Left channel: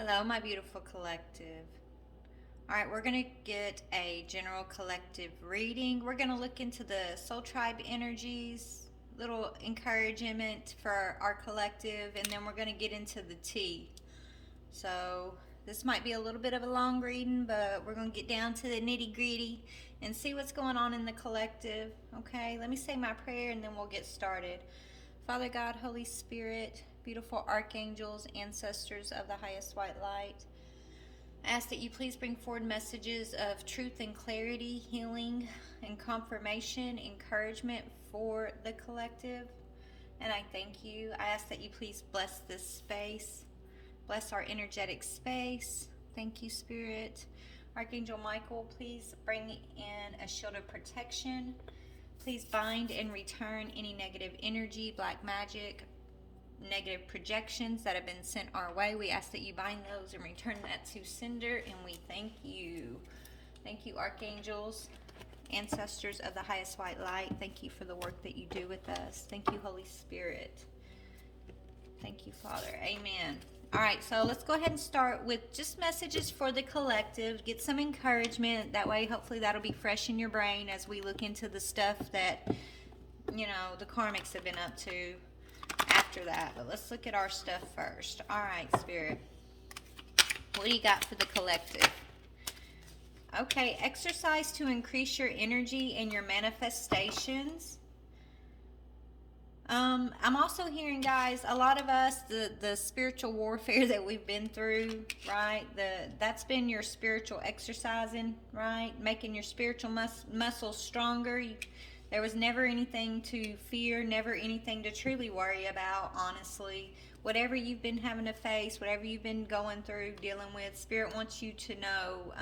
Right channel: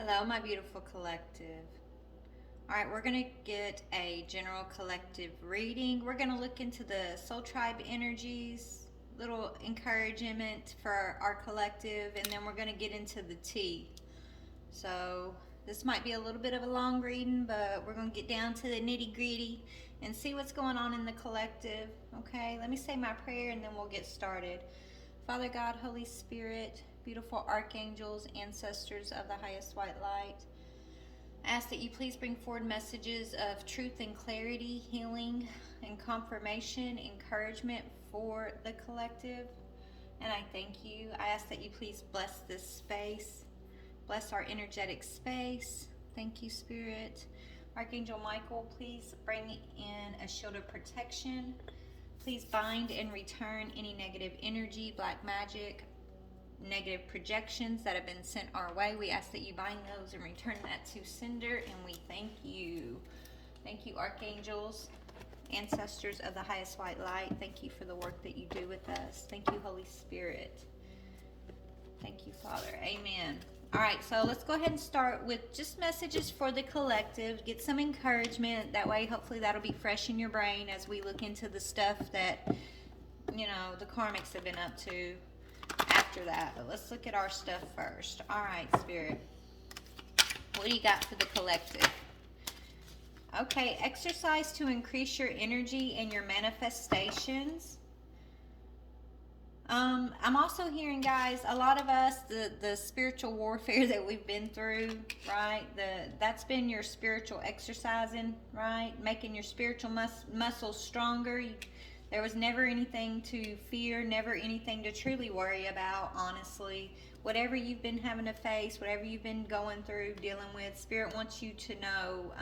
Hello, my beautiful collective. All right, we're going to get a general collective reading. We're going to look into the soul tribe energies, little encouragement for our collective, and then we're going to get into the tea. So, this might be a little bit of a long reading, but we're going to get down to the nitty gritty and see what's going on in the collective. Okay, let me say my prayer and then we'll get started. Father God, Holy Spirit, beautiful archangels, ancestors of the highest white light, I ask that you please bring forward messages of truth and clarity, healing and confirmation, encouragement for the collective. And I thank you. I ask that you please bless this space, bless our energetic space. Thank you, Spirit. Archangel Michael, please bring in a shield of protection. Please bind and return any negative energy, black magic, negative projections that have been sent our way. We ask that you bind those and return that to sender, and we thank you. Thank you, archangels, ancestors of the highest white light. Thank you for the work that you do with us. Thank you, Holy Spirit. Thank you, Father. Amen. All right, so let's go ahead and start with just messages for the collective. Get some encouragement. That way, hopefully, that'll be fresh in your brain as we look into the stuff that, the karmics have been up to after that. But let's look at our stuff first. All right, Spirit. What do you got for the collective? Okay, exercise to increase your energy and your manifestations. I'm also hearing, guys, a lot of us, the spiritual warfare that we've been through, right? That's been your spiritual exercising, right? Making your spiritual muscles stronger. There was never anything to fear, never anything to truly worry about, honestly. Whatever you've been having to face, whatever you've been going through, dealing with, Spirit wants you to know,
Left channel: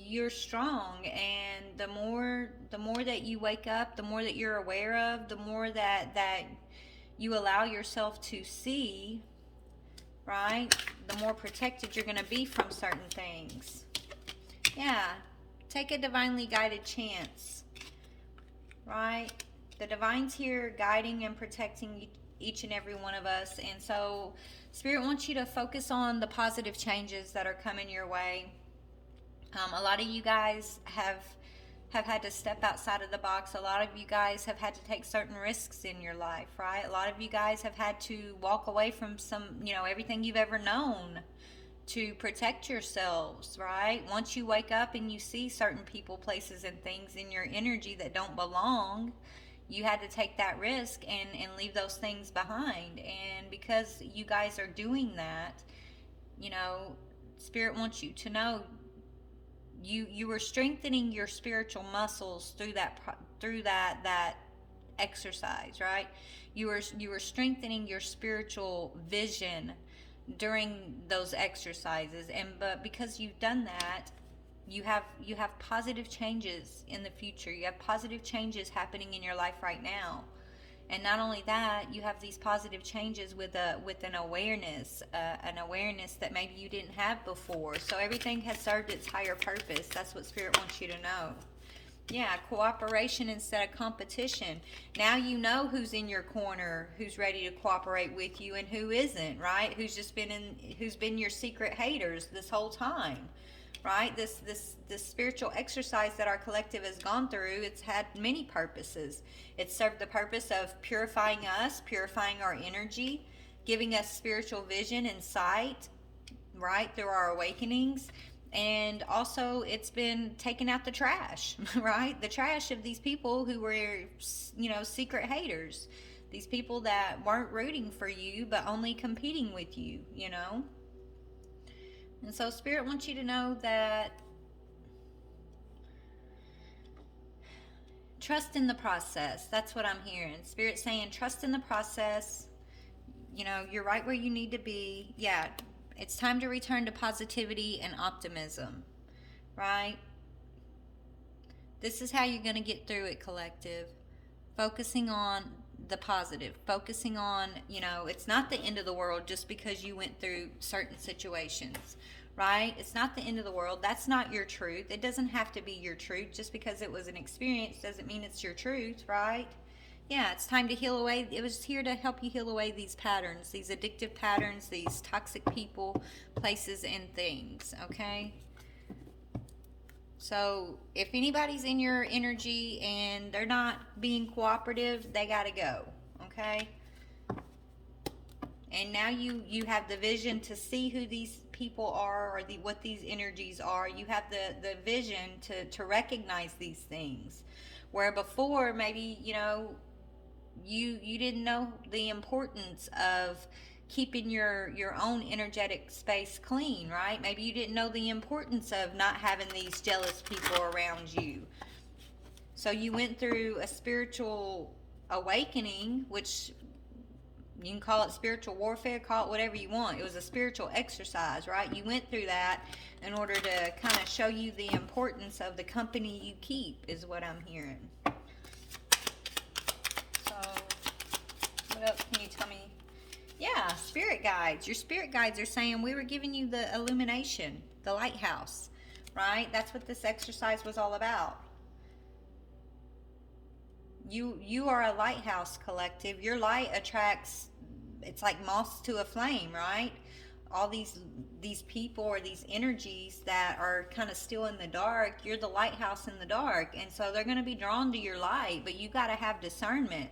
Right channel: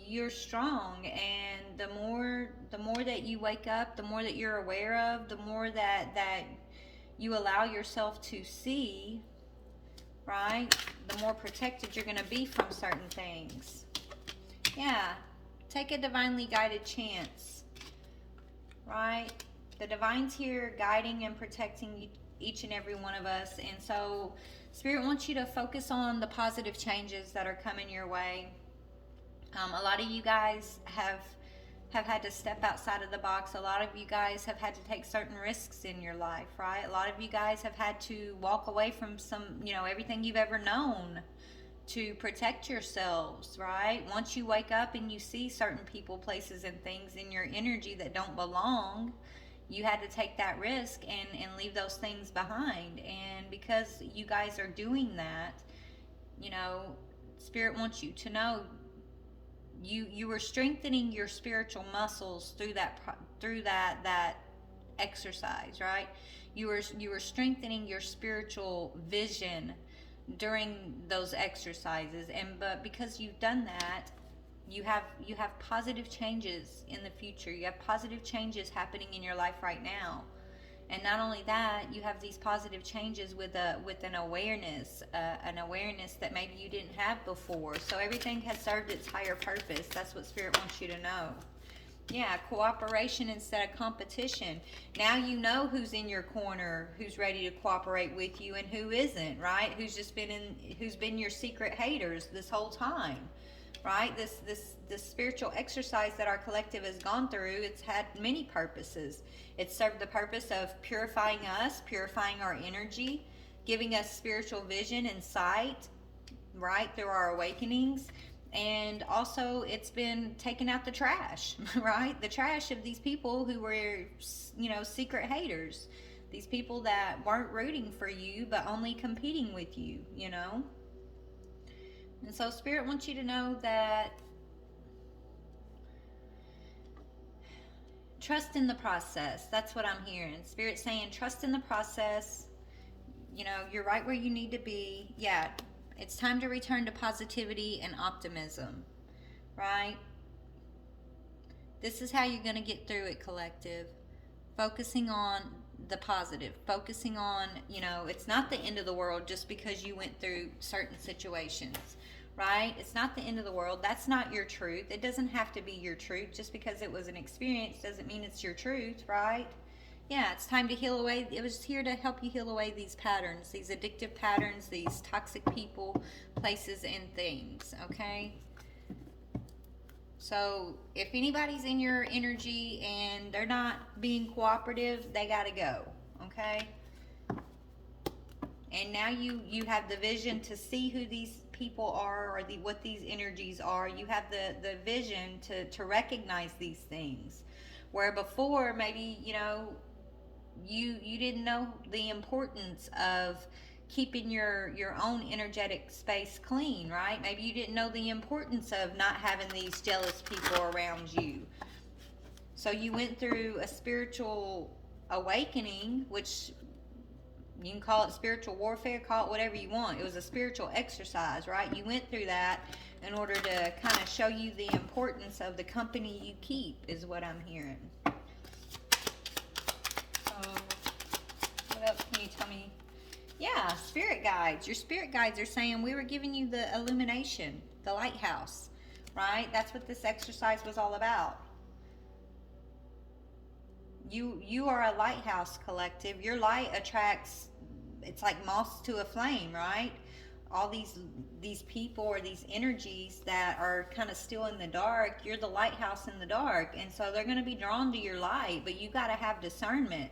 you're strong, and the more that you wake up, the more that you're aware of, the more that you allow yourself to see, right? The more protected you're going to be from certain things. Yeah, take a divinely guided chance, right? The divine's here guiding and protecting each and every one of us, and so Spirit wants you to focus on the positive changes that are coming your way. A lot of you guys have had to step outside of the box. A lot of you guys have had to take certain risks in your life, right? A lot of you guys have had to walk away from everything you've ever known to protect yourselves, right? Once you wake up and you see certain people, places, and things in your energy that don't belong, you had to take that risk and leave those things behind. And because you guys are doing that, Spirit wants you to know you were strengthening your spiritual muscles through that exercise, right? You were strengthening your spiritual vision during those exercises, but because you've done that, you have positive changes in the future. You have positive changes happening in your life right now. And not only that, you have these positive changes with an awareness that maybe you didn't have before. So everything has served its higher purpose. That's what Spirit wants you to know. Yeah, cooperation instead of competition. Now you know who's in your corner, who's ready to cooperate with you, and who isn't, right? Who's been your secret haters this whole time, right? This spiritual exercise that our collective has gone through, it's had many purposes. It served the purpose of purifying us, purifying our energy, giving us spiritual vision and sight, right, through our awakenings. And also, it's been taking out the trash, right? The trash of these people who were, secret haters. These people that weren't rooting for you, but only competing with you, And so, Spirit wants you to know that trust in the process. That's what I'm hearing. Spirit saying, trust in the process. You're right where you need to be. Yeah, it's time to return to positivity and optimism, right? This is how you're going to get through it, collective. Focusing on the positive. Focusing on, it's not the end of the world just because you went through certain situations, right? It's not the end of the world. That's not your truth. It doesn't have to be your truth. Just because it was an experience doesn't mean it's your truth, right? Yeah, it's time to heal away. It was here to help you heal away these patterns, these addictive patterns, these toxic people, places, and things, okay? So if anybody's in your energy and they're not being cooperative, they got to go, okay? And now you have the vision to see who these people are, or what these energies are. You have the vision to recognize these things. Where before, maybe, you didn't know the importance of keeping your own energetic space clean, right? Maybe you didn't know the importance of not having these jealous people around you. So you went through a spiritual awakening, which you can call it spiritual warfare, call it whatever you want. It was a spiritual exercise, right? You went through that in order to kind of show you the importance of the company you keep, is what I'm hearing. So, what else can you tell me? Yeah, spirit guides. Your spirit guides are saying we were giving you the illumination, the lighthouse, right? That's what this exercise was all about. You are a lighthouse collective. Your light attracts, it's like moths to a flame, right? All these people or these energies that are kind of still in the dark, you're the lighthouse in the dark, and so they're going to be drawn to your light, but you got to have discernment.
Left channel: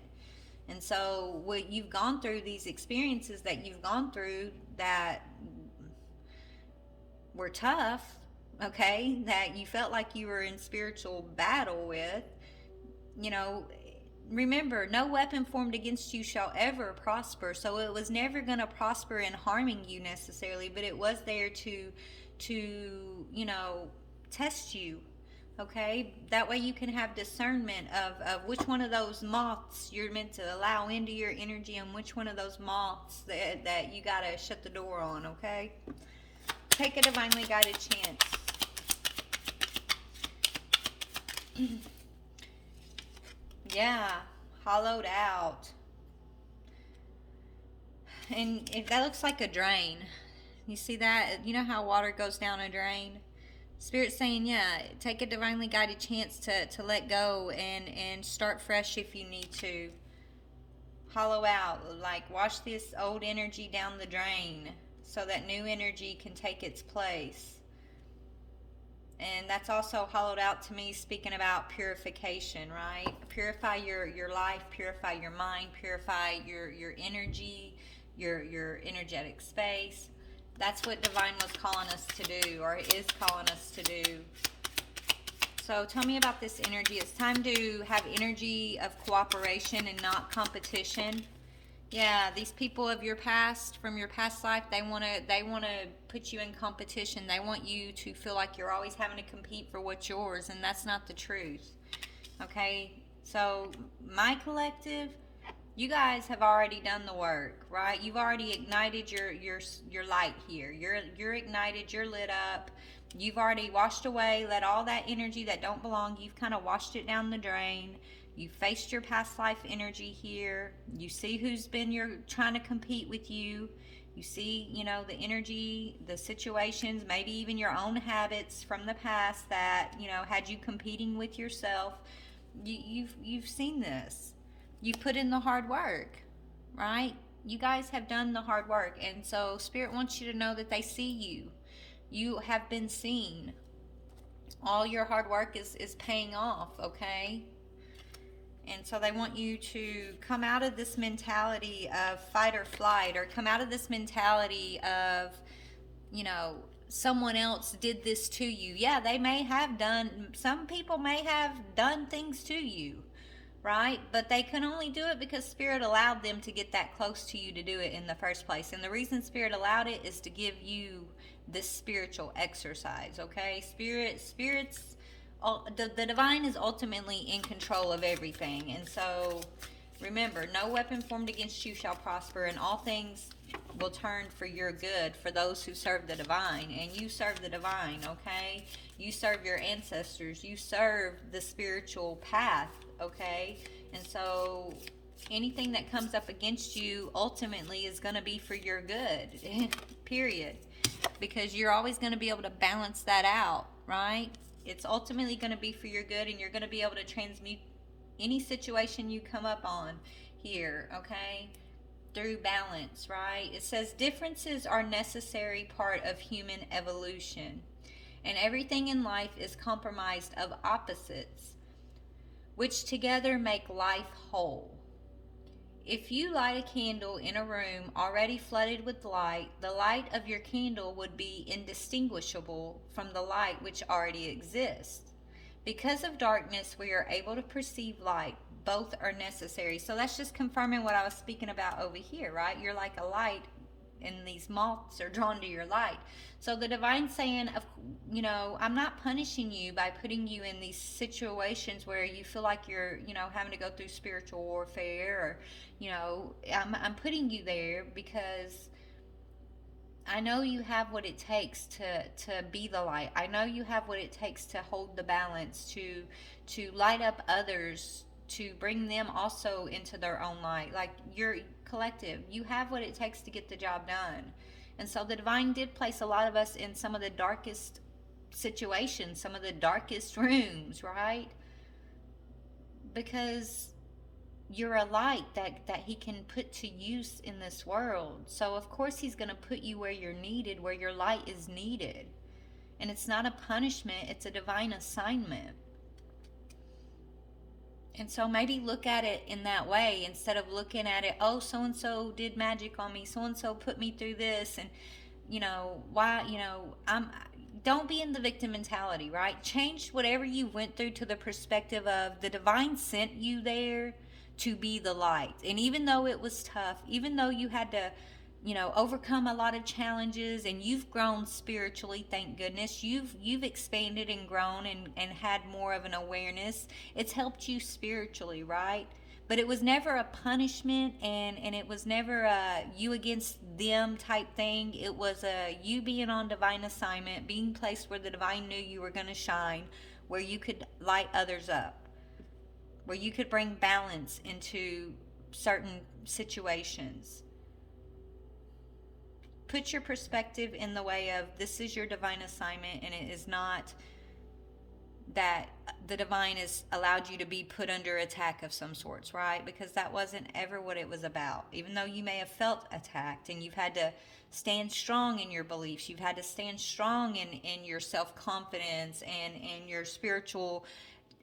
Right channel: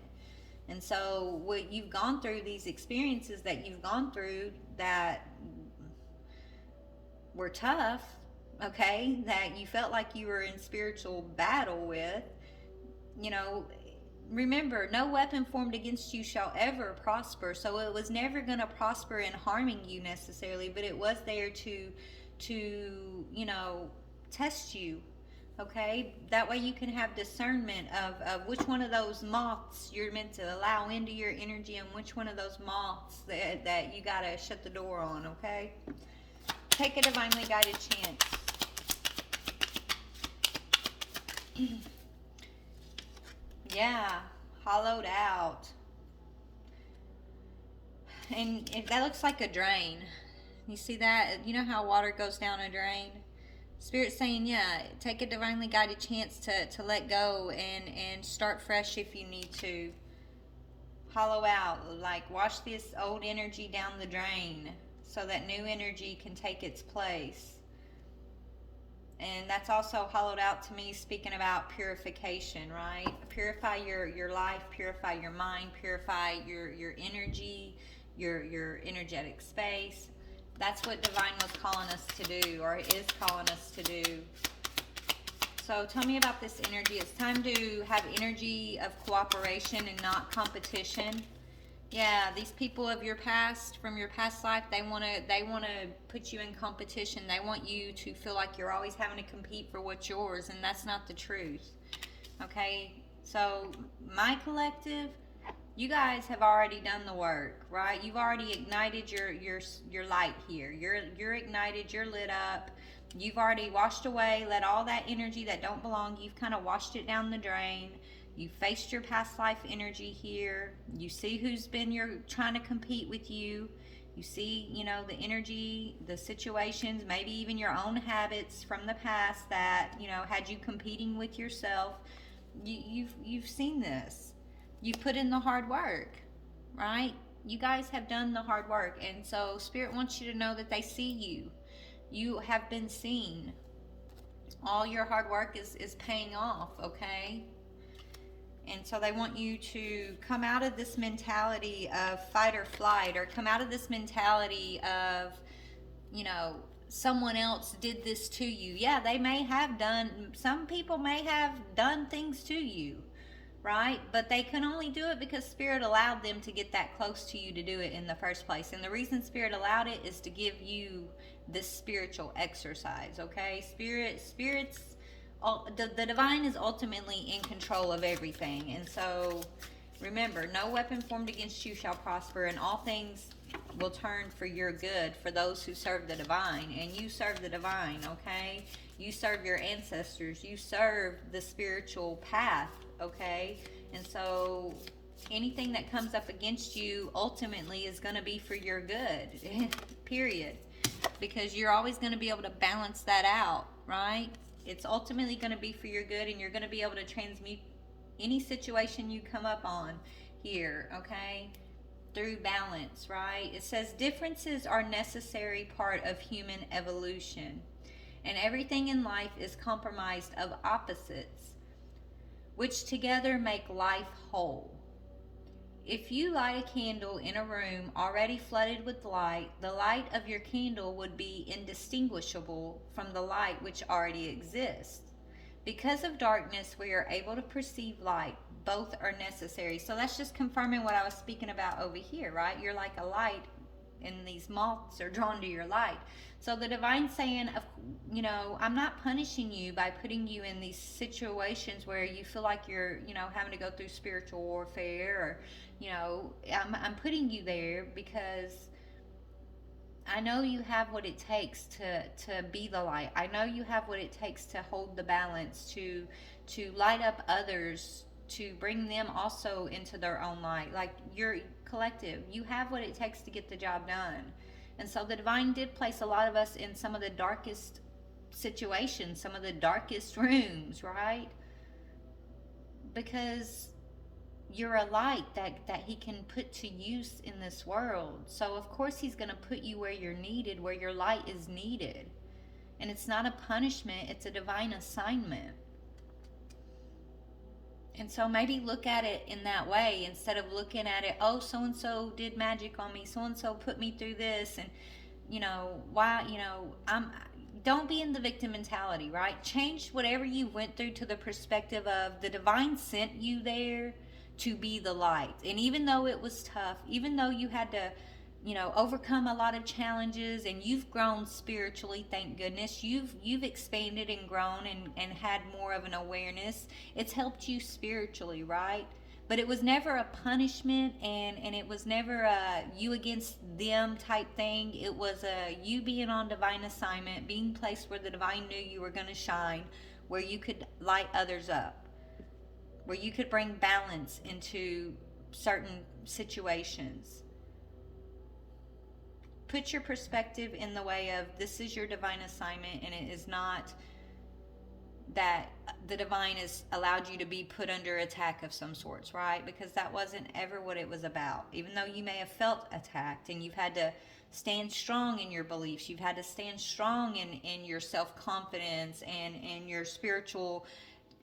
And so what you've gone through, these experiences that you've gone through that were tough, okay, that you felt like you were in spiritual battle with, you know, remember, no weapon formed against you shall ever prosper. So it was never going to prosper in harming you necessarily, but it was there to test you. Okay, that way you can have discernment of which one of those moths you're meant to allow into your energy, and which one of those moths that you got to shut the door on. Okay, take a divinely guided chance. Yeah, hollowed out. And if that looks like a drain, you see that? You know how water goes down a drain? Spirit's saying, yeah, take a divinely guided chance to let go and start fresh if you need to. Hollow out, like wash this old energy down the drain so that new energy can take its place. And that's also hollowed out to me, speaking about purification, right? Purify your life, purify your mind, purify your energy, your energetic space. That's what Divine was calling us to do, or is calling us to do. So tell me about this energy. It's time to have energy of cooperation and not competition. Yeah, these people of your past, from your past life, they wanna put you in competition. They want you to feel like you're always having to compete for what's yours, and that's not the truth. Okay, so my collective, you guys have already done the work, right? You've already ignited your light here. You're ignited. You're lit up. You've already washed away, let all that energy that don't belong. You've kind of washed it down the drain. You faced your past life energy here. You see who's been trying to compete with you. You see, the energy, the situations, maybe even your own habits from the past that, had you competing with yourself. You've seen this. You've put in the hard work, right? You guys have done the hard work, and so Spirit wants you to know that they see you. You have been seen. All your hard work is paying off, okay? And so they want you to come out of this mentality of fight or flight, or come out of this mentality of, someone else did this to you. Yeah, some people may have done things to you, right? But they can only do it because Spirit allowed them to get that close to you to do it in the first place. And the reason Spirit allowed it is to give you this spiritual exercise, okay? The divine is ultimately in control of everything. And so remember, no weapon formed against you shall prosper, and all things will turn for your good for those who serve the divine. And you serve the divine, okay? You serve your ancestors. You serve the spiritual path, okay? And so anything that comes up against you ultimately is going to be for your good, period. Because you're always going to be able to balance that out, right? It's ultimately going to be for your good, and you're going to be able to transmute any situation you come up on here, okay? Through balance, right? It says differences are necessary part of human evolution, and everything in life is comprised of opposites, which together make life whole. If you light a candle in a room already flooded with light, the light of your candle would be indistinguishable from the light which already exists. Because of darkness, we are able to perceive light. Both are necessary. So that's just confirming what I was speaking about over here, right? You're like a light, and these moths are drawn to your light. So the divine saying, of, I'm not punishing you by putting you in these situations where you feel like you're, having to go through spiritual warfare, or, I'm putting you there because I know you have what it takes to be the light. I know you have what it takes to hold the balance, to light up others, to bring them also into their own light. Like, you're collective. You have what it takes to get the job done. And so the divine did place a lot of us in some of the darkest situations, some of the darkest rooms, right? Because you're a light that he can put to use in this world. So of course he's going to put you where you're needed, where your light is needed. And it's not a punishment, it's a divine assignment. And so maybe look at it in that way instead of looking at it, oh, so and so did magic on me, so and so put me through this, and why, I'm don't be in the victim mentality, right? Change whatever you went through to the perspective of the divine sent you there to be the light. And even though it was tough, even though you had to, overcome a lot of challenges, and you've grown spiritually, thank goodness. You've expanded and grown, and had more of an awareness. It's helped you spiritually, right? But it was never a punishment, and it was never a you against them type thing. It was a you being on divine assignment, being placed where the divine knew you were going to shine, where you could light others up, where you could bring balance into certain situations. Put your perspective in the way of this is your divine assignment, and it is not that the divine has allowed you to be put under attack of some sorts, right? Because that wasn't ever what it was about. Even though you may have felt attacked, and you've had to stand strong in your beliefs, you've had to stand strong in your self-confidence and your spiritual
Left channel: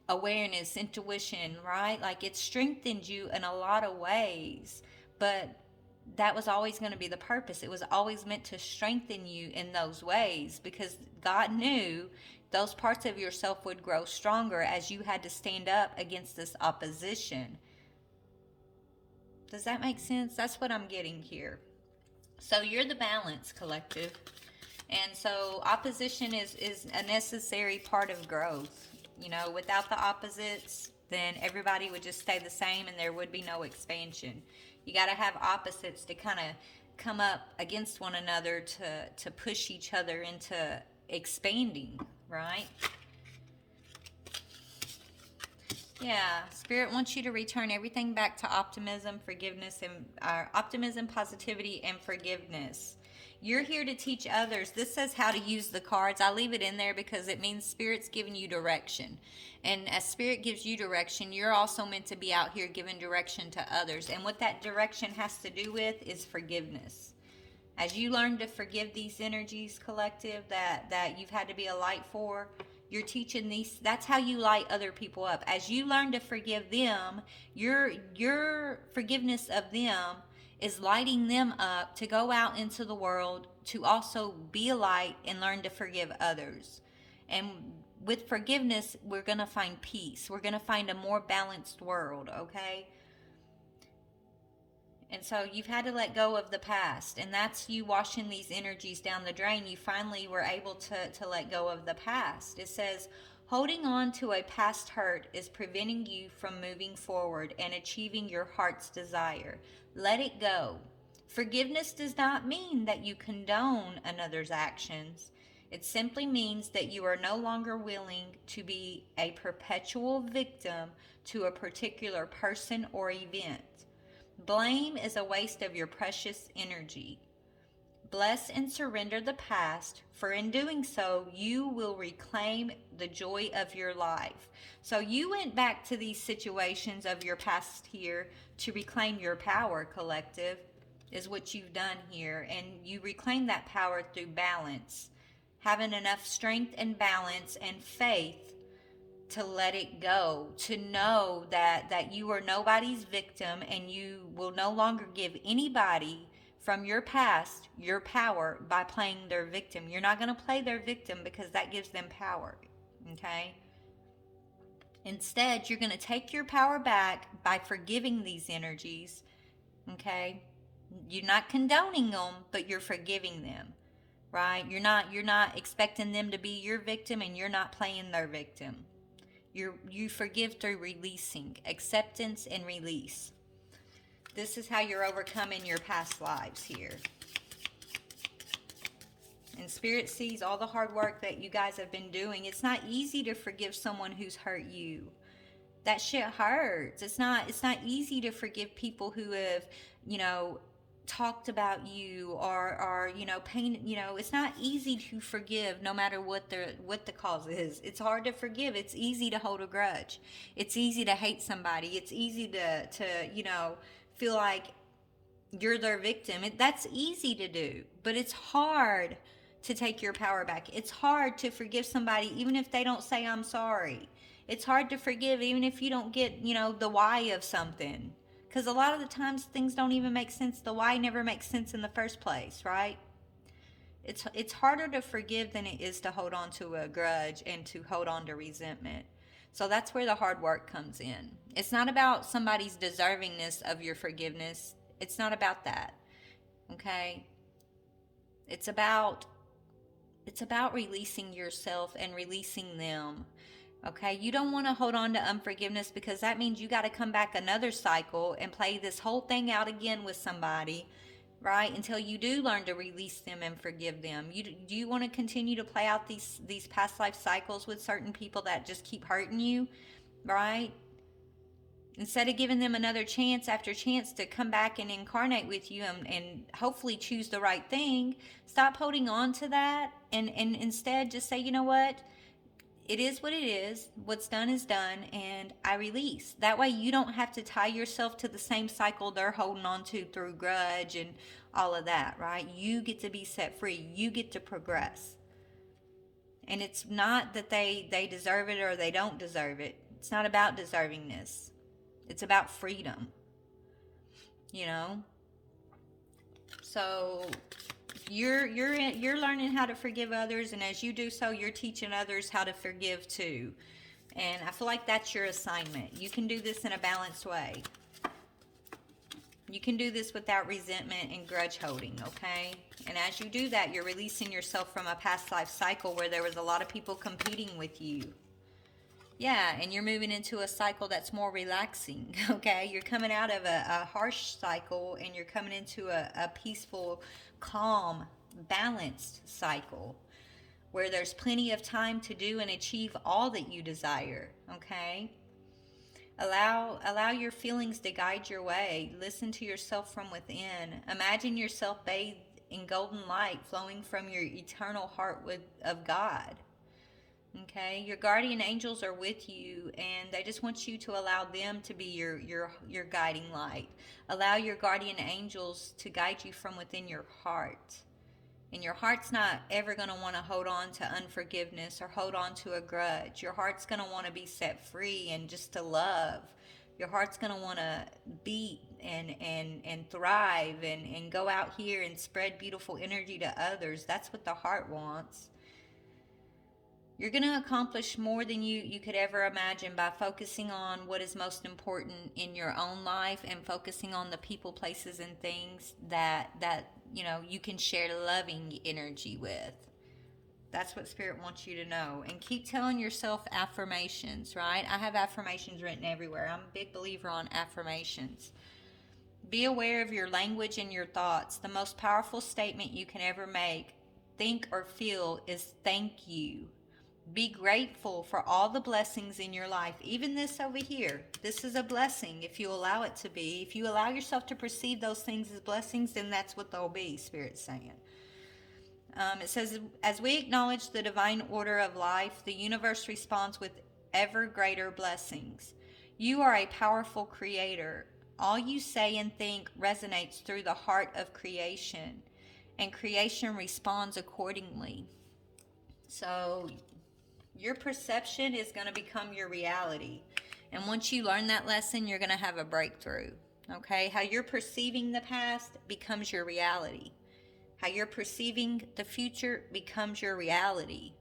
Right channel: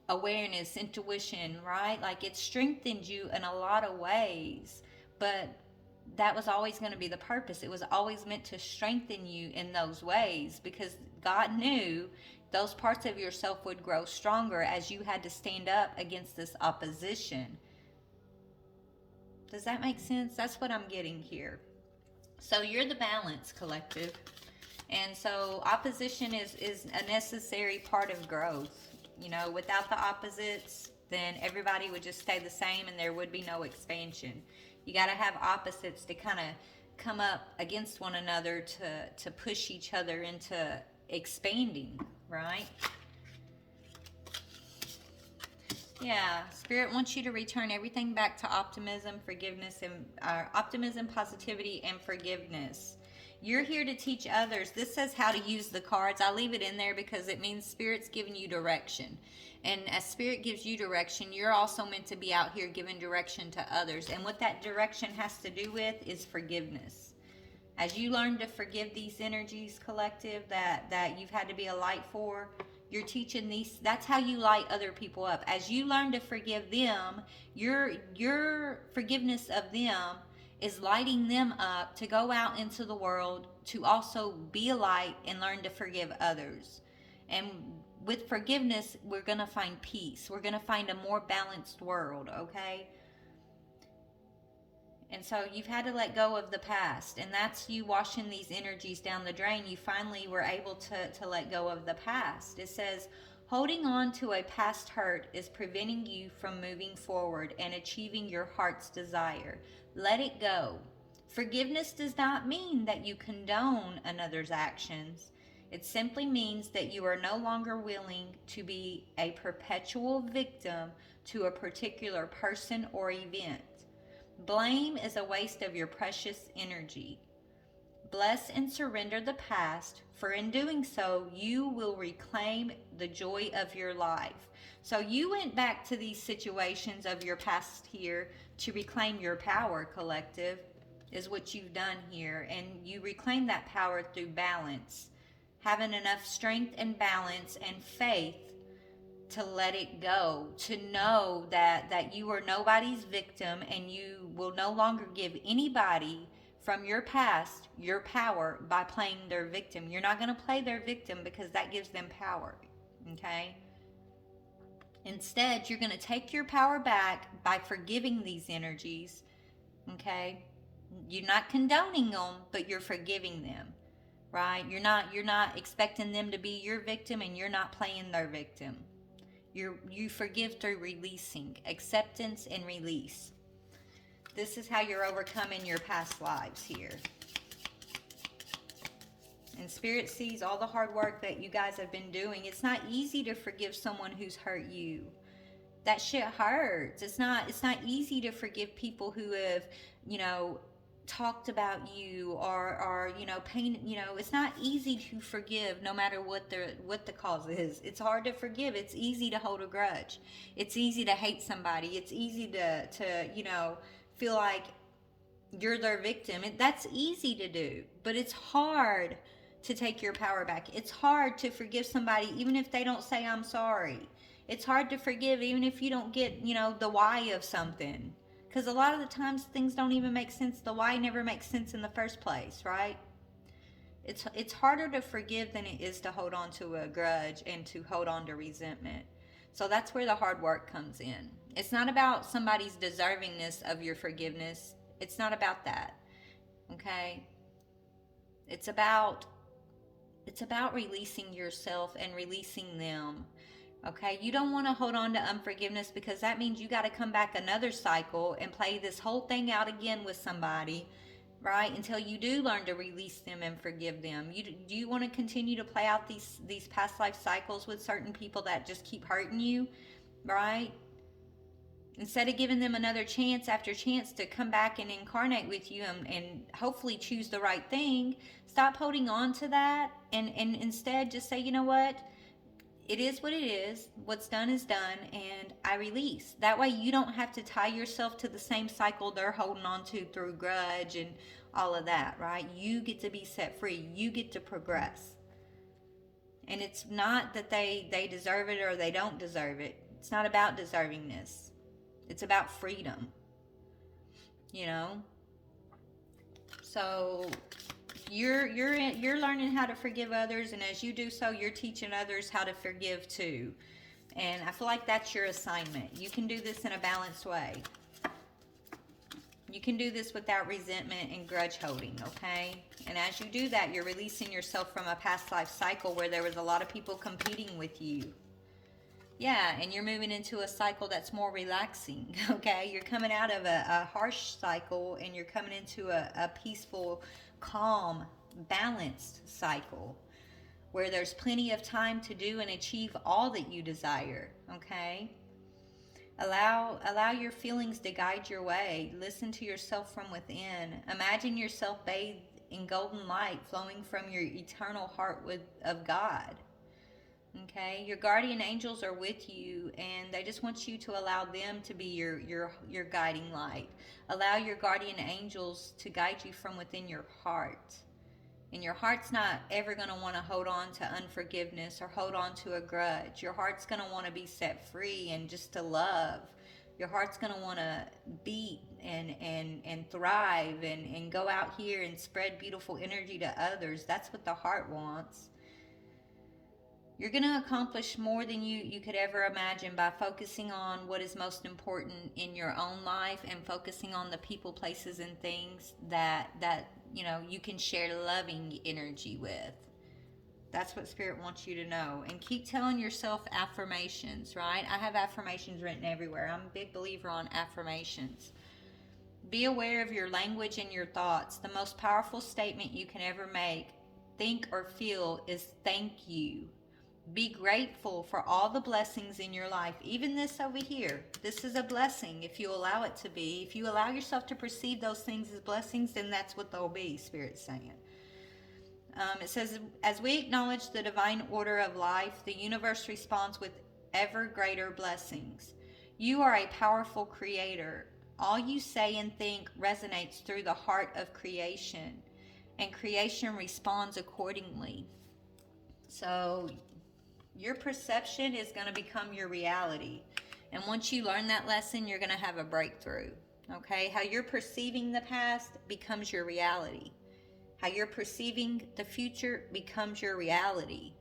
awareness, intuition, right? Like, it strengthened you in a lot of ways, but that was always going to be the purpose. It was always meant to strengthen you in those ways, because God knew those parts of yourself would grow stronger as you had to stand up against this opposition. Does that make sense? That's what I'm getting here. So you're the balance, collective. And so opposition is a necessary part of growth. Without the opposites, then everybody would just stay the same, and there would be no expansion. You got to have opposites to kind of come up against one another to push each other into expanding, right? Yeah, Spirit wants you to return everything back to optimism, forgiveness, and optimism, positivity, and forgiveness. You're here to teach others. This says how to use the cards. I leave it in there because it means Spirit's giving you direction. And as Spirit gives you direction, you're also meant to be out here giving direction to others. And what that direction has to do with is forgiveness. As you learn to forgive these energies, collective, that you've had to be a light for, you're teaching these. That's how you light other people up. As you learn to forgive them, your forgiveness of them is lighting them up to go out into the world to also be a light and learn to forgive others. And with forgiveness, we're going to find peace. We're going to find a more balanced world, okay? And so you've had to let go of the past, and that's you washing these energies down the drain. You finally were able to let go of the past. It says, holding on to a past hurt is preventing you from moving forward and achieving your heart's desire. Let it go. Forgiveness does not mean that you condone another's actions. It simply means that you are no longer willing to be a perpetual victim to a particular person or event. Blame is a waste of your precious energy. Bless and surrender the past, for in doing so, you will reclaim the joy of your life. So you went back to these situations of your past here to reclaim your power, collective, is what you've done here. And you reclaim that power through balance, having enough strength and balance and faith to let it go, to know that you are nobody's victim, and you will no longer give anybody from your past your power by playing their victim. You're not going to play their victim because that gives them power, okay? Instead, you're going to take your power back by forgiving these energies, okay? You're not condoning them, but you're forgiving them, right? You're not expecting them to be your victim, and you're not playing their victim. You forgive through releasing, acceptance and release. This is how you're overcoming your past lives here. And Spirit sees all the hard work that you guys have been doing. It's not easy to forgive someone who's hurt you. That shit hurts. It's not easy to forgive people who have, talked about you or pain. It's not easy to forgive, no matter what the cause is. It's hard to forgive. It's easy to hold a grudge. It's easy to hate somebody. It's easy to feel like you're their victim. That's easy to do, but it's hard to take your power back. It's hard to forgive somebody even if they don't say I'm sorry. It's hard to forgive even if you don't get the why of something. Because a lot of the times things don't even make sense. The why never makes sense in the first place, right? It's harder to forgive than it is to hold on to a grudge and to hold on to resentment. So that's where the hard work comes in. It's not about somebody's deservingness of your forgiveness. It's not about that, okay? It's about releasing yourself and releasing them. Okay, you don't want to hold on to unforgiveness, because that means you got to come back another cycle and play this whole thing out again with somebody, right? Until you do learn to release them and forgive them. Do you want to continue to play out these past life cycles with certain people that just keep hurting you, right? Instead of giving them another chance after chance to come back and incarnate with you and hopefully choose the right thing, stop holding on to that and instead just say, you know what? It is what it is. What's done is done, and I release. That way you don't have to tie yourself to the same cycle they're holding on to through grudge and all of that, right? You get to be set free. You get to progress. And it's not that they deserve it or they don't deserve it. It's not about deservingness. It's about freedom. So you're learning how to forgive others, and as you do so, you're teaching others how to forgive too. And I feel like that's your assignment. You can do this in a balanced way. You can do this without resentment and grudge holding, okay? And as you do that, you're releasing yourself from a past life cycle where there was a lot of people competing with you. Yeah, and you're moving into a cycle that's more relaxing, okay? You're coming out of a harsh cycle, and you're coming into a peaceful, calm, balanced cycle where there's plenty of time to do and achieve all that you desire, okay? Allow your feelings to guide your way. Listen to yourself from within. Imagine yourself bathed in golden light flowing from your eternal heart of God. Okay, your guardian angels are with you, and they just want you to allow them to be your guiding light. Allow your guardian angels to guide you from within your heart. And your heart's not ever going to want to hold on to unforgiveness or hold on to a grudge. Your heart's going to want to be set free and just to love. Your heart's going to want to beat and thrive and go out here and spread beautiful energy to others. That's what the heart wants. You're going to accomplish more than you could ever imagine by focusing on what is most important in your own life and focusing on the people, places, and things that you can share loving energy with. That's what Spirit wants you to know. And keep telling yourself affirmations, right? I have affirmations written everywhere. I'm a big believer on affirmations. Be aware of your language and your thoughts. The most powerful statement you can ever make, think, or feel is thank you. Be grateful for all the blessings in your life. Even this over here. This is a blessing if you allow it to be. If you allow yourself to perceive those things as blessings, then that's what they'll be, Spirit's saying. It says, as we acknowledge the divine order of life, the universe responds with ever greater blessings. You are a powerful creator. All you say and think resonates through the heart of creation, and creation responds accordingly. So your perception is going to become your reality. And once you learn that lesson, you're going to have a breakthrough. Okay? How you're perceiving the past becomes your reality. How you're perceiving the future becomes your reality.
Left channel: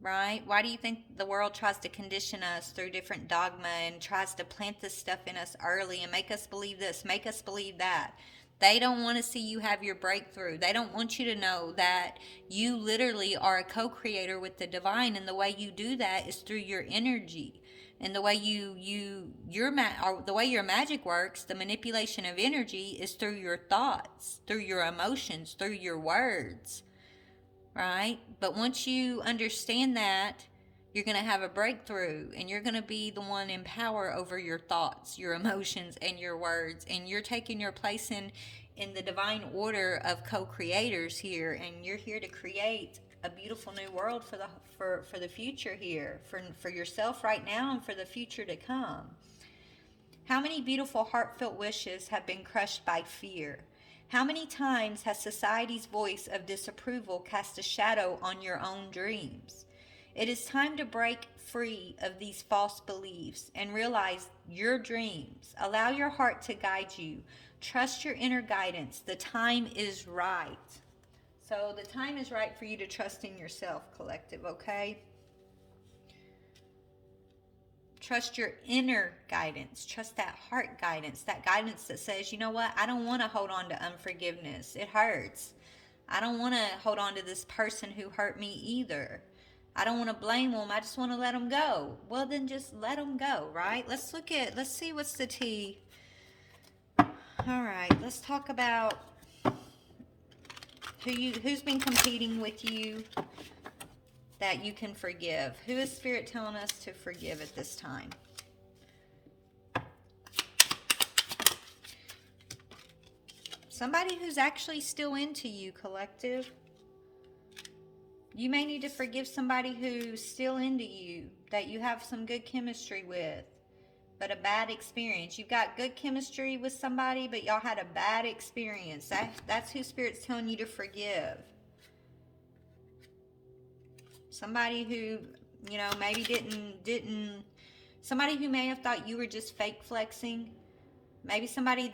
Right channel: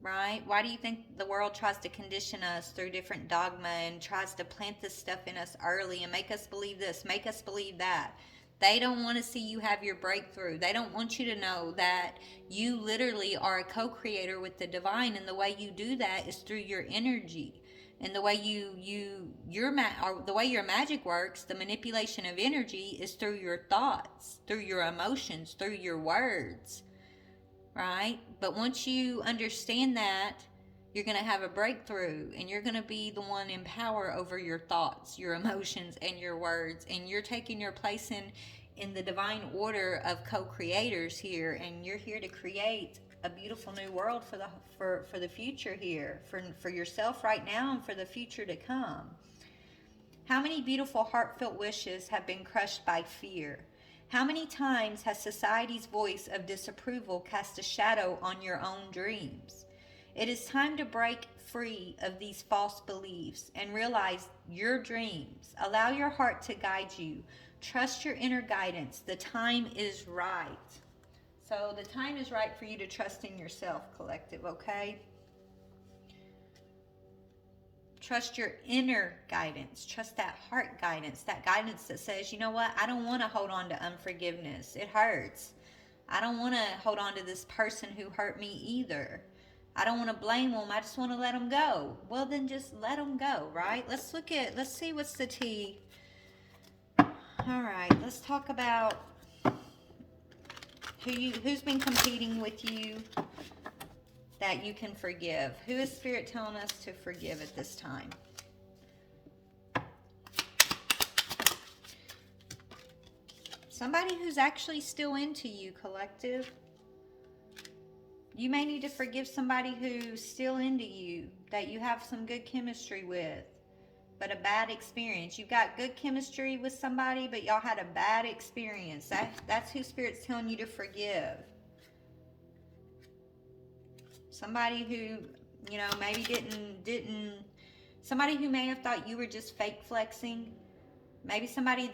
Right? Why do you think the world tries to condition us through different dogma and tries to plant this stuff in us early and make us believe this, make us believe that? They don't want to see you have your breakthrough. They don't want you to know that you literally are a co-creator with the divine, and the way you do that is through your energy. And the way the way your magic works, the manipulation of energy is through your thoughts, through your emotions, through your words. Right? But once you understand that, you're going to have a breakthrough, and you're going to be the one in power over your thoughts, your emotions, and your words. And you're taking your place in the divine order of co-creators here, and you're here to create a beautiful new world for the future here, for yourself right now and for the future to come. How many beautiful heartfelt wishes have been crushed by fear? How many times has society's voice of disapproval cast a shadow on your own dreams? It is time to break free of these false beliefs and realize your dreams. Allow your heart to guide you. Trust your inner guidance. The time is right. So the time is right for you to trust in yourself, collective, okay? Trust your inner guidance. Trust that heart guidance. That guidance that says, you know what? I don't want to hold on to unforgiveness. It hurts. I don't want to hold on to this person who hurt me either. I don't want to blame them. I just want to let them go. Well, then just let them go, right? Let's see what's the tea. All right, let's talk about who's been competing with you that you can forgive. Who is Spirit telling us to forgive at this time? Somebody who's actually still into you, collective. You may need to forgive somebody who's still into you, that you have some good chemistry with, but a bad experience. You've got good chemistry with somebody, but y'all had a bad experience. That's who Spirit's telling you to forgive. Somebody who, you know, maybe didn't, somebody who may have thought you were just fake flexing. Maybe somebody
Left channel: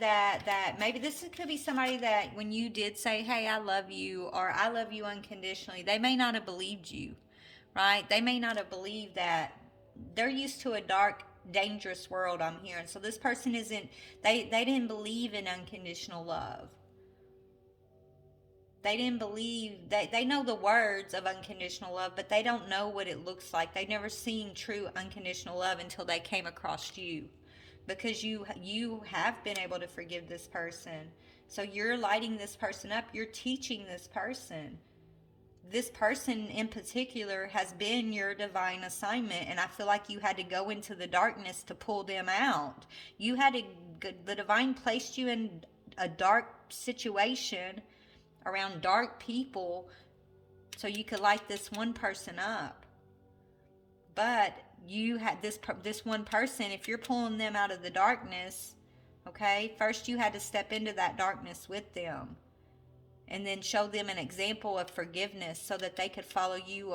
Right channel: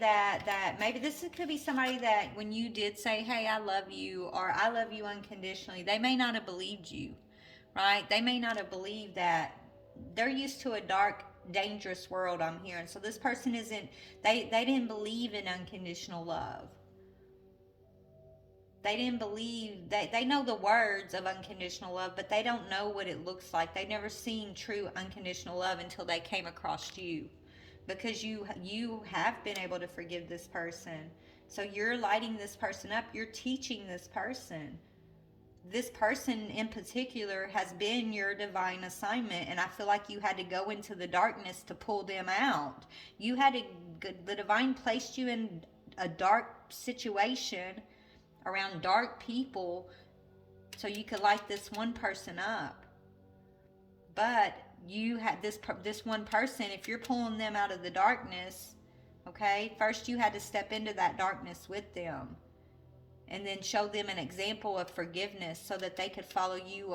maybe this could be somebody that when you did say, hey, I love you, or I love you unconditionally, they may not have believed you, right? They may not have believed that. They're used to a dark, dangerous world, I'm hearing. So this person they didn't believe in unconditional love. They didn't believe, they know the words of unconditional love, but they don't know what it looks like. They've never seen true unconditional love until they came across you. Because you have been able to forgive this person. So you're lighting this person up. You're teaching this person. This person in particular has been your divine assignment, and I feel like you had to go into the darkness to pull them out. The divine placed you in a dark situation around dark people so you could light this one person up. But you had this one person, if you're pulling them out of the darkness, okay, first you had to step into that darkness with them and then show them an example of forgiveness so that they could follow you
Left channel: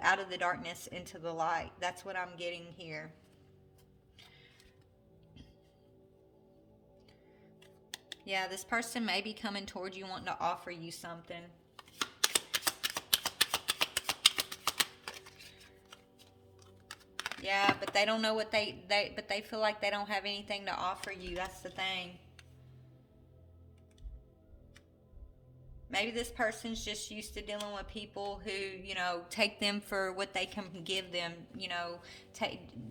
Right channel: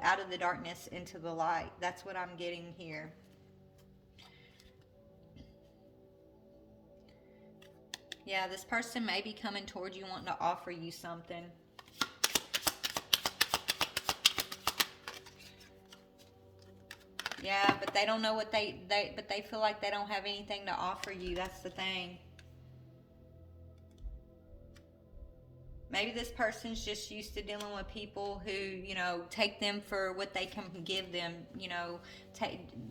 out of the darkness into the light. That's what I'm getting here. Yeah, this person may be coming toward you wanting to offer you something. Yeah, but they don't know what but they feel like they don't have anything to offer you. That's the thing. Maybe this person's just used to dealing with people who, you know, take them for what they can give them, you know.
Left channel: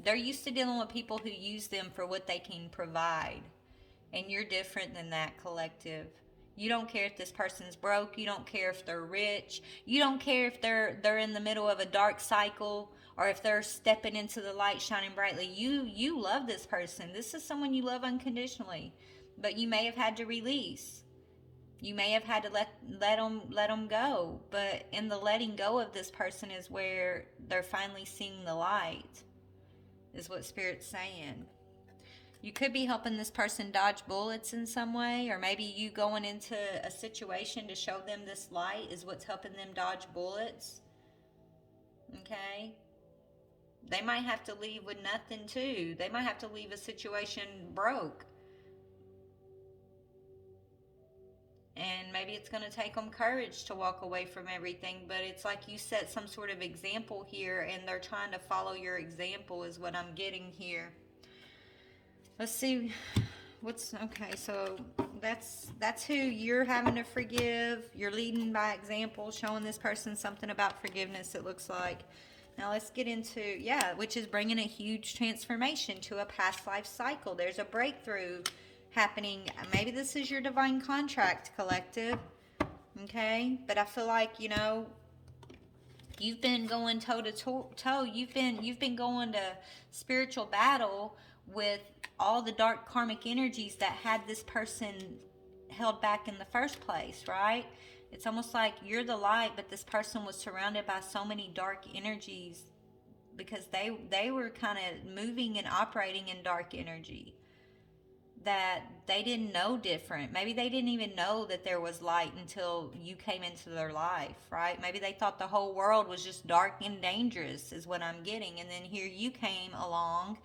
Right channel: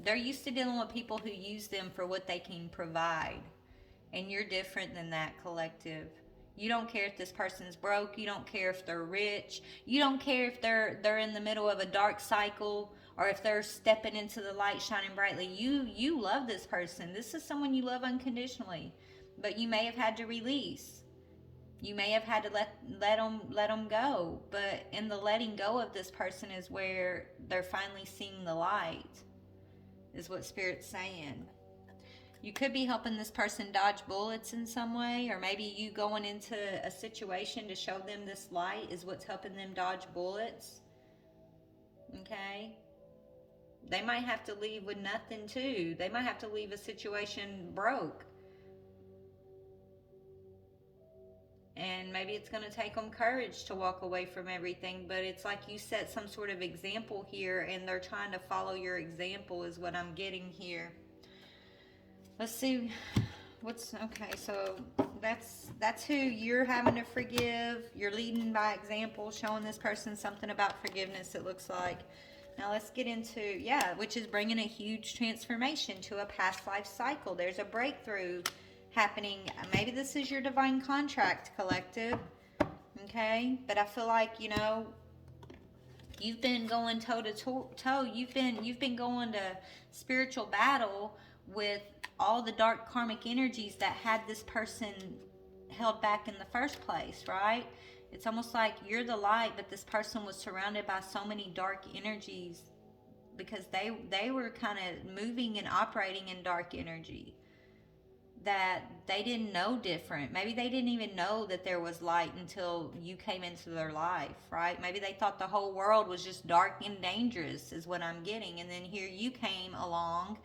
They're used to dealing with people who use them for what they can provide. And you're different than that, collective. You don't care if this person's broke. You don't care if they're rich. You don't care if they're in the middle of a dark cycle or if they're stepping into the light shining brightly. You love this person. This is someone you love unconditionally. But you may have had to release. You may have had to let them go, but in the letting go of this person is where they're finally seeing the light, is what Spirit's saying. You could be helping this person dodge bullets in some way, or maybe you going into a situation to show them this light is what's helping them dodge bullets. Okay? They might have to leave with nothing too. They might have to leave a situation broke. And maybe it's going to take them courage to walk away from everything, but it's like you set some sort of example here and they're trying to follow your example, is what I'm getting here. Let's see okay, so that's who you're having to forgive. You're leading by example, showing this person something about forgiveness, it looks like. Now let's get into, which is bringing a huge transformation to a past life cycle. There's a breakthrough happening. Maybe this is your divine contract, collective. Okay? But I feel like, you've been going toe to toe. You've been going to spiritual battle with all the dark karmic energies that had this person held back in the first place, right? It's almost like you're the light, but this person was surrounded by so many dark energies because they were kind of moving and operating in dark energy that they didn't know different. Maybe they didn't even know that there was light until you came into their life, right? Maybe they thought the whole world was just dark and dangerous, is what I'm getting. And then here you came along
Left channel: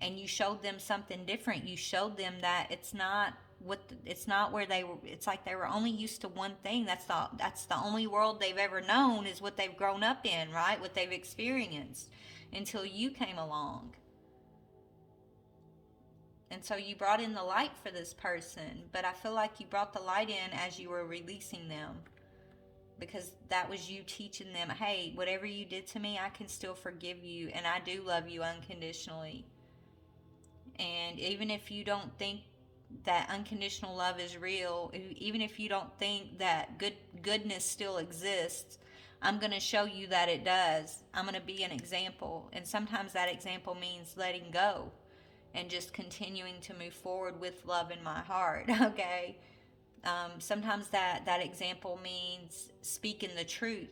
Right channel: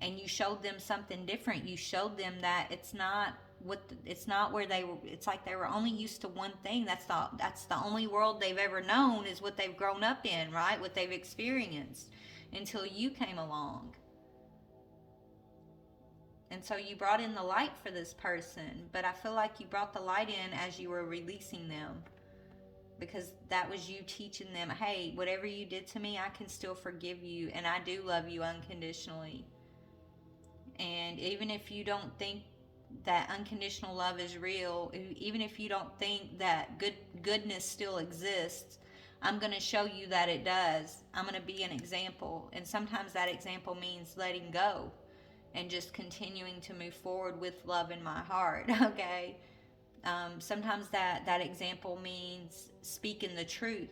and you showed them something different. You showed them that it's not where they were. It's like they were only used to one thing. That's the only world they've ever known, is what they've grown up in, right? What they've experienced until you came along. And so you brought in the light for this person, but I feel like you brought the light in as you were releasing them, because that was you teaching them, hey, whatever you did to me, I can still forgive you, and I do love you unconditionally. And even if you don't think that unconditional love is real, even if you don't think that goodness still exists, I'm going to show you that it does. I'm going to be an example. And sometimes that example means letting go and just continuing to move forward with love in my heart, okay? Sometimes that example means speaking the truth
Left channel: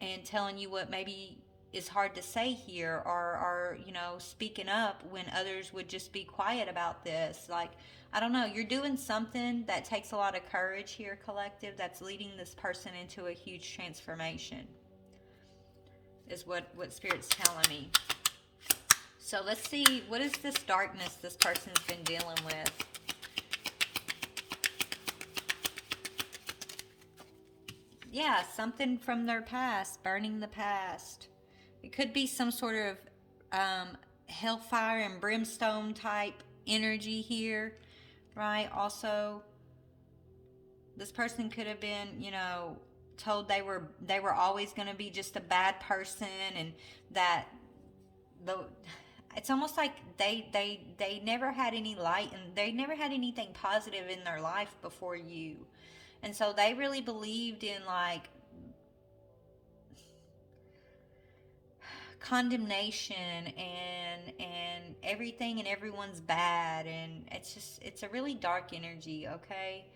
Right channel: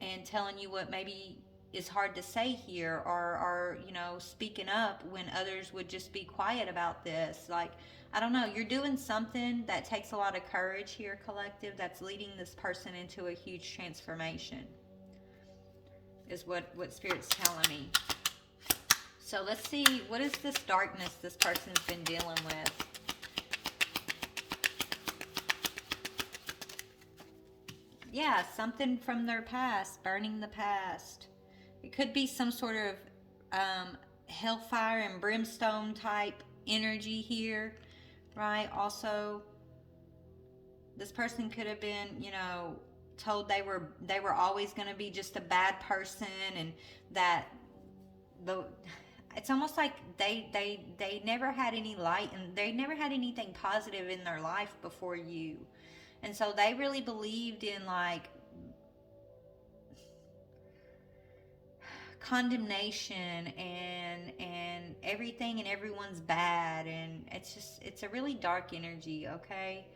and telling you what maybe is hard to say here, or speaking up when others would just be quiet about this. Like, I don't know, you're doing something that takes a lot of courage here, collective, that's leading this person into a huge transformation, is what Spirit's telling me. So let's see, what is this darkness this person's been dealing with? Yeah, something from their past, burning the past. It could be some sort of hellfire and brimstone type energy here, right? Also, this person could have been, told they were always going to be just a bad person, and that it's almost like they never had any light, and they never had anything positive in their life before you. And so they really believed in like condemnation and everything and everyone's bad, and it's a really dark energy, okay?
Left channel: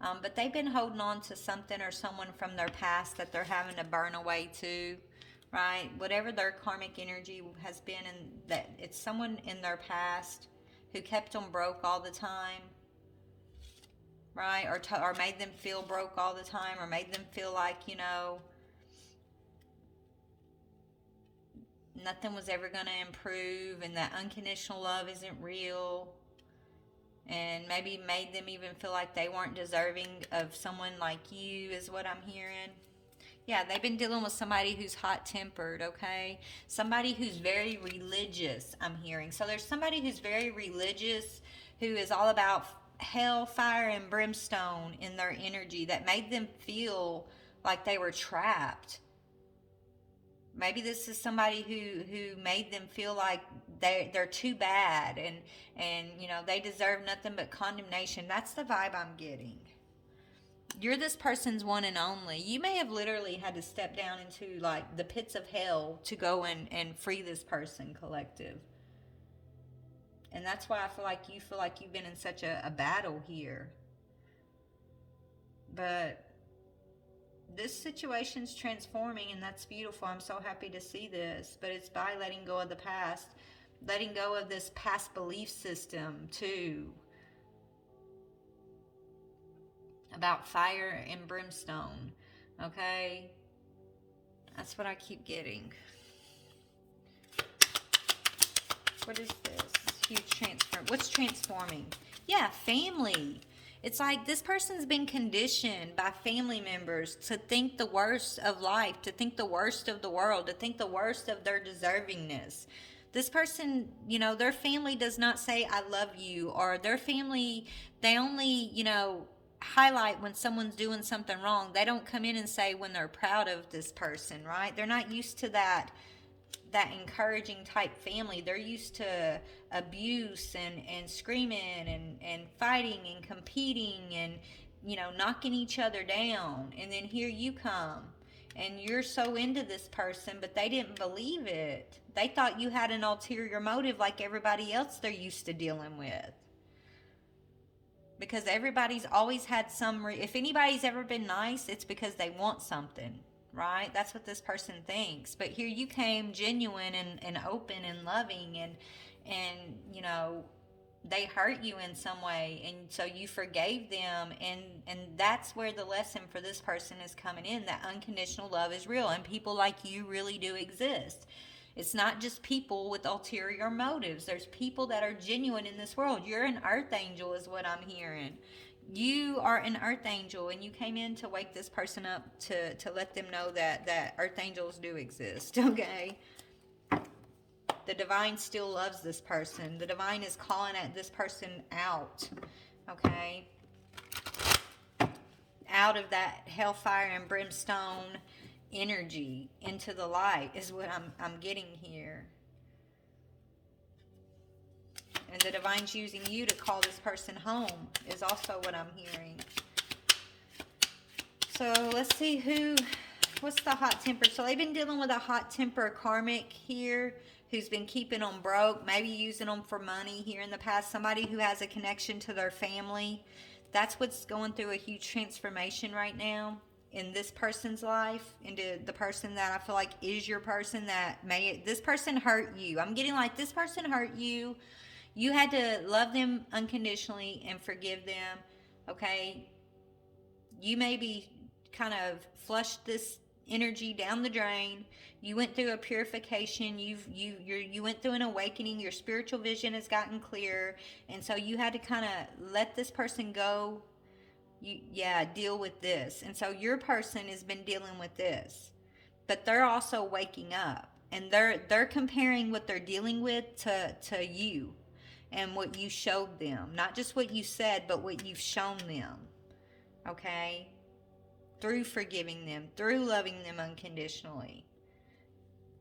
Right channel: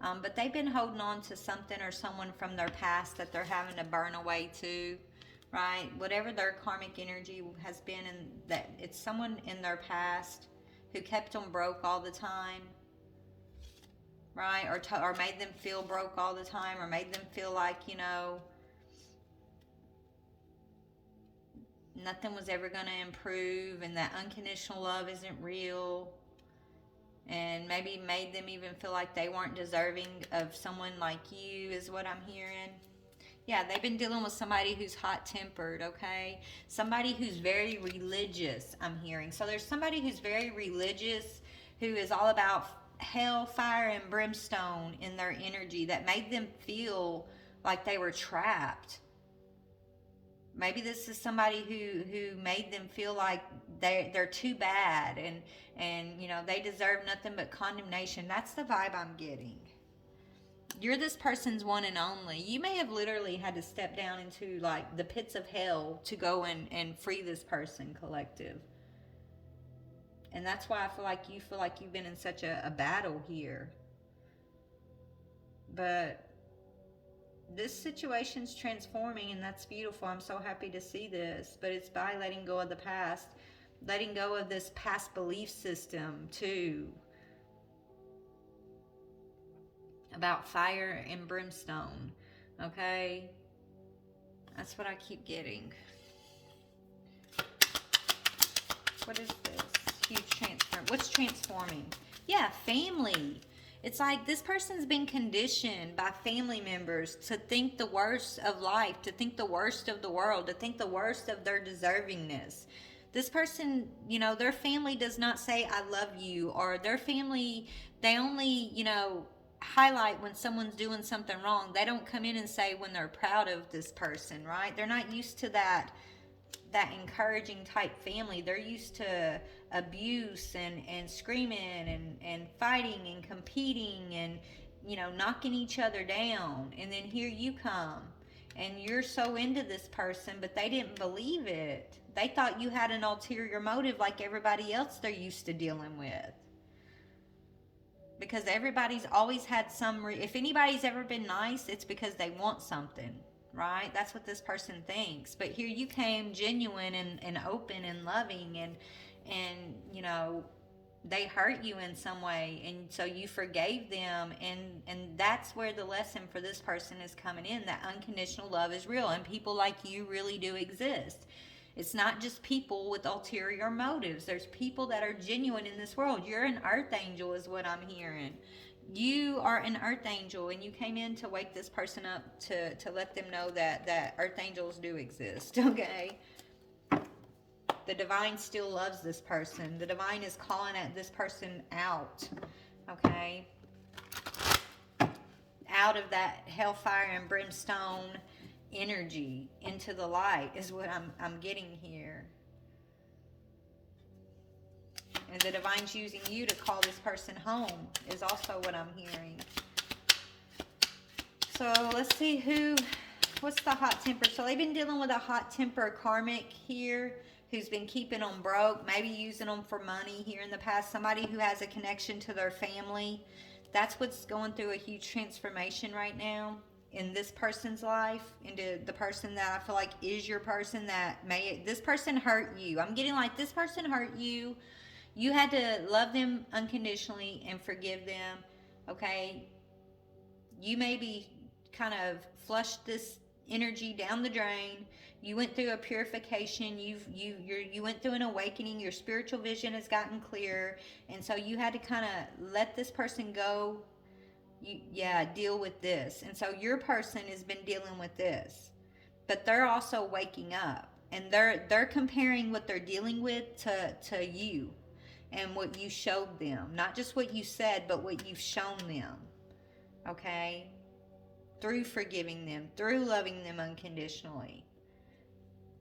But they've been holding on to something or someone from their past that they're having to burn away too, right? Whatever their karmic energy has been, and that it's someone in their past who kept them broke all the time, right? Or made them feel broke all the time, or made them feel like, nothing was ever going to improve, and that unconditional love isn't real, and maybe made them even feel like they weren't deserving of someone like you, is what I'm hearing. Yeah, they've been dealing with somebody who's hot-tempered, okay? Somebody who's very religious, I'm hearing. So there's somebody who's very religious, who is all about hell, fire, and brimstone in their energy, that made them feel like they were trapped. Maybe this is somebody who made them feel like they're too bad, and they deserve nothing but condemnation. That's the vibe I'm getting. You're this person's one and only. You may have literally had to step down into like the pits of hell to go and free this person, collective. And that's why I feel like you've been in such a battle here. But this situation's transforming, and that's beautiful. I'm so happy to see this. But it's by letting go of the past, letting go of this past belief system too, about fire and brimstone. Okay, that's what I keep getting. What is this? Huge transfer. What's transforming? Yeah, family. It's like this person's been conditioned by family members to think the worst of life, to think the worst of the world, to think the worst of their deservingness. This person, you know, their family does not say, I love you, or their family, they only, you know, highlight when someone's doing something wrong. They don't come in and say when they're proud of this person, right? They're not used to that encouraging type family. They're used to abuse and screaming and fighting and competing and, you know, knocking each other down. And then here you come and you're so into this person, but they didn't believe it. They thought you had an ulterior motive like everybody else they're used to dealing with. Because everybody's always had if anybody's ever been nice, it's because they want something, right? That's what this person thinks. But here you came genuine and open and loving, and you know, they hurt you in some way, and so you forgave them, and that's where the lesson for this person is coming in, that unconditional love is real, and people like you really do exist. It's not just people with ulterior motives. There's people that are genuine in this world. You're an earth angel is what I'm hearing. You are an earth angel, and you came in to wake this person up, to let them know that earth angels do exist, okay? The divine still loves this person. The divine is calling at this person out, okay? Out of that hellfire and brimstone energy into the light is what I'm getting here. And the divine's using you to call this person home is also what I'm hearing. So let's see what's the hot temper. So they've been dealing with a hot temper karmic here who's been keeping them broke, maybe using them for money here in the past. Somebody who has a connection to their family. That's what's going through a huge transformation right now in this person's life, into the person that I feel like is your person this person hurt you. I'm getting like this person hurt you. You had to love them unconditionally and forgive them, okay? You maybe kind of flushed this energy down the drain. You went through a purification. You went through an awakening. Your spiritual vision has gotten clearer, and so you had to kind of let this person go. Deal with this. And so your person has been dealing with this, but they're also waking up, and they're comparing what they're dealing with to you and what you showed them, not just what you said, but what you've shown them, okay? Through forgiving them, through loving them unconditionally,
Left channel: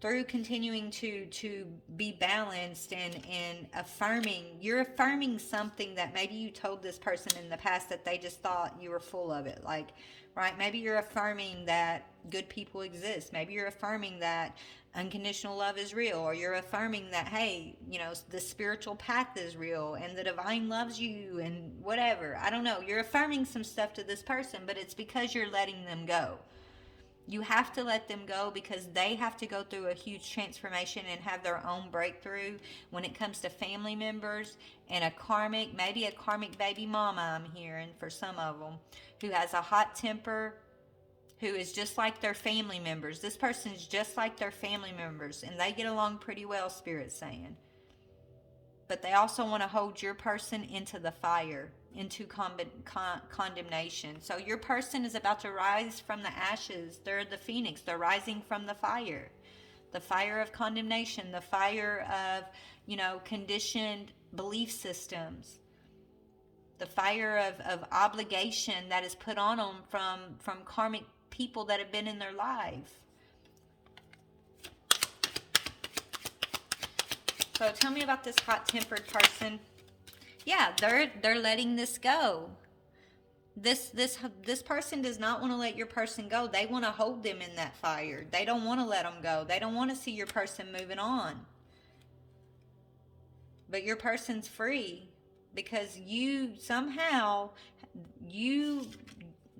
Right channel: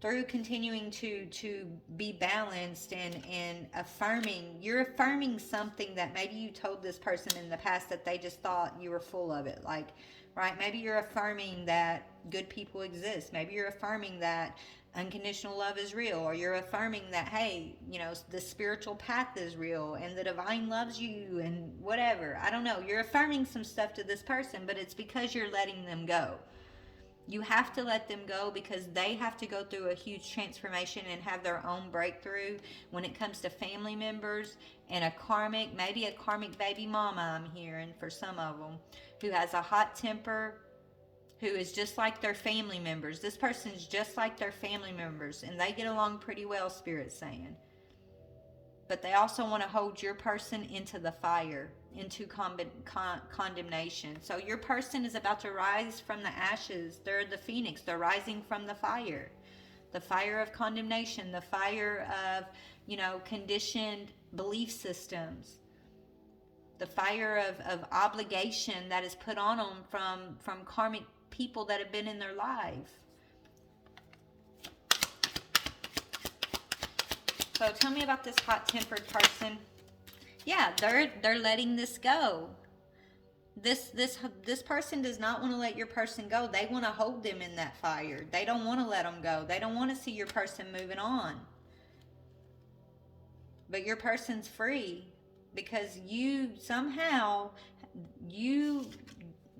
through continuing to be balanced and affirming. You're affirming something that maybe you told this person in the past that they just thought you were full of it. Like, right? Maybe you're affirming that good people exist. Maybe you're affirming that unconditional love is real, or you're affirming that, hey, you know, the spiritual path is real and the divine loves you and whatever. I don't know. You're affirming some stuff to this person, but it's because you're letting them go. You have to let them go because they have to go through a huge transformation and have their own breakthrough when it comes to family members and maybe a karmic baby mama, I'm hearing for some of them, who has a hot temper, who is just like their family members. This person is just like their family members, and they get along pretty well, Spirit's saying. But they also want to hold your person into the fire, into condemnation. So your person is about to rise from the ashes. They're the phoenix. They're rising from the fire of condemnation, the fire of, you know, conditioned belief systems, the fire of obligation that is put on them from karmic people that have been in their life. So tell me about this hot-tempered person. Yeah, they're letting this go. This person does not want to let your person go. They want to hold them in that fire. They don't want to let them go. They don't want to see your person moving on. But your person's free because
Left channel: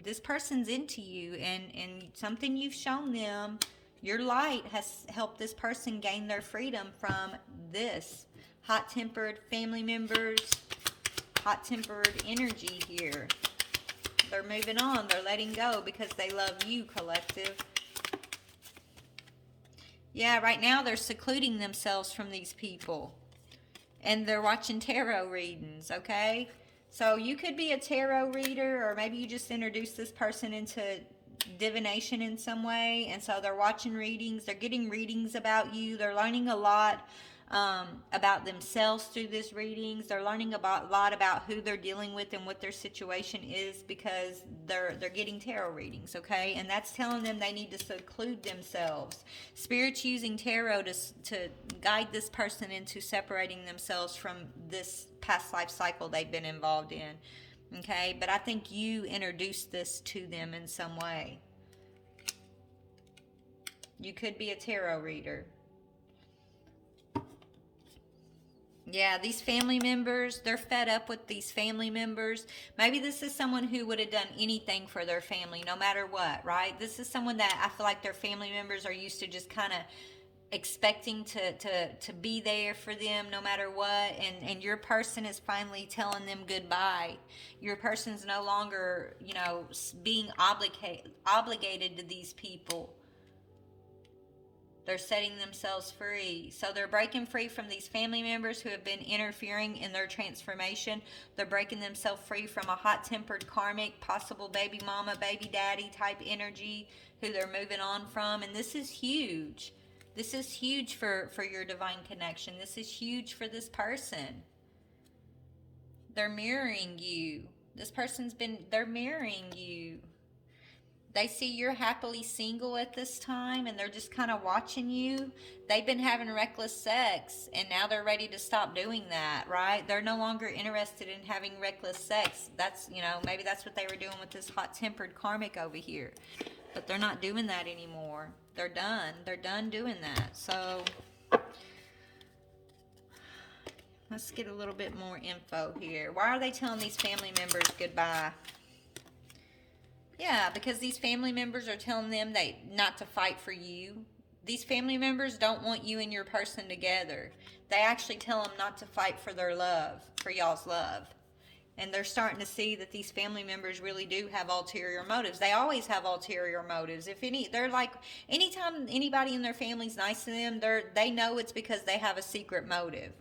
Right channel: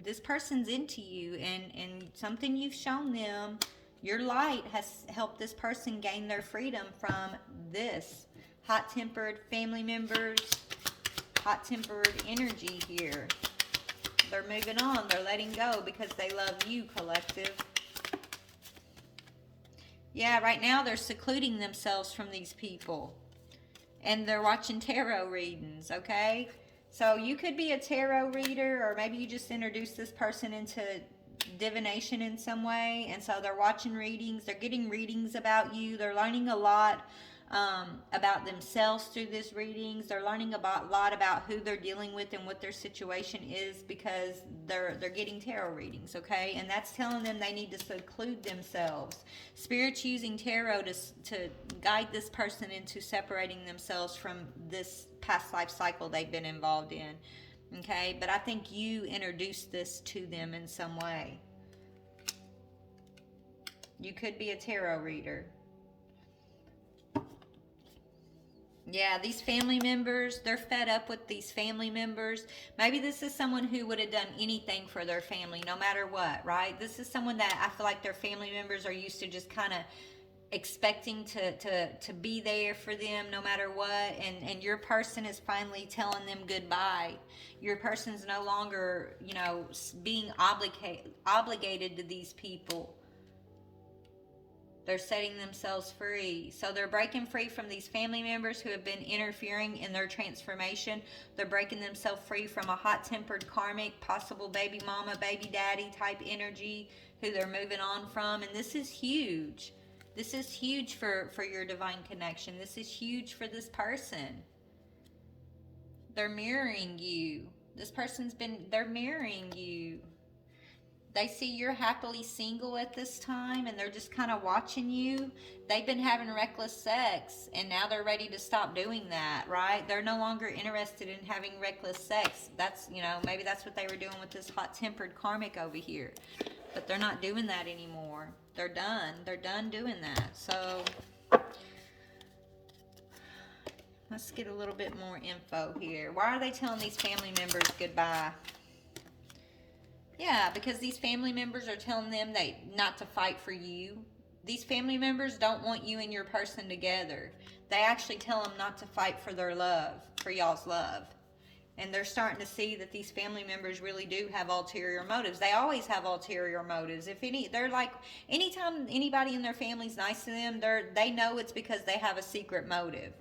this person's into you, and something you've shown them, your light has helped this person gain their freedom from this hot-tempered family members, hot-tempered energy here. They're moving on. They're letting go because they love you, collective. Yeah, right now they're secluding themselves from these people. And they're watching tarot readings, okay? So you could be a tarot reader, or maybe you just introduced this person into divination in some way. And so they're watching readings. They're getting readings about you. They're learning a lot about themselves through these readings. They're learning a lot about who they're dealing with and what their situation is, because they're getting tarot readings, okay? And that's telling them they need to seclude themselves. Spirit's using tarot to guide this person into separating themselves from this past life cycle they've been involved in, okay? But I think you introduced this to them in some way. You could be a tarot reader. Yeah, these family members, they're fed up with these family members. Maybe this is someone who would have done anything for their family, no matter what, right? This is someone that I feel like their family members are used to just kind of expecting to be there for them no matter what. And your person is finally telling them goodbye. Your person's no longer, being obligated to these people. They're setting themselves free. So they're breaking free from these family members who have been interfering in their transformation. They're breaking themselves free from a hot-tempered karmic, possible baby mama, baby daddy type energy who they're moving on from. And this is huge. This is huge for your divine connection. This is huge for this person. They're mirroring you. They're mirroring you. They see you're happily single at this time, and they're just kind of watching you. They've been having reckless sex, and now they're ready to stop doing that, right? They're no longer interested in having reckless sex. That's, maybe that's what they were doing with this hot-tempered karmic over here. But they're not doing that anymore. They're done. They're done doing that. So let's get a little bit more info here. Why are they telling these family members goodbye? Yeah, because these family members are telling them not to fight for you. These family members don't want you and your person together. They actually tell them not to fight for their love, for y'all's love. And they're starting to see that these family members really do have ulterior motives. They always have ulterior motives. They're like, anytime anybody in their family's nice to them, they know it's because they have a secret motive.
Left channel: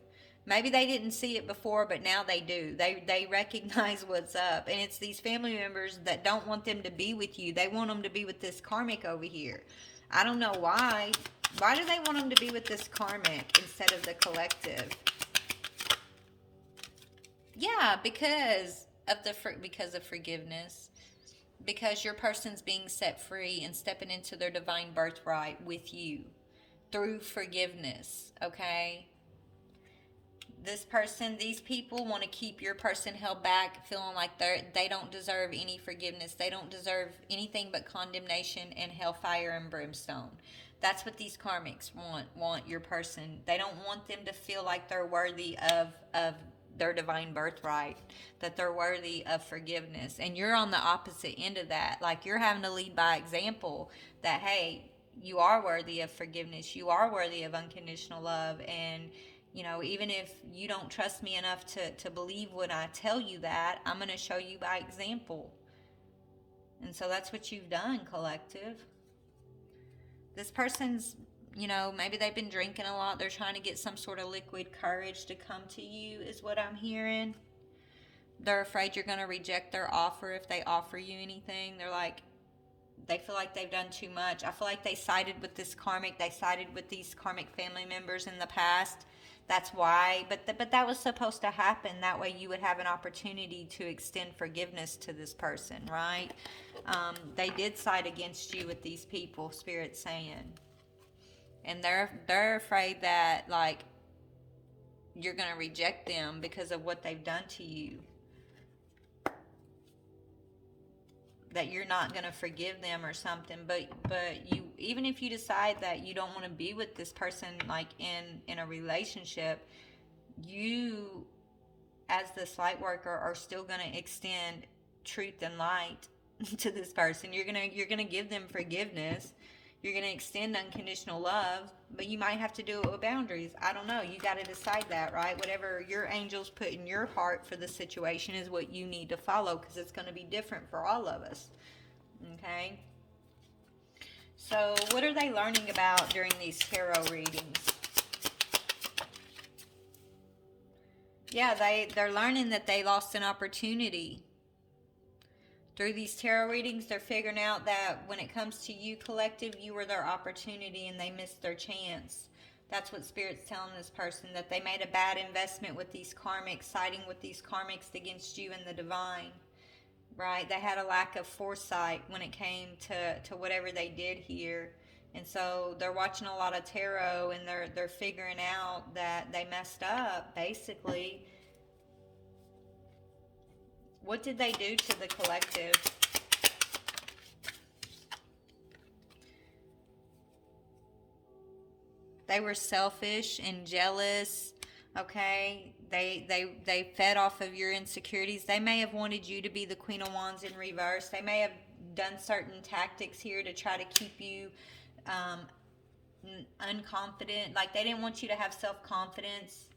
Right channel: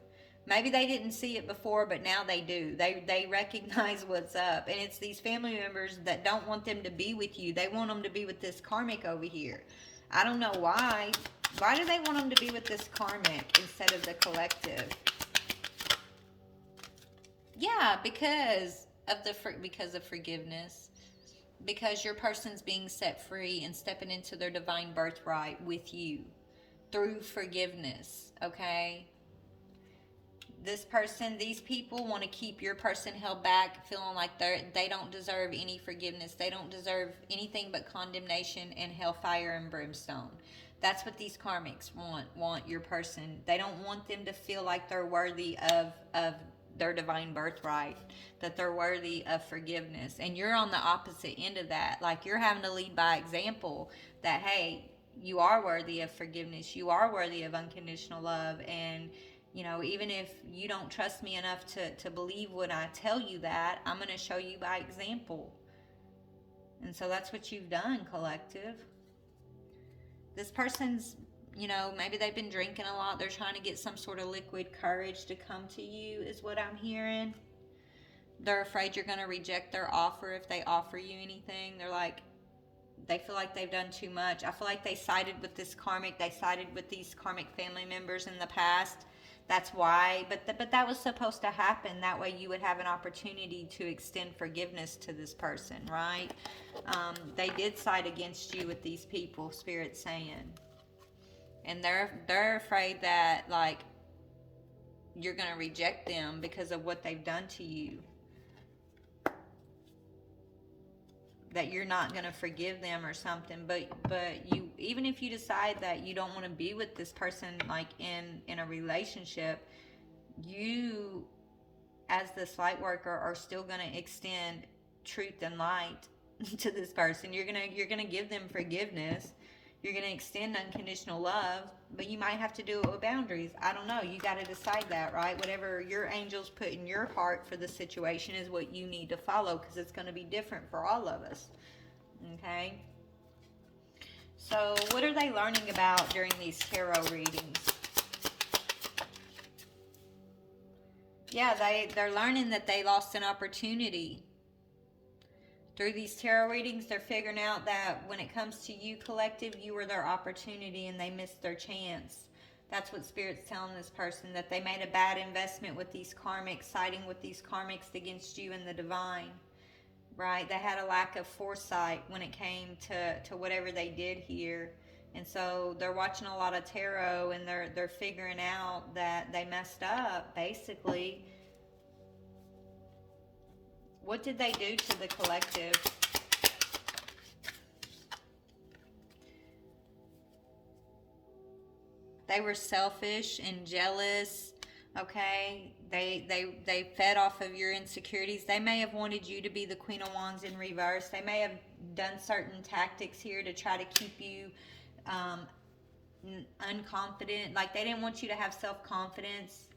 Maybe they didn't see it before, but now they do. They recognize what's up. And it's these family members that don't want them to be with you. They want them to be with this karmic over here. I don't know why. Why do they want them to be with this karmic instead of the collective? Yeah, because of forgiveness. Because your person's being set free and stepping into their divine birthright with you through forgiveness, okay? These people want to keep your person held back, feeling like they don't deserve any forgiveness. They don't deserve anything but condemnation and hellfire and brimstone. That's what these karmics want your person. They don't want them to feel like they're worthy of their divine birthright, that they're worthy of forgiveness. And you're on the opposite end of that. Like, you're having to lead by example that, hey, you are worthy of forgiveness. You are worthy of unconditional love. And even if you don't trust me enough to believe when I tell you that, I'm going to show you by example. And so that's what you've done, collective. This person's, maybe they've been drinking a lot. They're trying to get some sort of liquid courage to come to you, is what I'm hearing. They're afraid you're going to reject their offer if they offer you anything. They feel like they've done too much. I feel like they sided with this karmic. They sided with these karmic family members in the past. That's why, but that was supposed to happen. That way you would have an opportunity to extend forgiveness to this person, right? They did side against you with these people, Spirit's saying. And they're afraid that, like, you're going to reject them because of what they've done to you. That you're not going to forgive them or something, but you, even if you decide that you don't want to be with this person, like in a relationship, you as this light worker are still going to extend truth and light to this person. You're gonna give them forgiveness. You're gonna extend unconditional love, but you might have to do it with boundaries. I don't know. You got to decide that, right? Whatever your angels put in your heart for the situation is what you need to follow, because it's going to be different for all of us. Okay. So, what are they learning about during these tarot readings? Yeah, they're learning that they lost an opportunity. Through these tarot readings, they're figuring out that when it comes to you, collective, you were their opportunity and they missed their chance. That's what Spirit's telling this person, that they made a bad investment with these karmics, siding with these karmics against you and the divine. Right? They had a lack of foresight when it came to whatever they did here. And so they're watching a lot of tarot, and they're figuring out that they messed up, basically. What did they do to the collective? They were selfish and jealous. Okay, they fed off of your insecurities. They may have wanted you to be the Queen of Wands in reverse. They may have done certain tactics here to try to keep you unconfident. Like, they didn't want you to have self-confidence.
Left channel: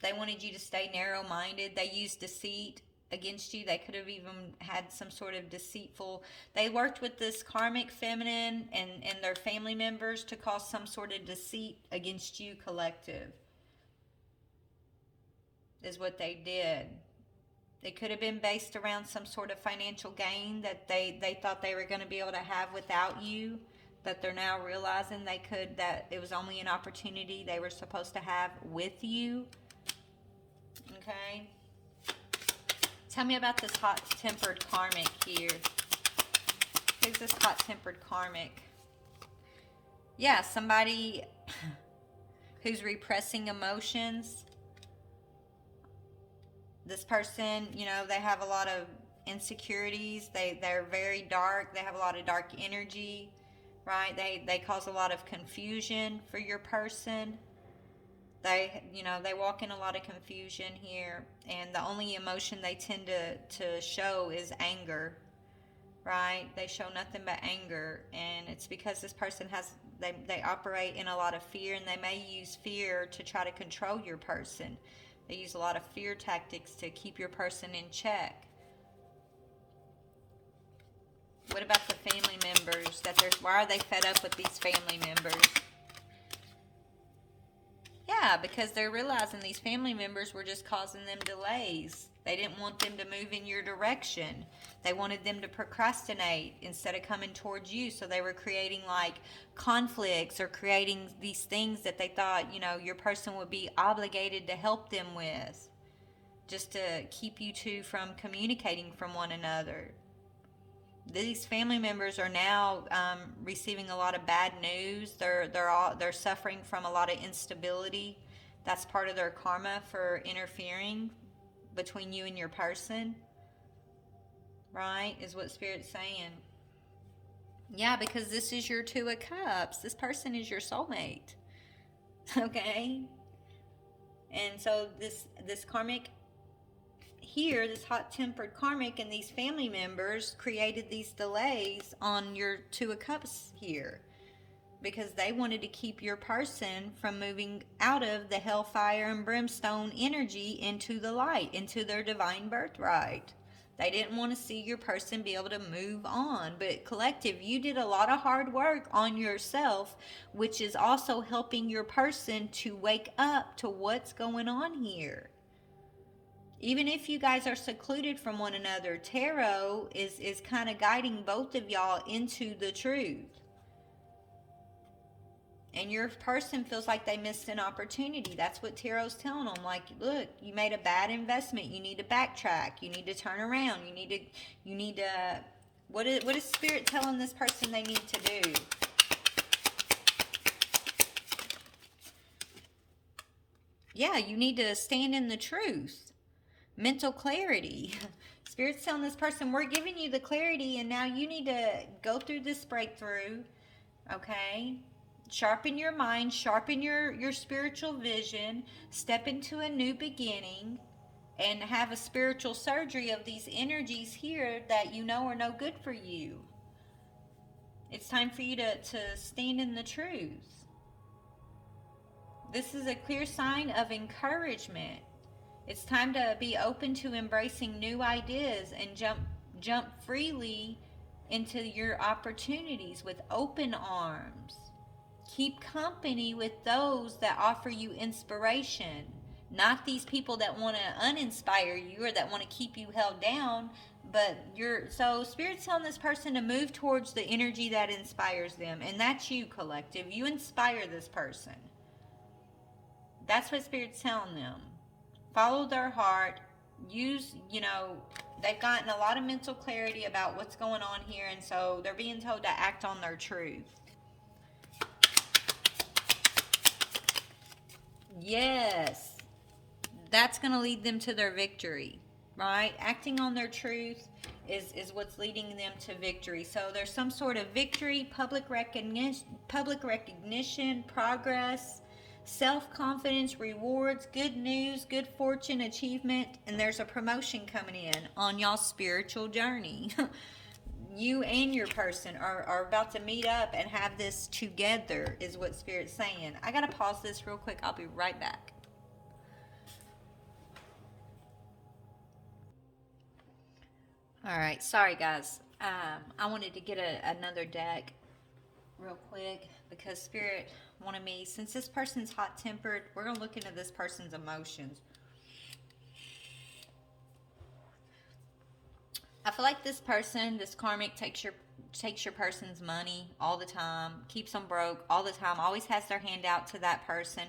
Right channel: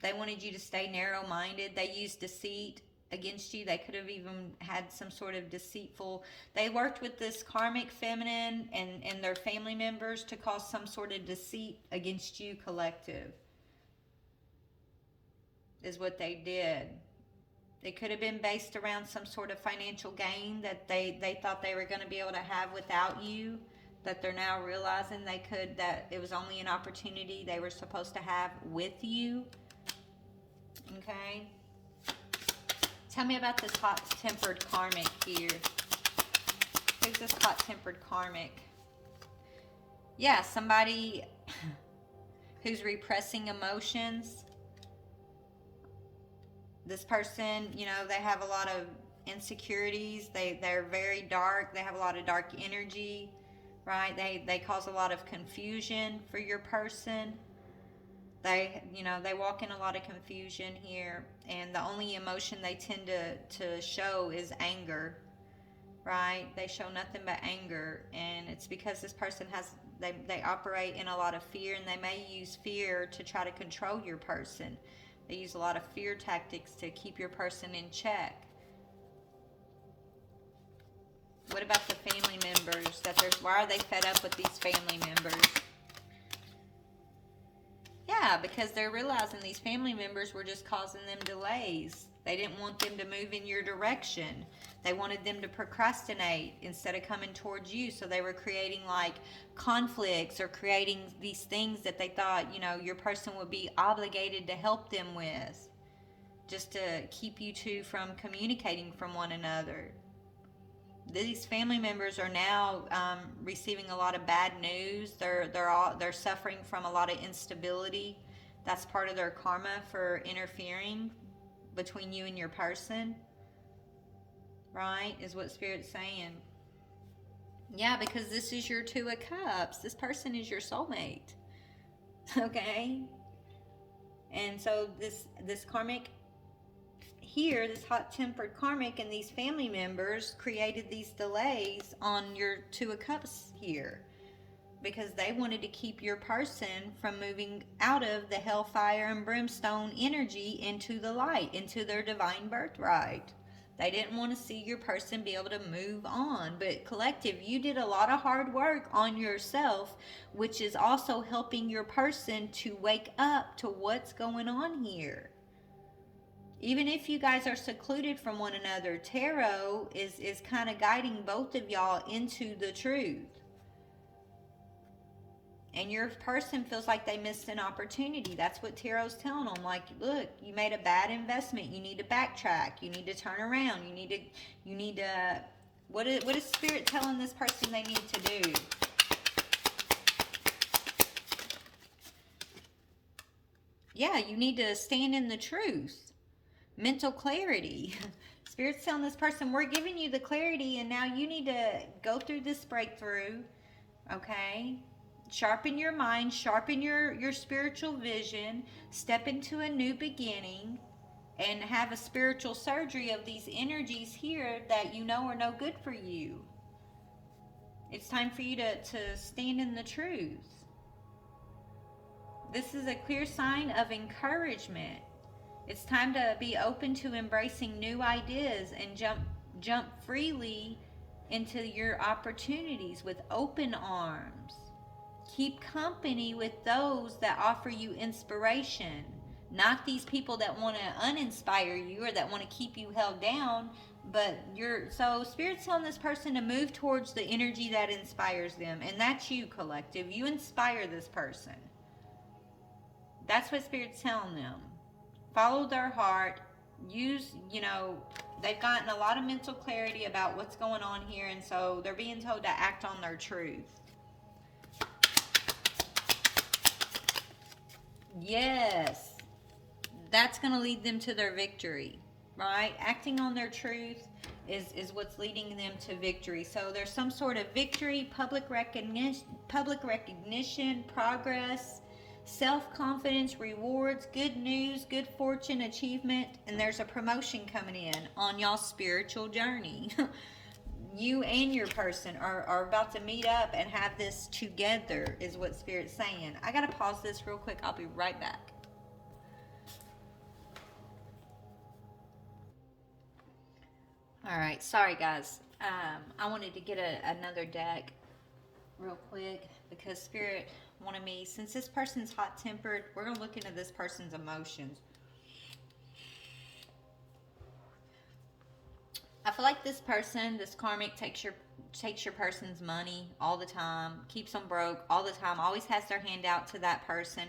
They wanted you to stay narrow-minded. They used deceit against you. They could have even had some sort of deceitful... They worked with this karmic feminine and their family members to cause some sort of deceit against you, collective. Is what they did. It could have been based around some sort of financial gain that they thought they were going to be able to have without you, that they're now realizing that it was only an opportunity they were supposed to have with you. Okay. Tell me about this hot-tempered karmic here. Who's this hot-tempered karmic? Yeah, somebody who's repressing emotions. This person, they have a lot of insecurities. They're very dark. They have a lot of dark energy, right? They cause a lot of confusion for your person. They walk in a lot of confusion here, and the only emotion they tend to show is anger, right? They show nothing but anger, and it's because this person they operate in a lot of fear, and they may use fear to try to control your person. They use a lot of fear tactics to keep your person in check. What about the family members? Why are they fed up with these family members? Yeah, because they're realizing these family members were just causing them delays. They didn't want them to move in your direction. They wanted them to procrastinate instead of coming towards you. So they were creating like conflicts or creating these things that they thought, your person would be obligated to help them with, just to keep you two from communicating from one another. These family members are now receiving a lot of bad news. They're suffering from a lot of instability. That's part of their karma for interfering between you and your person, right? Is what Spirit's saying. Yeah, because this is your Two of Cups. This person is your soulmate. Okay? And so this karmic here, this hot-tempered karmic and these family members created these delays on your Two of Cups here, because they wanted to keep your person from moving out of the hellfire and brimstone energy into the light, into their divine birthright. They didn't want to see your person be able to move on. But collective, you did a lot of hard work on yourself, which is also helping your person to wake up to what's going on here. Even if you guys are secluded from one another, tarot is kind of guiding both of y'all into the truth. And your person feels like they missed an opportunity. That's what tarot's telling them. Like, look, you made a bad investment. You need to backtrack. You need to turn around. You need to. What is Spirit telling this person they need to do? Yeah, you need to stand in the truth. Mental clarity. Spirit's telling this person, we're giving you the clarity, and now you need to go through this breakthrough. Okay? Sharpen your mind, sharpen your spiritual vision, step into a new beginning, and have a spiritual surgery of these energies here that you know are no good for you. It's time for you to stand in the truth. This is a clear sign of encouragement. It's time to be open to embracing new ideas and jump freely into your opportunities with open arms. Keep company with those that offer you inspiration, not these people that want to uninspire you or that want to keep you held down. But so Spirit's telling this person to move towards the energy that inspires them, and that's you, collective. You inspire this person. That's what Spirit's telling them. Follow their heart. They've gotten a lot of mental clarity about what's going on here, and so they're being told to act on their truth. Yes, that's going to lead them to their victory, right? Acting on their truth is what's leading them to victory. So there's some sort of victory, public recognition, progress, self-confidence, rewards, good news, good fortune, achievement, and there's a promotion coming in on y'all's spiritual journey. You and your person are about to meet up and have this together, is what Spirit's saying. I gotta pause this real quick. I'll be right back. All right, sorry guys. I wanted to get another deck real quick because Spirit wanted me, since this person's hot-tempered, we're going to look into this person's emotions. I feel like this person, this karmic, takes your person's money all the time, keeps them broke all the time, always has their hand out to that person.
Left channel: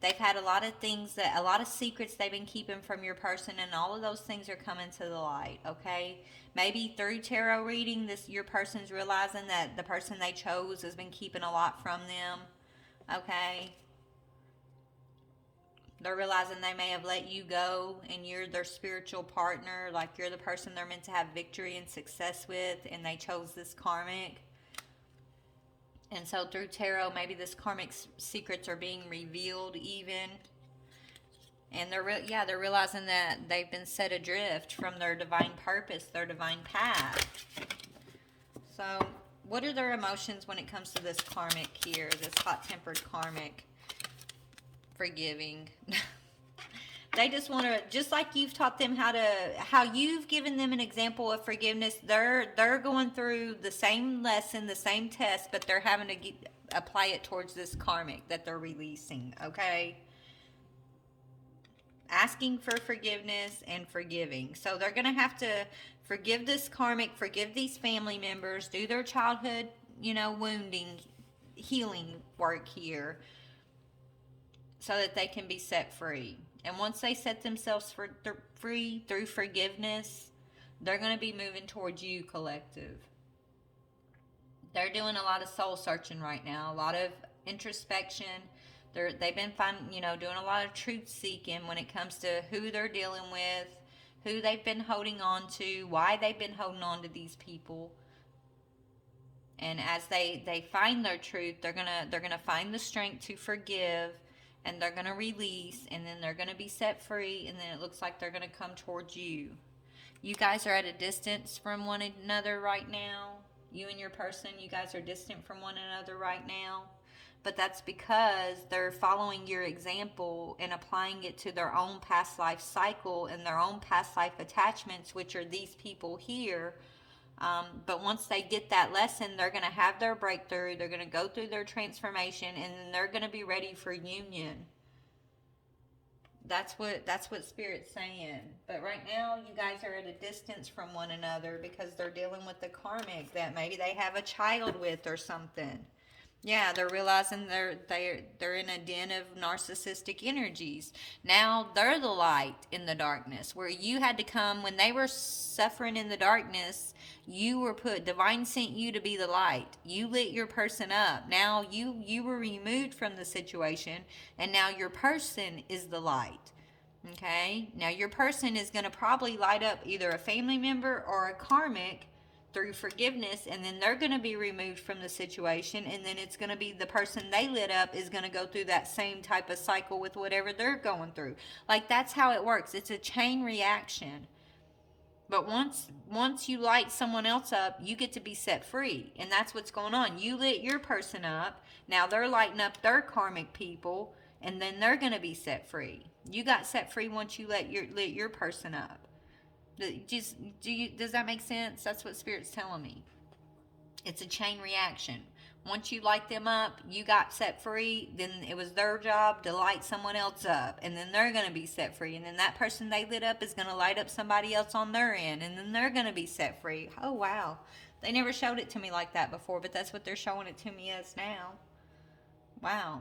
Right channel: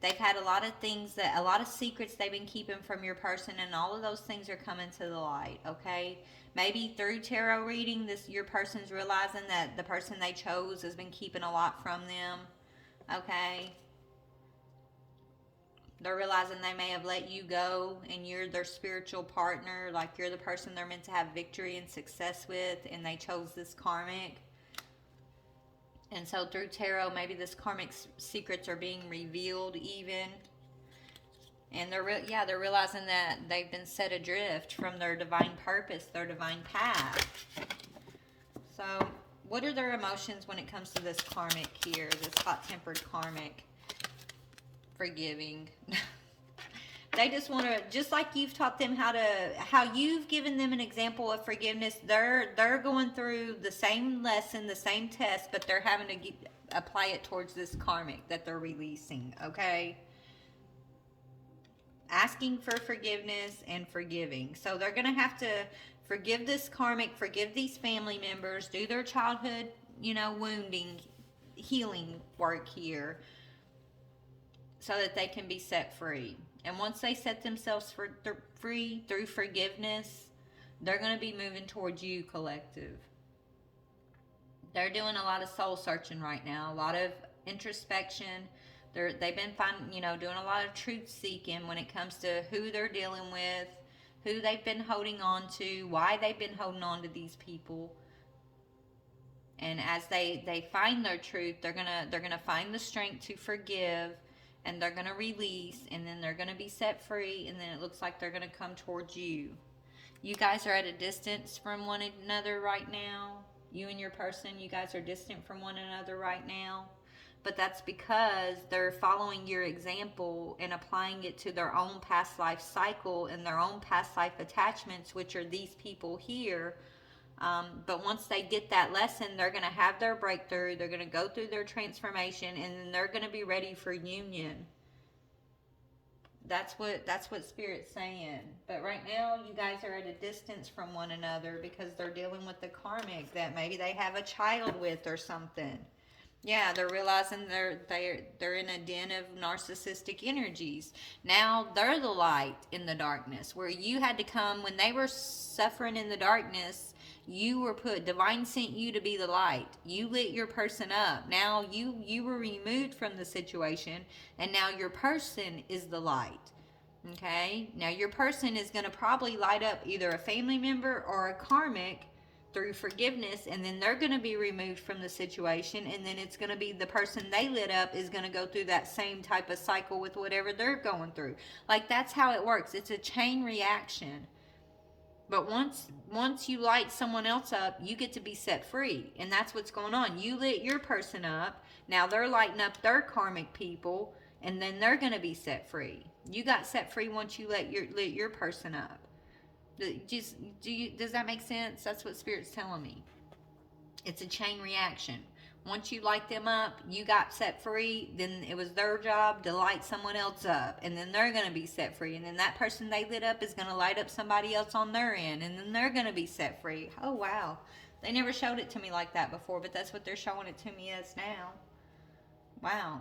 They've had a lot of things, a lot of secrets they've been keeping from your person, and all of those things are coming to the light, okay? Maybe through tarot reading, your person's realizing that the person they chose has been keeping a lot from them. Okay, they're realizing they may have let you go and you're their spiritual partner, like you're the person they're meant to have victory and success with, and they chose this karmic. And so through tarot, maybe this karmic secrets are being revealed even, and they're realizing that they've been set adrift from their divine purpose, their divine path. So what are their emotions when it comes to this karmic here, this hot-tempered karmic? Forgiving. They just want to, just like you've taught them how you've given them an example of forgiveness, they're going through the same lesson, the same test, but they're having to apply it towards this karmic that they're releasing, okay? Asking for forgiveness and forgiving. So they're going to have to forgive this karmic, forgive these family members, do their childhood, wounding, healing work here so that they can be set free. And once they set themselves free through forgiveness, they're going to be moving towards you, collective. They're doing a lot of soul searching right now, a lot of introspection. They've been doing a lot of truth seeking when it comes to who they're dealing with, who they've been holding on to, why they've been holding on to these people. And as they find their truth, they're gonna find the strength to forgive, and they're gonna release, and then they're gonna be set free, and then it looks like they're gonna come towards you. You guys are at a distance from one another right now. You and your person, you guys are distant from one another right now. But that's because they're following your example and applying it to their own past life cycle and their own past life attachments, which are these people here. But once they get that lesson, they're going to have their breakthrough. They're going to go through their transformation, and then they're going to be ready for union. That's what Spirit's saying. But right now, you guys are at a distance from one another because they're dealing with the karmic that maybe they have a child with or something. Yeah, they're realizing they're in a den of narcissistic energies. Now they're the light in the darkness, where you had to come when they were suffering in the darkness. You were divine sent you to be the light. You lit your person up. Now you were removed from the situation, and now your person is the light. Okay? Now your person is going to probably light up either a family member or a karmic through forgiveness, and then they're going to be removed from the situation, and then it's going to be the person they lit up is going to go through that same type of cycle with whatever they're going through. Like, that's how it works. It's a chain reaction. But once you light someone else up, you get to be set free. And that's what's going on. You lit your person up. Now they're lighting up their karmic people, and then they're going to be set free. You got set free once you lit your person up. Does that make sense? That's what Spirit's telling me. It's a chain reaction. Once you light them up, you got set free, then it was their job to light someone else up, and then they're going to be set free, and then that person they lit up is going to light up somebody else on their end, and then they're going to be set free. Oh, wow. They never showed it to me like that before, but that's what they're showing it to me as now. Wow.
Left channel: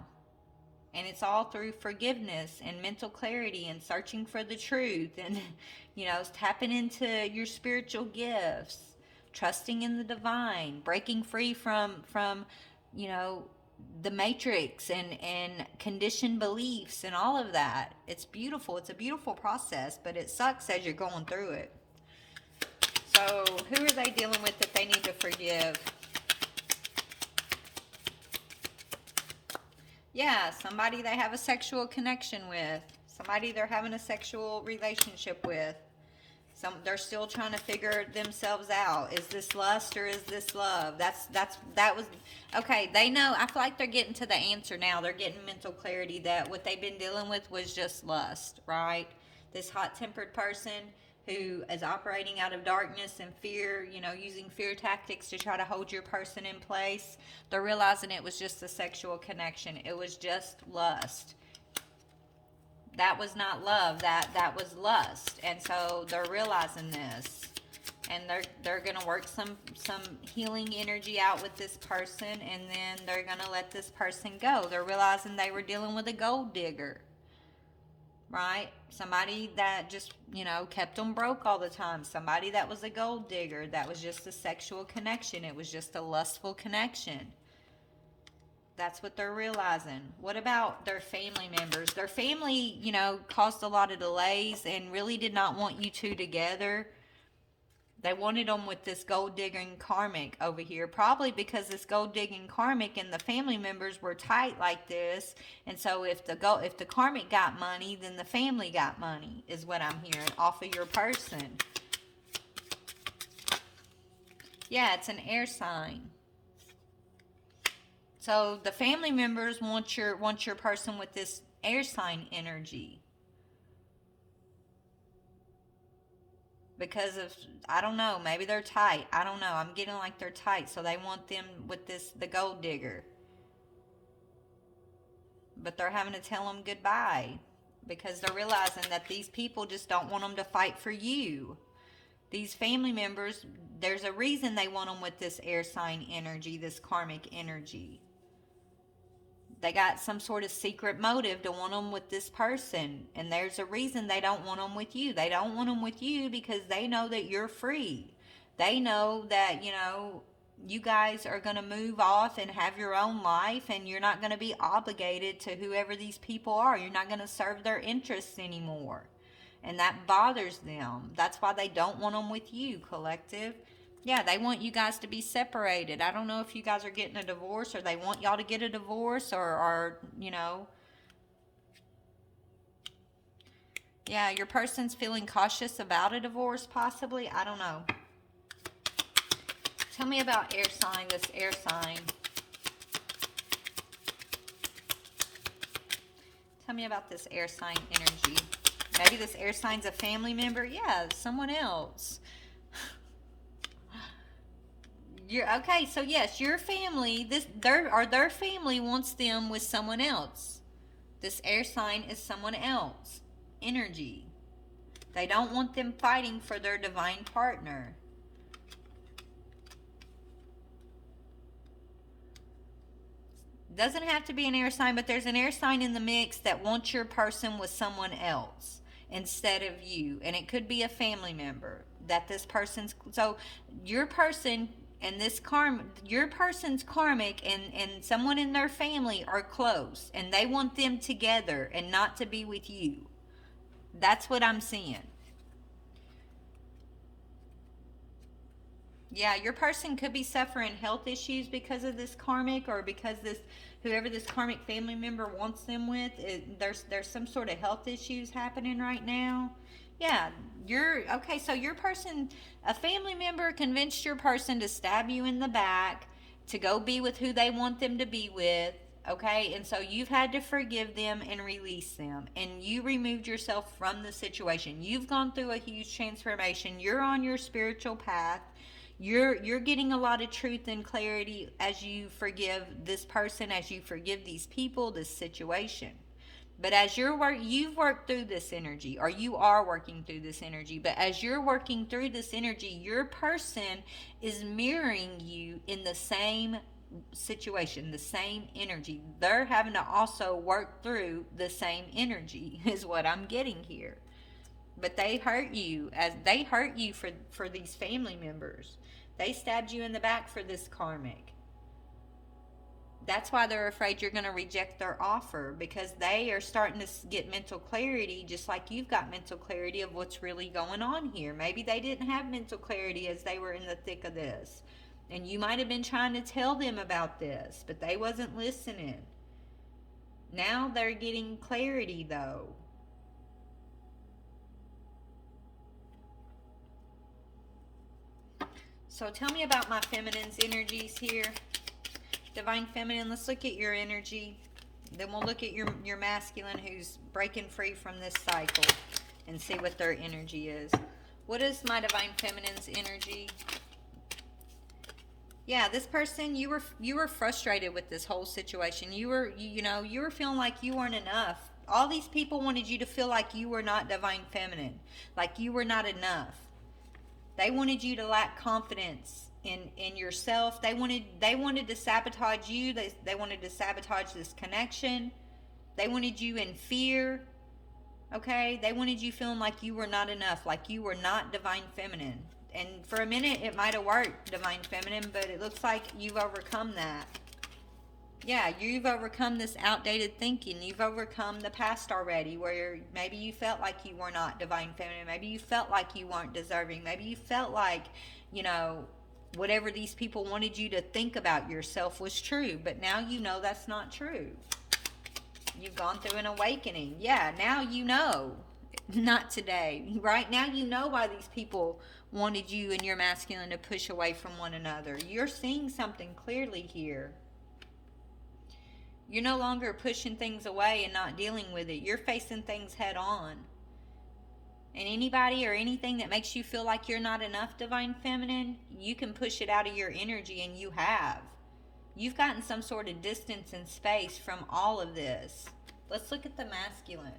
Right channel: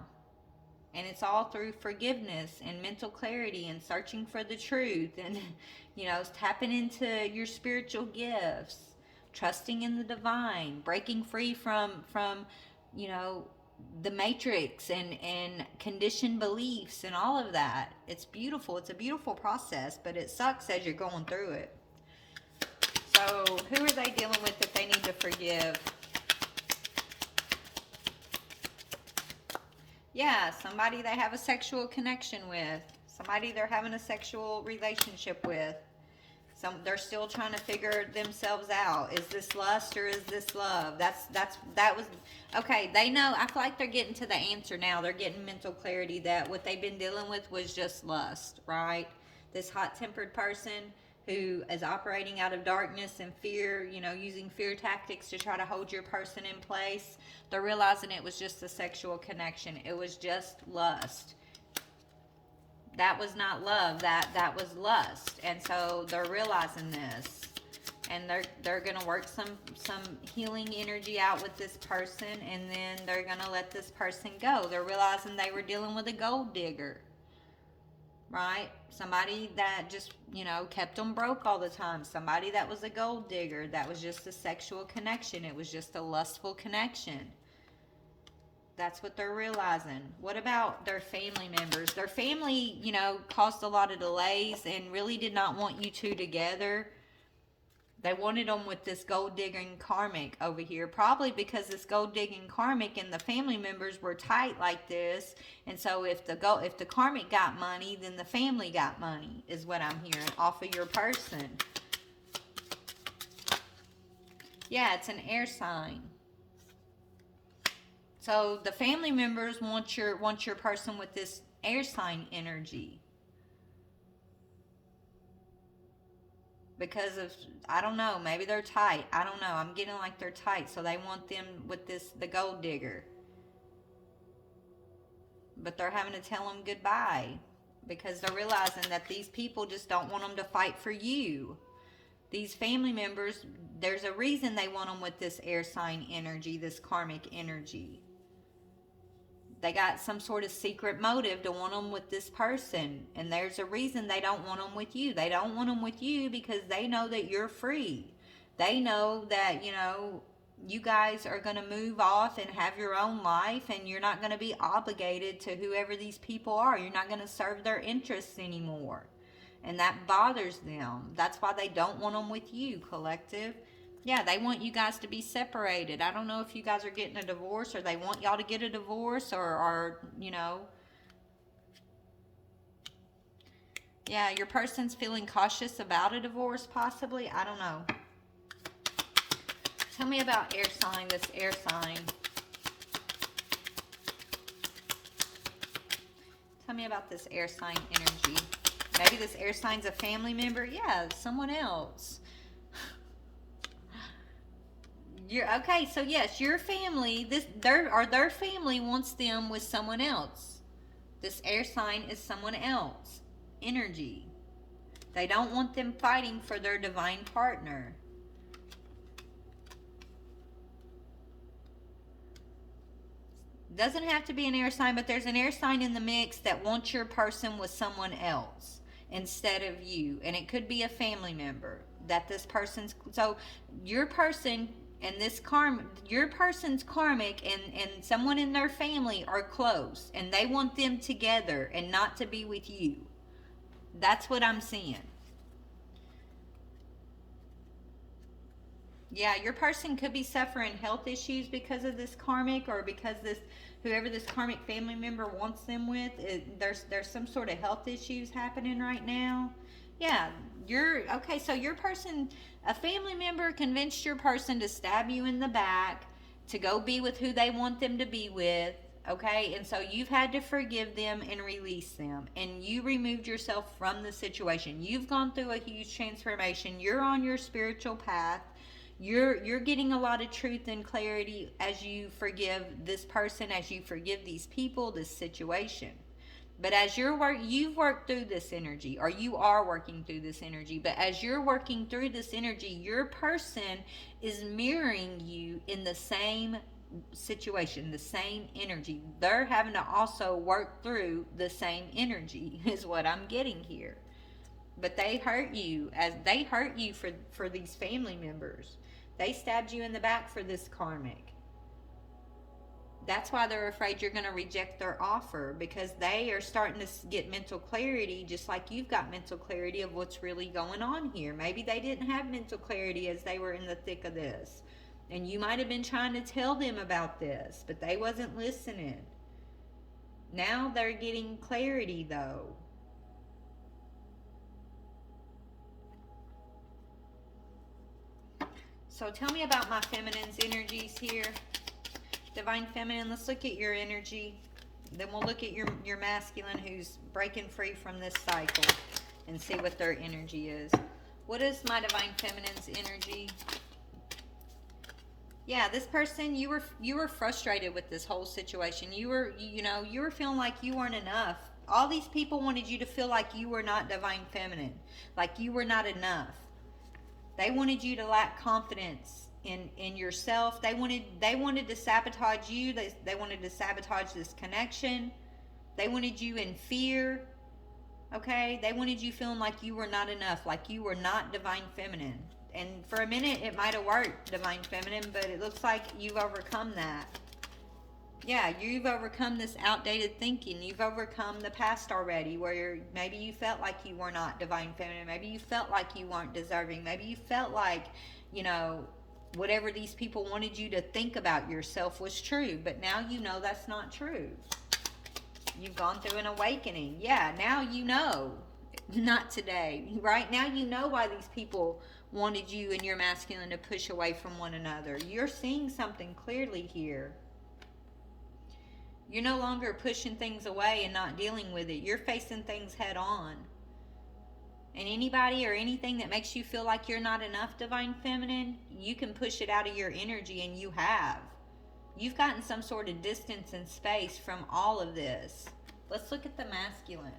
And it's all through forgiveness and mental clarity and searching for the truth and, tapping into your spiritual gifts, trusting in the divine, breaking free from the matrix and conditioned beliefs and all of that. It's beautiful. It's a beautiful process, but it sucks as you're going through it. So who are they dealing with that they need to forgive? Yeah, somebody they have a sexual connection with. Somebody they're having a sexual relationship with. They're still trying to figure themselves out. Is this lust or is this love? That was okay. They know. I feel like they're getting to the answer now. They're getting mental clarity that what they've been dealing with was just lust, right? This hot-tempered person who is operating out of darkness and fear, using fear tactics to try to hold your person in place. They're realizing it was just a sexual connection. It was just lust. That was not love. That was lust. And so they're realizing this, and they're gonna work some healing energy out with this person, and then they're gonna let this person go. They're realizing they were dealing with a gold digger, right? Somebody that just kept them broke all the time. Somebody that was a gold digger. That was just a sexual connection. It was just a lustful connection. That's what they're realizing. What about their family members? Their family, caused a lot of delays and really did not want you two together. They wanted them with this gold digging karmic over here, probably because this gold digging karmic and the family members were tight like this. And so if the karmic got money, then the family got money, is what I'm hearing off of your person. Yeah, it's an air sign. So the family members want your person with this air sign energy. Because of, I don't know, maybe they're tight. I don't know. I'm getting like they're tight. So they want them with the gold digger. But they're having to tell them goodbye. Because they're realizing that these people just don't want them to fight for you. These family members, there's a reason they want them with this air sign energy, this karmic energy. They got some sort of secret motive to want them with this person. And there's a reason they don't want them with you. They don't want them with you because they know that you're free. They know that, you guys are going to move off and have your own life. And you're not going to be obligated to whoever these people are. You're not going to serve their interests anymore. And that bothers them. That's why they don't want them with you, collective. Yeah, they want you guys to be separated. I don't know if you guys are getting a divorce or they want y'all to get a divorce or Yeah, your person's feeling cautious about a divorce possibly. I don't know. Tell me about air sign, this air sign. Tell me about this air sign energy. Maybe this air sign's a family member. Yeah, someone else. Okay, so yes, your family, their family wants them with someone else. This air sign is someone else. Energy. They don't want them fighting for their divine partner. Doesn't have to be an air sign, but there's an air sign in the mix that wants your person with someone else instead of you. And it could be a family member that this person's, so your person and your person's karmic and someone in their family are close and they want them together and not to be with you. That's what I'm seeing. Yeah, your person could be suffering health issues because of this karmic, or because this whoever this karmic family member wants them with, there's some sort of health issues happening right now. Yeah, you're okay. So your person, a family member, convinced your person to stab you in the back to go be with who they want them to be with. Okay, and so you've had to forgive them and release them, and you removed yourself from the situation. You've gone through a huge transformation. You're on your spiritual path. You're getting a lot of truth and clarity as you forgive this person, as you forgive these people, this situation. But as you've worked through this energy, or you are working through this energy. But as you're working through this energy, your person is mirroring you in the same situation, the same energy. They're having to also work through the same energy, is what I'm getting here. But they hurt you, as they hurt you for these family members. They stabbed you in the back for this karmic. That's why they're afraid you're going to reject their offer, because they are starting to get mental clarity, just like you've got mental clarity of what's really going on here. Maybe they didn't have mental clarity as they were in the thick of this, and you might have been trying to tell them about this, but they wasn't listening. Now they're getting clarity, though. So tell me about my feminine's energies here. Divine Feminine, let's look at your energy. Then we'll look at your masculine who's breaking free from this cycle and see what their energy is. What is my Divine Feminine's energy? Yeah, this person, you were frustrated with this whole situation. You were feeling like you weren't enough. All these people wanted you to feel like you were not Divine Feminine, like you were not enough. They wanted you to lack confidence in yourself. They wanted to sabotage you. They wanted to sabotage this connection. They wanted you in fear. Okay? They wanted you feeling like you were not enough, like you were not Divine Feminine. And for a minute it might have worked, Divine Feminine, but it looks like you've overcome that. Yeah, you've overcome this outdated thinking. You've overcome the past already, where maybe you felt like you were not Divine Feminine. Maybe you felt like you weren't deserving. Maybe you felt like, whatever these people wanted you to think about yourself was true. But now you know that's not true. You've gone through an awakening. Yeah, now you know. Not today. Right now you know why these people wanted you and your masculine to push away from one another. You're seeing something clearly here. You're no longer pushing things away and not dealing with it. You're facing things head on. And anybody or anything that makes you feel like you're not enough, Divine Feminine, you can push it out of your energy, and you have. You've gotten some sort of distance and space from all of this. Let's look at the masculine.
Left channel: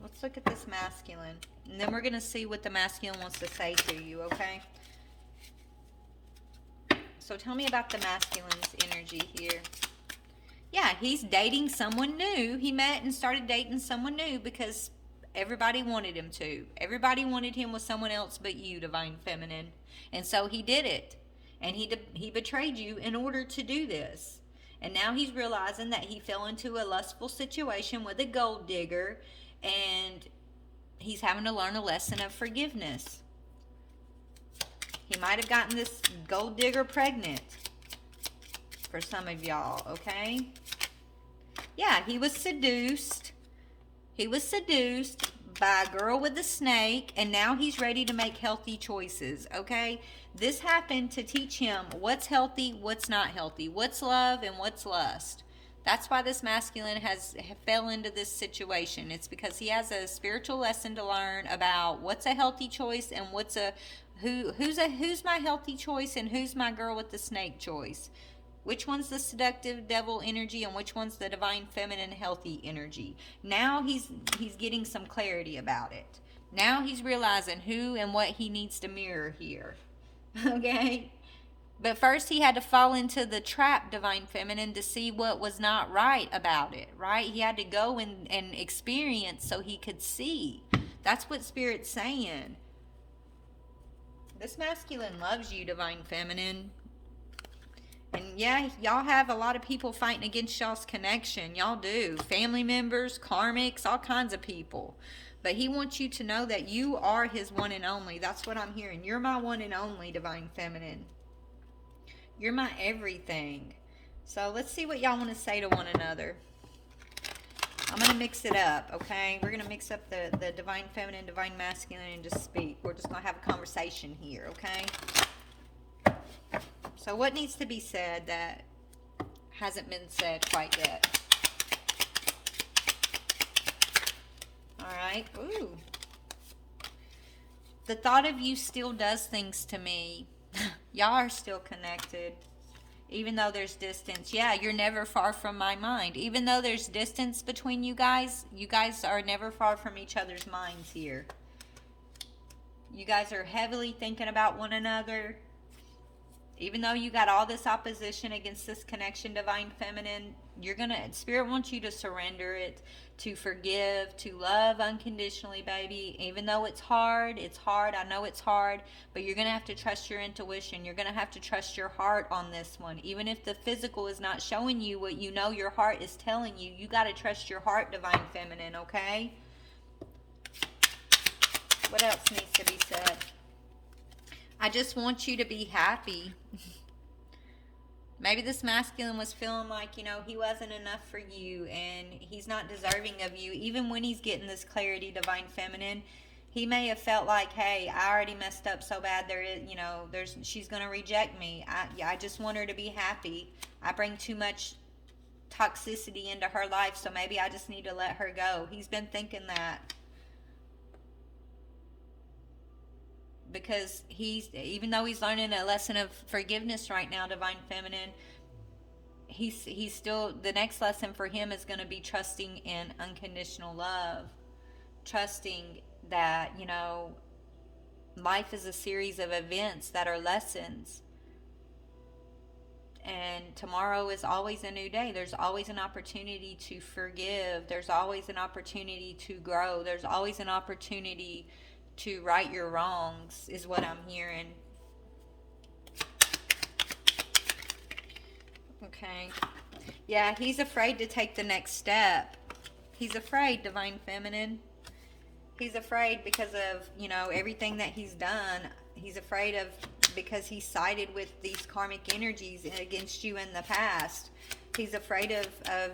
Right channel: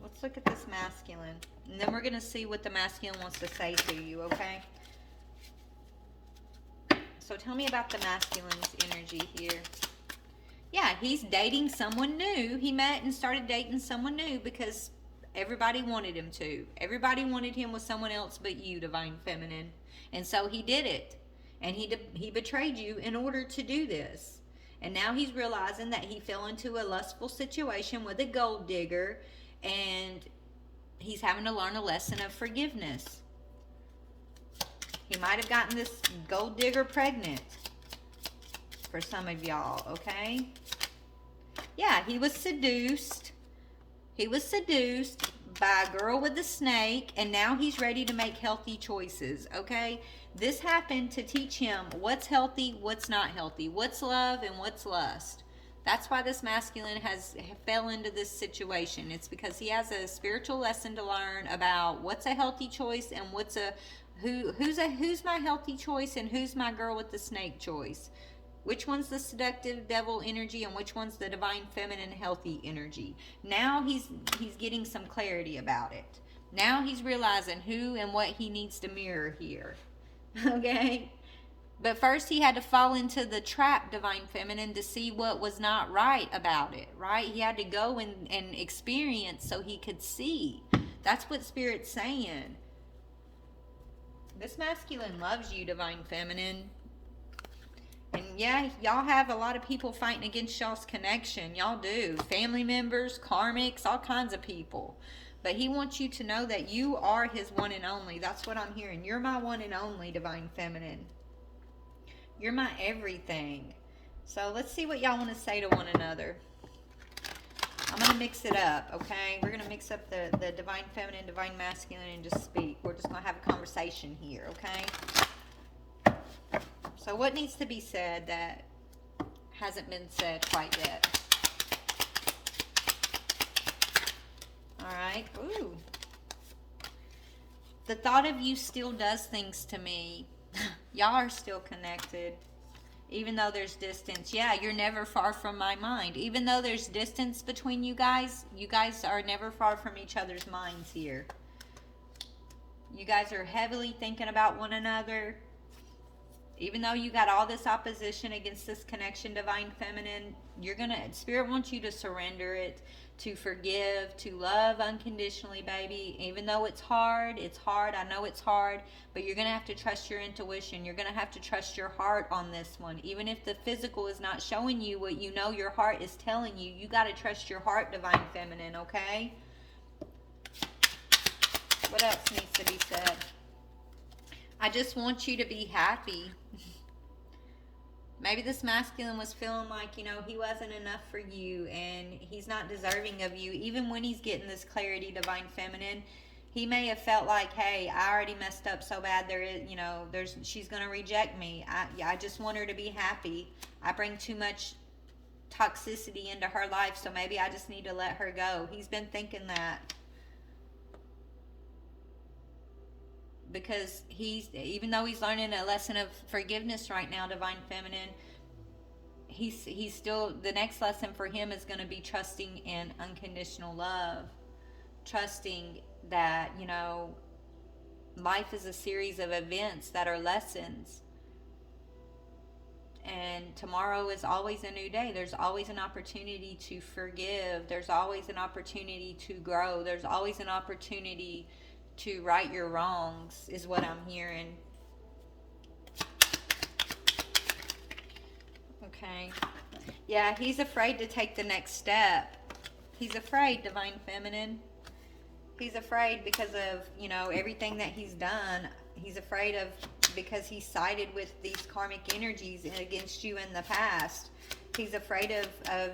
Let's look at this masculine. And then we're going to see what the masculine wants to say to you, okay? So tell me about the masculine's energy here. Yeah, he's dating someone new. He met and started dating someone new because everybody wanted him to. Everybody wanted him with someone else but you, Divine Feminine. And so he did it. And he betrayed you in order to do this. And now he's realizing that he fell into a lustful situation with a gold digger, and he's having to learn a lesson of forgiveness. He might have gotten this gold digger pregnant for some of y'all, okay? Yeah, he was seduced. He was seduced by a girl with a snake, and now he's ready to make healthy choices, okay? This happened to teach him what's healthy, what's not healthy, what's love and what's lust. That's why this masculine fell into this situation. It's because he has a spiritual lesson to learn about what's a healthy choice and who's my healthy choice and who's my girl with the snake choice. Which one's the seductive devil energy and which one's the Divine Feminine healthy energy. Now he's getting some clarity about it. Now he's realizing who and what he needs to mirror here. Okay? But first he had to fall into the trap, Divine Feminine, to see what was not right about it, right? He had to go and experience so he could see. That's what Spirit's saying. This masculine loves you, Divine Feminine. And yeah, y'all have a lot of people fighting against y'all's connection. Y'all do. Family members, karmics, all kinds of people. But he wants you to know that you are his one and only. That's what I'm hearing. You're my one and only, Divine Feminine. You're my everything. So let's see what y'all want to say to one another. I'm going to mix it up, okay? We're going to mix up the Divine Feminine, Divine Masculine, and just speak. We're just going to have a conversation here, okay? So what needs to be said that hasn't been said quite yet? Alright. Ooh. The thought of you still does things to me. Y'all are still connected. Even though there's distance. Yeah, you're never far from my mind. Even though there's distance between you guys are never far from each other's minds here. You guys are heavily thinking about one another. Even though you got all this opposition against this connection, Divine Feminine, Spirit wants you to surrender it, to forgive, to love unconditionally, baby. Even though it's hard. I know it's hard, but you're going to have to trust your intuition. You're going to have to trust your heart on this one. Even if the physical is not showing you what you know your heart is telling you, you got to trust your heart, Divine Feminine, okay? What else needs to be said? I just want you to be happy. Maybe this masculine was feeling like, he wasn't enough for you and he's not deserving of you. Even when he's getting this clarity, Divine Feminine, he may have felt like, hey, I already messed up so bad. She's going to reject me. I just want her to be happy. I bring too much toxicity into her life, so maybe I just need to let her go. He's been thinking that. Because even though he's learning a lesson of forgiveness right now, Divine Feminine, he's still, the next lesson for him is going to be trusting in unconditional love. Trusting that, life is a series of events that are lessons. And tomorrow is always a new day. There's always an opportunity to forgive. There's always an opportunity to grow. There's always an opportunity to right your wrongs, is what I'm hearing. Okay. Yeah, he's afraid to take the next step. He's afraid, Divine Feminine. He's afraid because of, everything that he's done. He's afraid of, because he sided with these karmic energies against you in the past. He's afraid of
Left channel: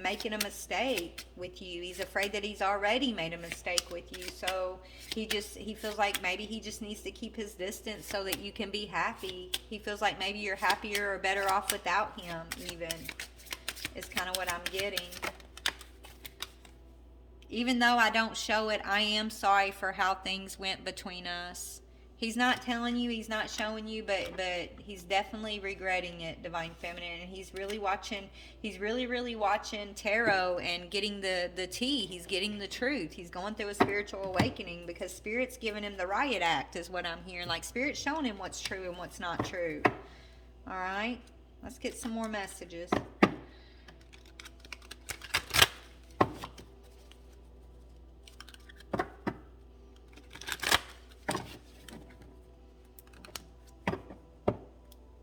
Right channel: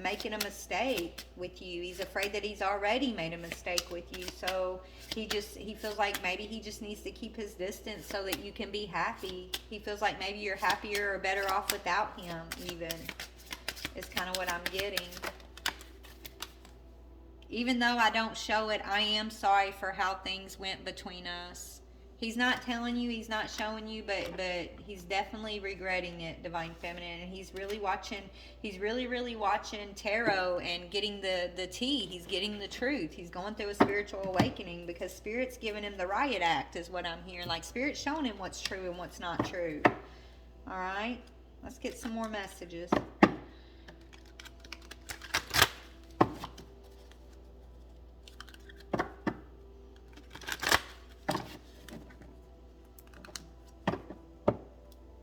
making a mistake with you. He's afraid that he's already made a mistake with you. So he feels like maybe he just needs to keep his distance so that you can be happy. He feels like maybe you're happier or better off without him, even. Is kind of what I'm getting. Even though I don't show it, I am sorry for how things went between us. He's not telling you, he's not showing you, but he's definitely regretting it, Divine Feminine. And he's really really watching tarot and getting the tea. He's getting the truth. He's going through a spiritual awakening because Spirit's giving him the riot act, is what I'm hearing. Like, Spirit's showing him what's true and what's not true. All right? Let's get some more messages.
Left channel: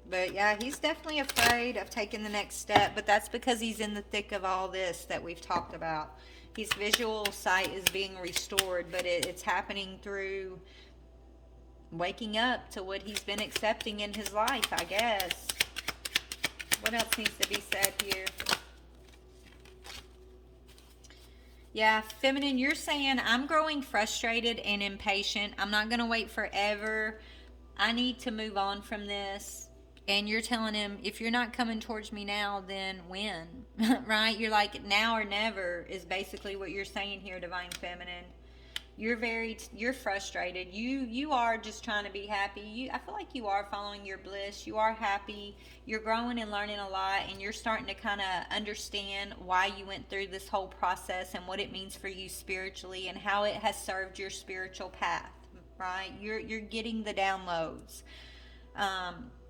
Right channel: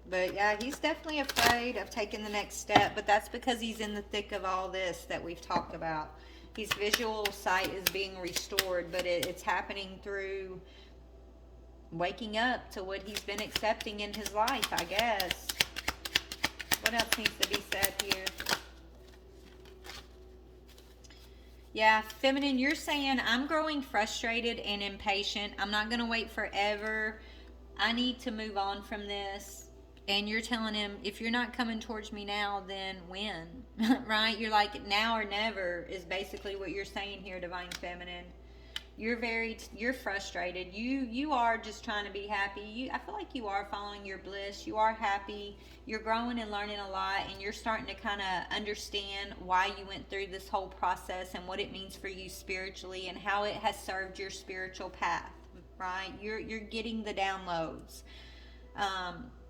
But yeah, he's definitely afraid of taking the next step, but that's because he's in the thick of all this that we've talked about. His visual sight is being restored, but it's happening through waking up to what he's been accepting in his life, I guess. What else needs to be said here? Yeah, Feminine, you're saying, I'm growing frustrated and impatient. I'm not going to wait forever. I need to move on from this. And you're telling him, if you're not coming towards me now, then when? Right? You're like, now or never is basically what you're saying here, Divine Feminine. You're frustrated. You are just trying to be happy. I feel like you are following your bliss. You are happy. You're growing and learning a lot, and you're starting to kind of understand why you went through this whole process and what it means for you spiritually and how it has served your spiritual path. Right? You're getting the downloads.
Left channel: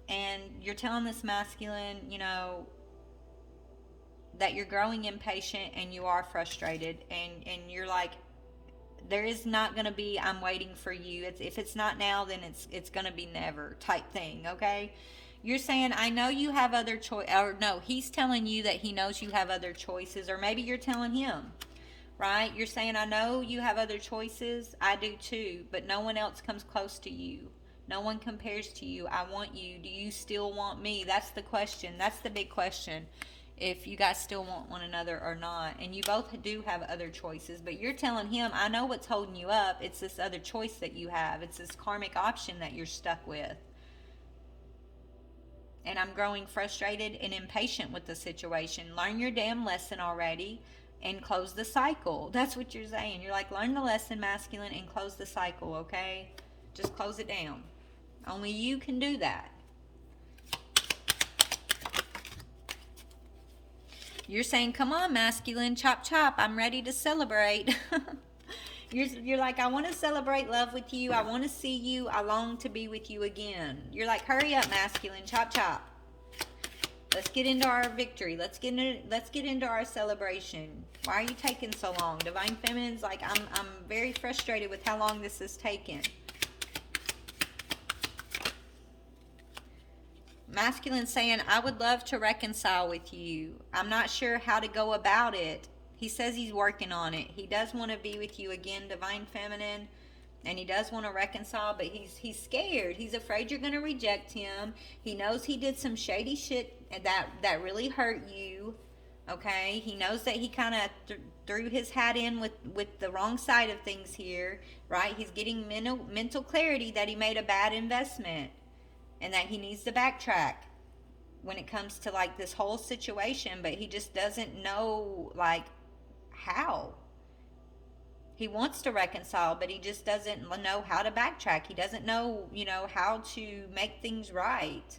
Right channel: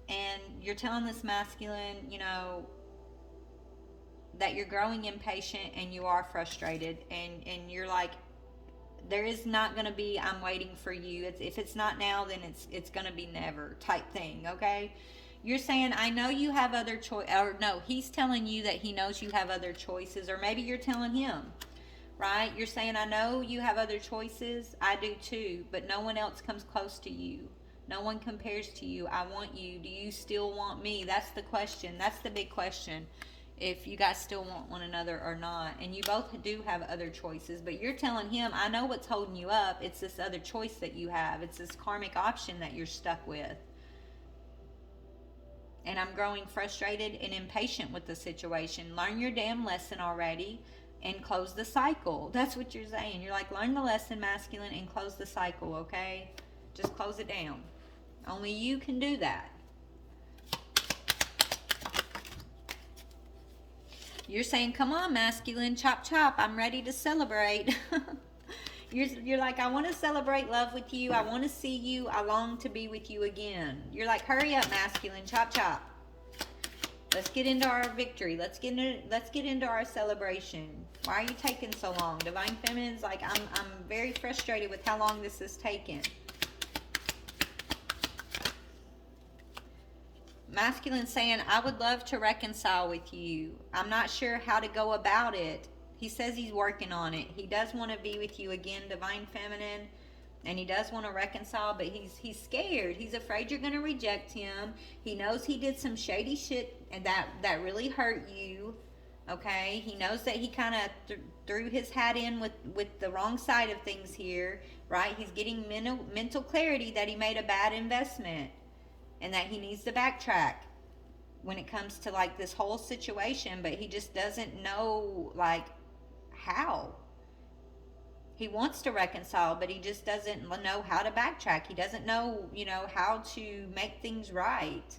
And you're telling this masculine, that you're growing impatient and you are frustrated. And you're like, there is not going to be, I'm waiting for you. If it's not now, then it's going to be never type thing, okay? You're saying, I know you have other choice, or no, he's telling you that he knows you have other choices, or maybe you're telling him, right? You're saying, I know you have other choices. I do too, but no one else comes close to you. No one compares to you. I want you. Do you still want me? That's the question. That's the big question. If you guys still want one another or not. And you both do have other choices, but you're telling him, I know what's holding you up. It's this other choice that you have, it's this karmic option that you're stuck with. And I'm growing frustrated and impatient with the situation. Learn your damn lesson already and close the cycle. That's what you're saying. You're like, learn the lesson, masculine, and close the cycle, okay? Just close it down. Only you can do that. You're saying, come on, masculine, chop chop, I'm ready to celebrate. You're like, I want to celebrate love with you. I want to see you. I long to be with you again. You're like, hurry up, masculine, chop chop. Let's get into our victory. Let's get into our celebration. Why are you taking so long? Divine Feminine's like, I'm very frustrated with how long this has taken. Masculine saying, I would love to reconcile with you. I'm not sure how to go about it. He says he's working on it. He does want to be with you again, Divine Feminine, and he does want to reconcile, but he's scared. He's afraid you're going to reject him. He knows he did some shady shit that really hurt you. Okay? He knows that he kind of threw his hat in with the wrong side of things here, right? He's getting mental clarity that he made a bad investment and that he needs to backtrack when it comes to like this whole situation, but he just doesn't know like how. He wants to reconcile, but he just doesn't know how to backtrack. He doesn't know, how to make things right.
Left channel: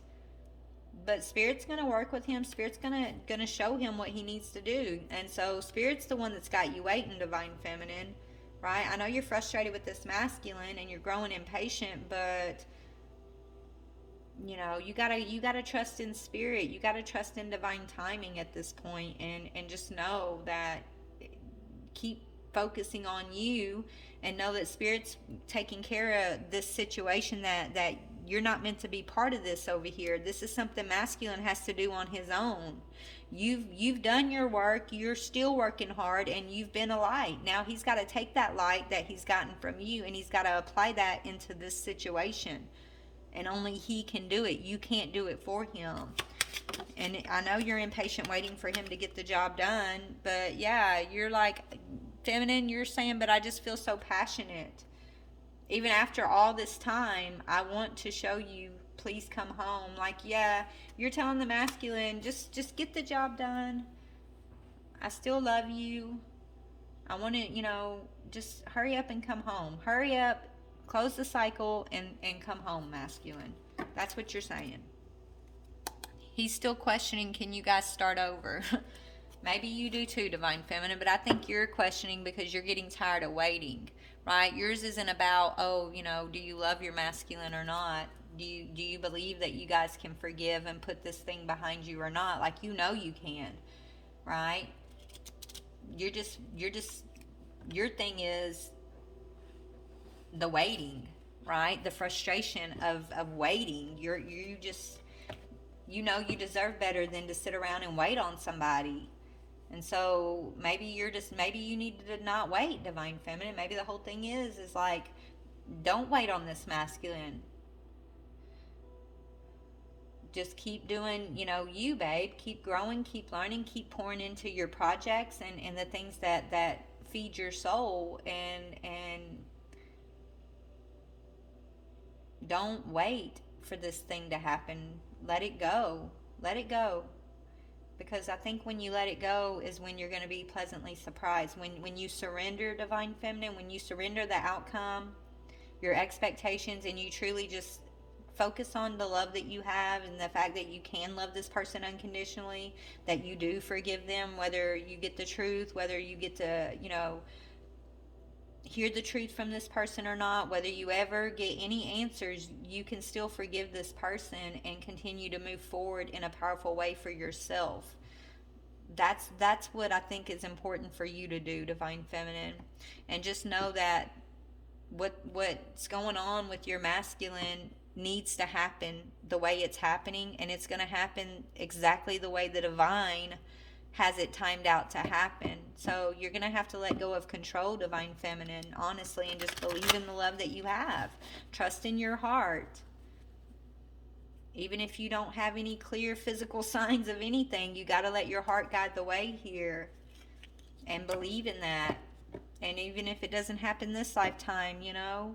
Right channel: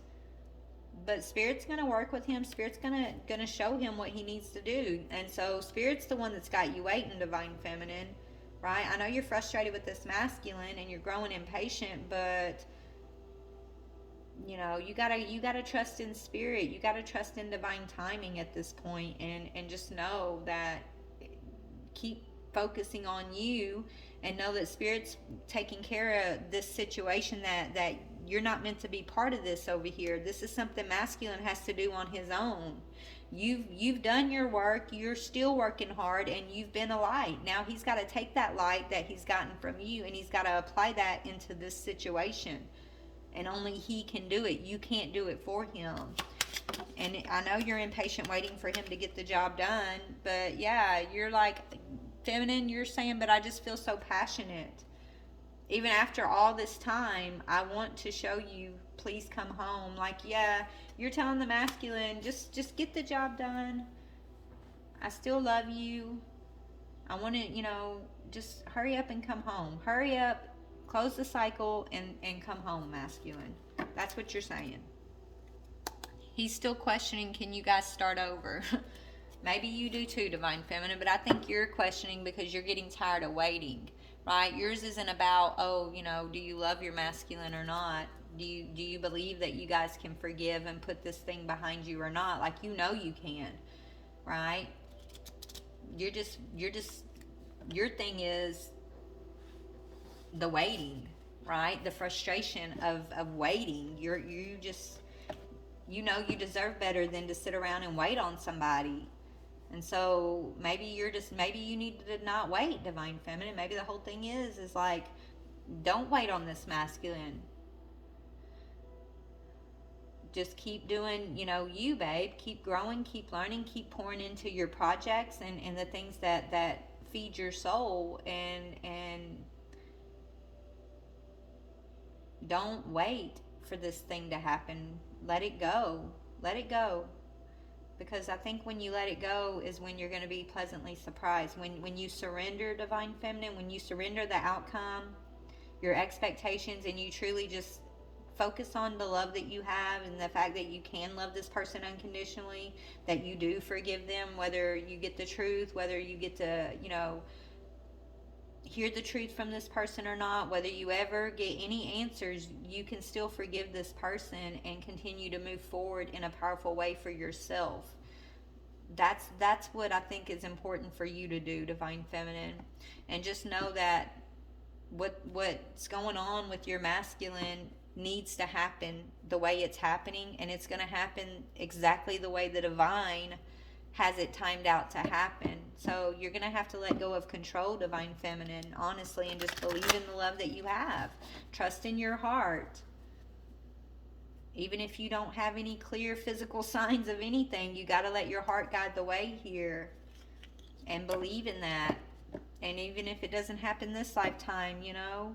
But Spirit's going to work with him. Spirit's going to show him what he needs to do. And so Spirit's the one that's got you waiting, Divine Feminine, right? I know you're frustrated with this masculine and you're growing impatient, but you gotta trust in Spirit. You gotta trust in divine timing at this point, and just know that, keep focusing on you, and know that Spirit's taking care of this situation, that you're not meant to be part of this over here. This is something masculine has to do on his own. You've done your work. You're still working hard, and you've been a light. Now he's got to take that light that he's gotten from you, and he's got to apply that into this situation. And only he can do it. You can't do it for him. And I know you're impatient waiting for him to get the job done. But yeah, you're like, Feminine, you're saying, but I just feel so passionate. Even after all this time, I want to show you, please come home. Like, yeah, you're telling the masculine, just get the job done. I still love you. I want to, just hurry up and come home. Hurry up. Close the cycle and come home, masculine. That's what you're saying. He's still questioning, can you guys start over? Maybe you do too, Divine Feminine, but I think you're questioning because you're getting tired of waiting, right? Yours isn't about, do you love your masculine or not? Do you believe that you guys can forgive and put this thing behind you or not? Like, you can, right? Your thing is the waiting, right? The frustration of waiting. You you deserve better than to sit around and wait on somebody. And so maybe you need to not wait, Divine Feminine. Maybe the whole thing is like, don't wait on this masculine. Just keep doing, you, babe. Keep growing, keep learning, keep pouring into your projects and the things that feed your soul, and don't wait for this thing to happen. Let it go. Let it go. Because I think when you let it go is when you're going to be pleasantly surprised. When you surrender, Divine Feminine, when you surrender the outcome, your expectations, and you truly just focus on the love that you have and the fact that you can love this person unconditionally, that you do forgive them, whether you get the truth, whether you get to, hear the truth from this person or not, whether you ever get any answers, you can still forgive this person and continue to move forward in a powerful way for yourself. That's what I think is important for you to do, Divine Feminine. And just know that what's going on with your masculine needs to happen the way it's happening, and it's going to happen exactly the way the divine has it timed out to happen. So you're going to have to let go of control, Divine Feminine, honestly, and just believe in the love that you have. Trust in your heart. Even if you don't have any clear physical signs of anything, you got to let your heart guide the way here and believe in that. And even if it doesn't happen this lifetime, you know,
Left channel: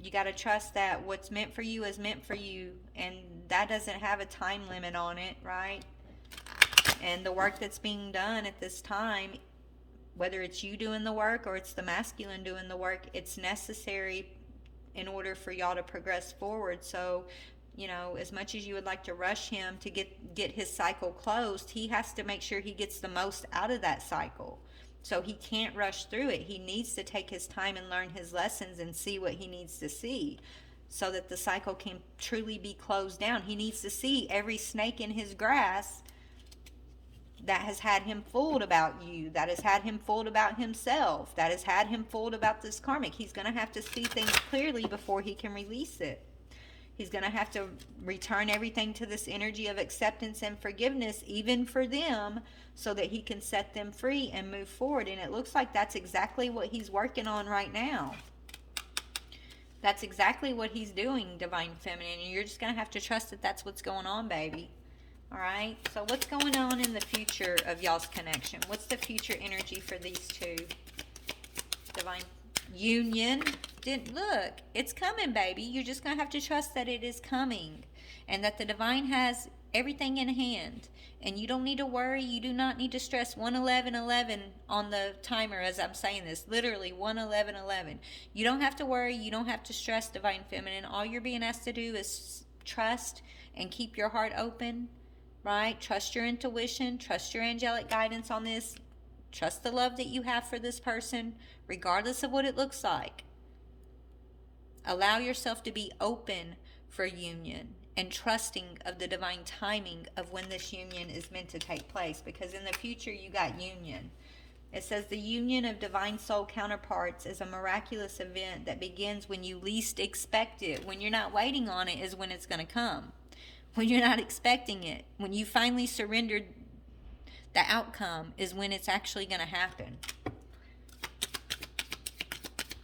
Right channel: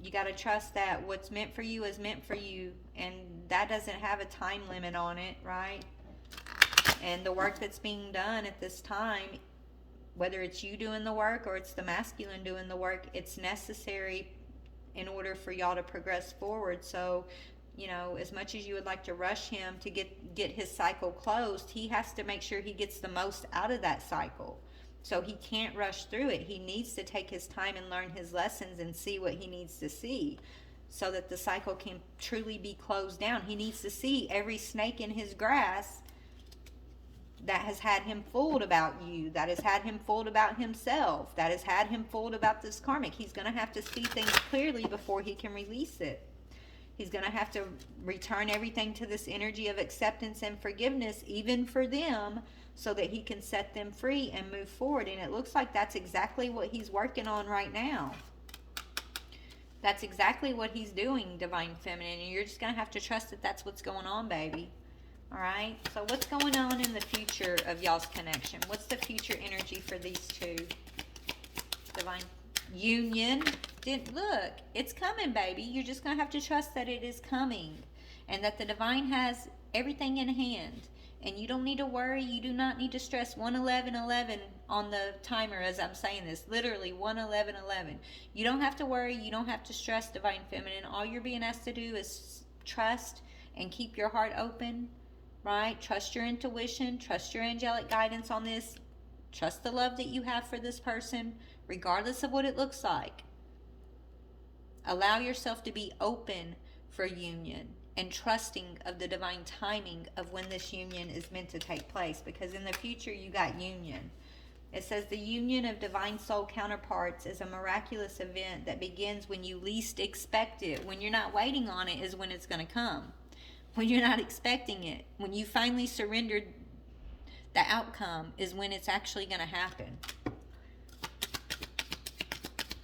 you got to trust that what's meant for you is meant for you, and that doesn't have a time limit on it, right? And the work that's being done at this time, whether it's you doing the work or it's the masculine doing the work, it's necessary in order for y'all to progress forward. So, you know, as much as you would like to rush him to get his cycle closed, he has to make sure he gets the most out of that cycle. So he can't rush through it. He needs to take his time and learn his lessons and see what he needs to see so that the cycle can truly be closed down. He needs to see every snake in his grass that has had him fooled about you, that has had him fooled about himself, that has had him fooled about this karmic. He's going to have to see things clearly before he can release it. He's going to have to return everything to this energy of acceptance and forgiveness, even for them, so that he can set them free and move forward. And it looks like that's exactly what he's working on right now. That's exactly what he's doing, Divine Feminine. And you're just going to have to trust that that's what's going on, baby. All right? So what's going on in the future of y'all's connection? What's the future energy for these two? Divine Union. Look, it's coming, baby. You're just going to have to trust that it is coming and that the divine has everything in hand. And you don't need to worry. You do not need to stress 11111 on the timer as I'm saying this. Literally 11111. You don't have to worry. You don't have to stress, Divine Feminine. All you're being asked to do is trust and keep your heart open, right? Trust your intuition. Trust your angelic guidance on this. Trust the love that you have for this person, regardless of what it looks like. Allow yourself to be open for union and trusting of the divine timing of when this union is meant to take place, because in the future you got union. It says the union of divine soul counterparts is a miraculous event that begins when you least expect it. When you're not waiting on it is when it's going to come. When you're not expecting it, when you finally surrendered the outcome is when it's actually going to happen.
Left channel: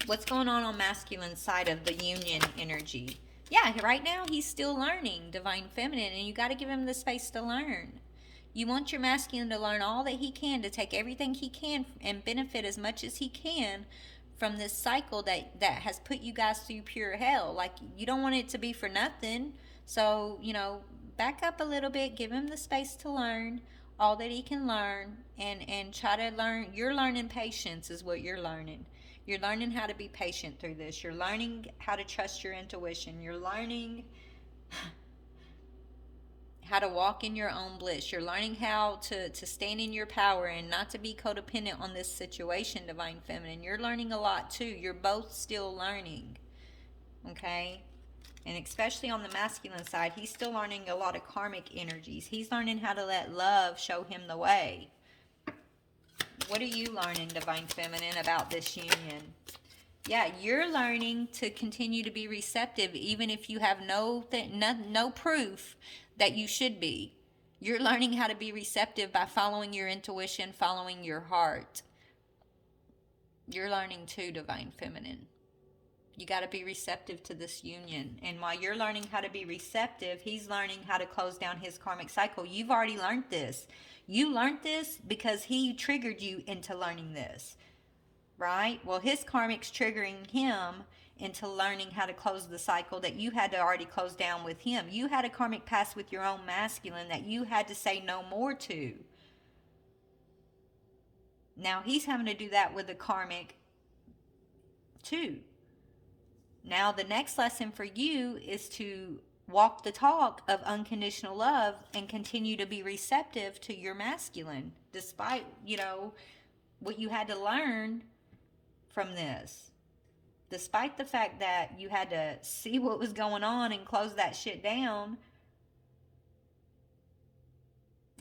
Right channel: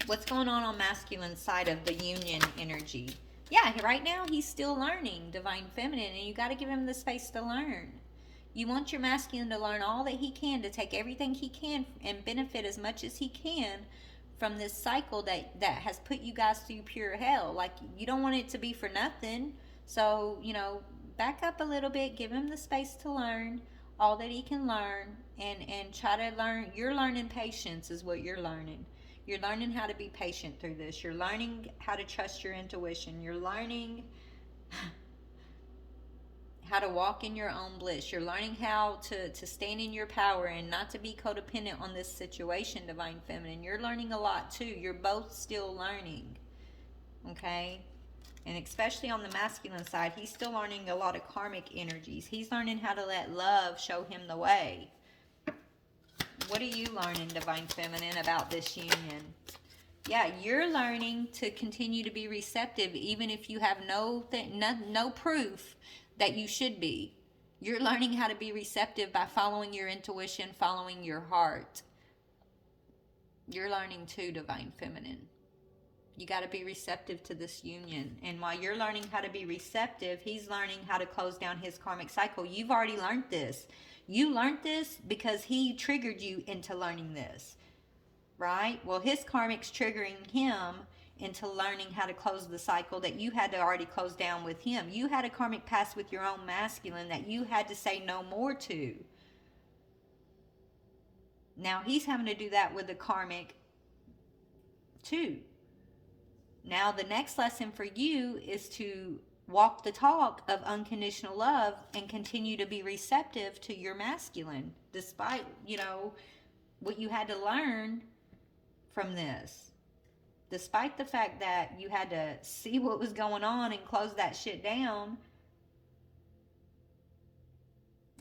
What's going on masculine side of the union energy? Yeah, right now he's still learning, Divine Feminine, and you got to give him the space to learn. You want your masculine to learn all that he can, to take everything he can and benefit as much as he can from this cycle that has put you guys through pure hell. Like, you don't want it to be for nothing. So, you know, back up a little bit, give him the space to learn all that he can learn, and try to learn. You're learning patience is what you're learning. You're learning how to be patient through this. You're learning how to trust your intuition. You're learning how to walk in your own bliss. You're learning how to stand in your power and not to be codependent on this situation, Divine Feminine. You're learning a lot too. You're both still learning. Okay? And especially on the masculine side, he's still learning a lot of karmic energies. He's learning how to let love show him the way. What are you learning, Divine Feminine, about this union? Yeah, you're learning to continue to be receptive even if you have no proof that you should be. You're learning how to be receptive by following your intuition, following your heart. You're learning too, Divine Feminine. You got to be receptive to this union. And while you're learning how to be receptive, he's learning how to close down his karmic cycle. You've already learned this. You learned this because he triggered you into learning this, right? Well, his karmic's triggering him into learning how to close the cycle that you had to already close down with him. You had a karmic past with your own masculine that you had to say no more to. Now he's having to do that with the karmic too. Now the next lesson for you is to walk the talk of unconditional love and continue to be receptive to your masculine, despite, you know, what you had to learn from this. Despite the fact that you had to see what was going on and close that shit down,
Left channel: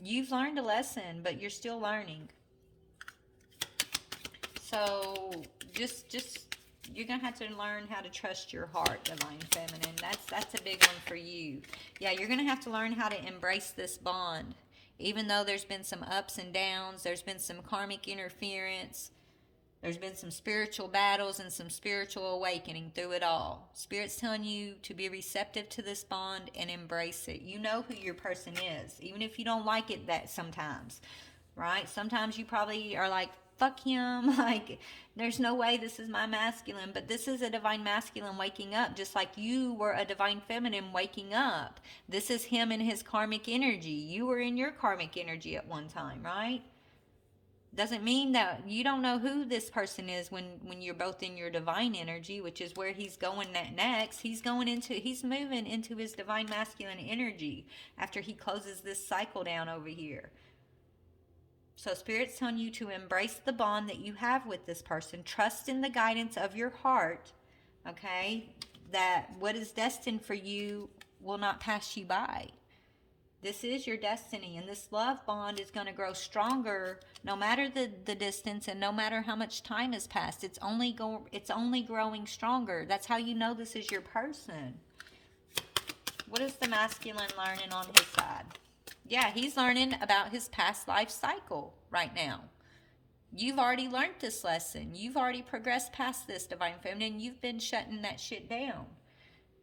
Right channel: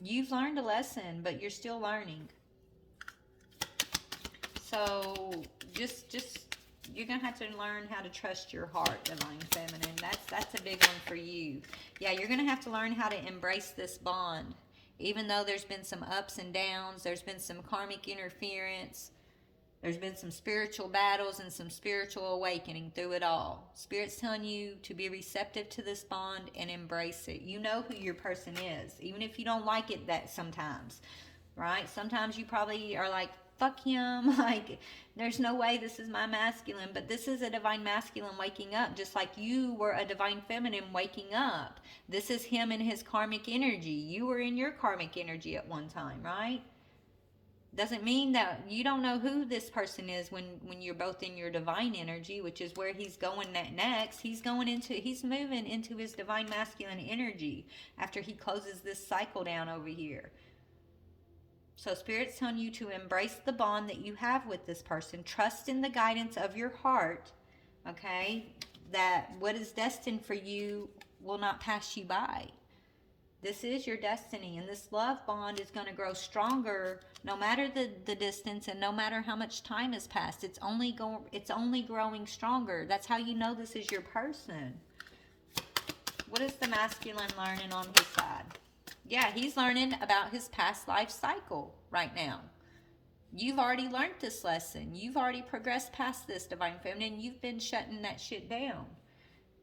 you've learned a lesson, but you're still learning. So just you're going to have to learn how to trust your heart, Divine Feminine. That's a big one for you. Yeah, you're going to have to learn how to embrace this bond Even though there's been some ups and downs, there's been some karmic interference, there's been some spiritual battles and some spiritual awakening through it all. Spirit's telling you to be receptive to this bond and embrace it. You know who your person is, even if you don't like it that sometimes, right? Sometimes you probably are like, fuck him, like, there's no way this is my masculine, but this is a divine masculine waking up, just like you were a divine feminine waking up. This is him in his karmic energy. You were in your karmic energy at one time, right? Doesn't mean that you don't know who this person is when you're both in your divine energy, which is where he's going next. He's moving into his divine masculine energy after he closes this cycle down over here. So Spirit's telling you to embrace the bond that you have with this person. Trust in the guidance of your heart, okay? That what is destined for you will not pass you by. This is your destiny, and this love bond is going to grow stronger no matter the distance and no matter how much time has passed. It's only growing stronger. That's how you know this is your person. What is the masculine learning on his side? Yeah, he's learning about his past life cycle right now. You've already learned this lesson. You've already progressed past this, Divine Feminine. You've been shutting that shit down.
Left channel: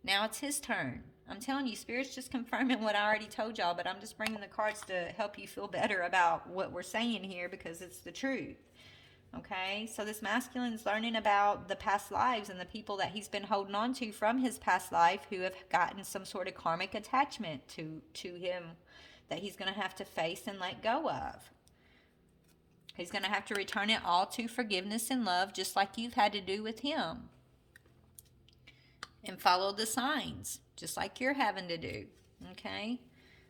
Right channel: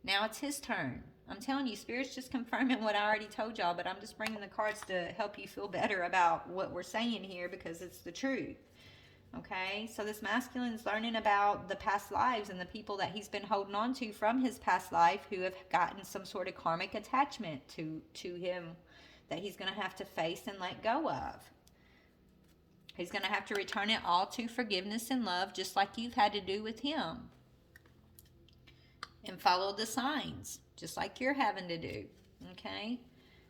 Now it's his turn. I'm telling you, Spirit's just confirming what I already told y'all, but I'm just bringing the cards to help you feel better about what we're saying here because it's the truth. Okay, so this masculine's learning about the past lives and the people that he's been holding on to from his past life who have gotten some sort of karmic attachment to him that he's going to have to face and let go of. He's going to have to return it all to forgiveness and love, just like you've had to do with him. And follow the signs, just like you're having to do. Okay?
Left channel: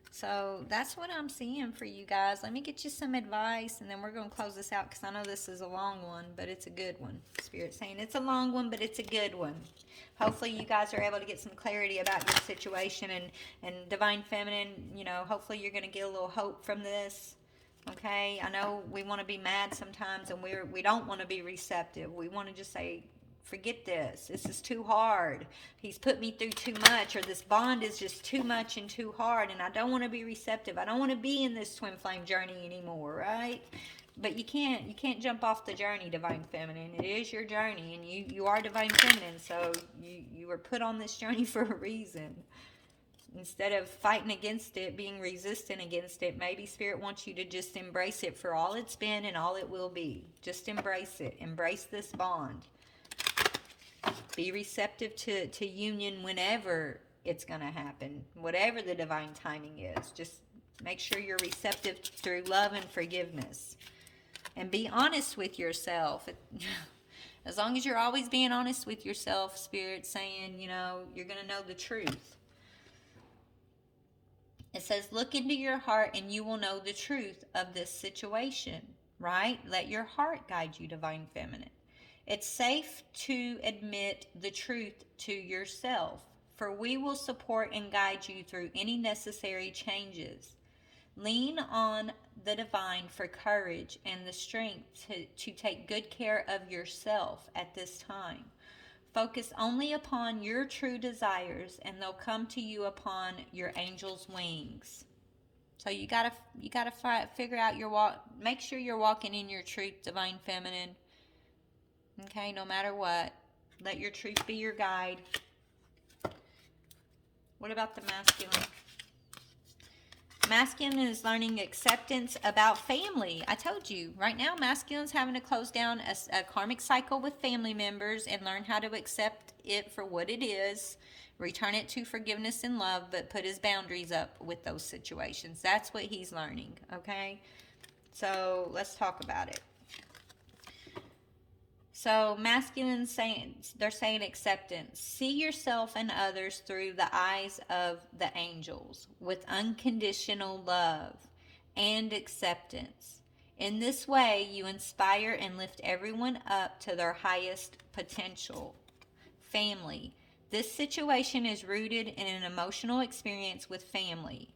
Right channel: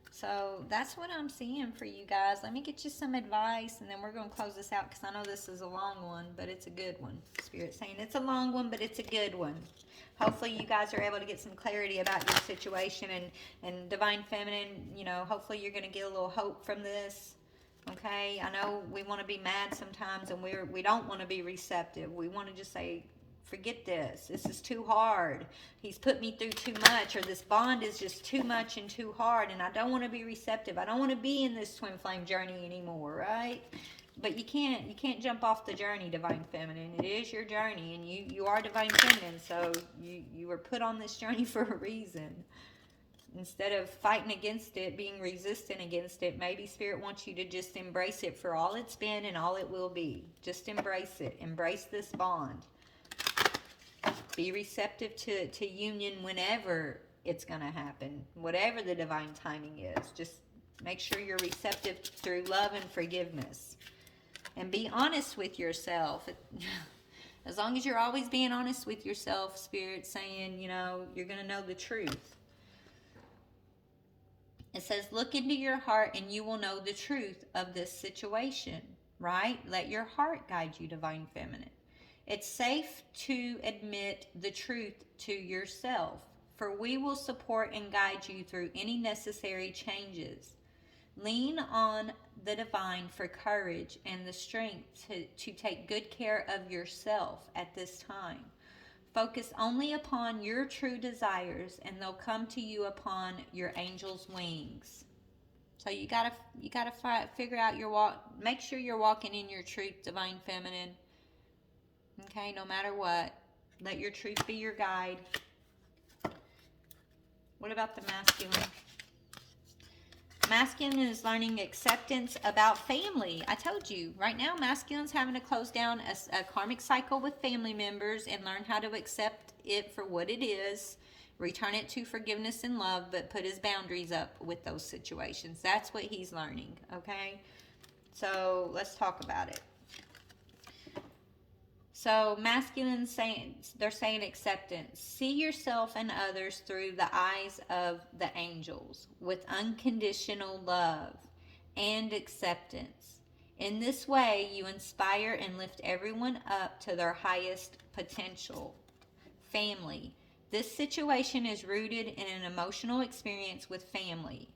So that's what I'm seeing for you guys. Let me get you some advice, and then we're going to close this out because I know this is a long one, but it's a good one. Spirit's saying it's a long one, but it's a good one. Hopefully you guys are able to get some clarity about your situation, and Divine Feminine, you know, hopefully you're going to get a little hope from this. Okay? I know we want to be mad sometimes, and we don't want to be receptive. We want to just say, forget this. This is too hard. He's put me through too much, or this bond is just too much and too hard, and I don't want to be receptive. I don't want to be in this twin flame journey anymore, right? But you can't jump off the journey, Divine Feminine. It is your journey, and you are Divine Feminine, so you were put on this journey for a reason. Instead of fighting against it, being resistant against it, maybe Spirit wants you to just embrace it for all it's been and all it will be. Just embrace it. Embrace this bond. Be receptive to union whenever it's going to happen, whatever the divine timing is. Just make sure you're receptive through love and forgiveness. And be honest with yourself. As long as you're always being honest with yourself, Spirit's saying, you know, you're going to know the truth. It says, look into your heart and you will know the truth of this situation, right? Let your heart guide you, Divine Feminine. It's safe to admit the truth to yourself, for we will support and guide you through any necessary changes. Lean on the divine for courage and the strength to take good care of yourself at this time. Focus only upon your true desires, and they'll come to you upon your angel's wings. So you gotta figure out your walk. Make sure you're walking in your truth, Divine Feminine. Okay, no matter what, let your truth be your guide. What about the masculine? Masculine is learning acceptance about family. I told you, right now, masculine's having to close down a karmic cycle with family members and learn how to accept it for what it is, return it to forgiveness and love, but put his boundaries up with those situations. That's what he's learning, okay? So let's talk about it. So masculine they're saying acceptance. See yourself and others through the eyes of the angels with unconditional love and acceptance. In this way, you inspire and lift everyone up to their highest potential. Family. This situation is rooted in an emotional experience with family,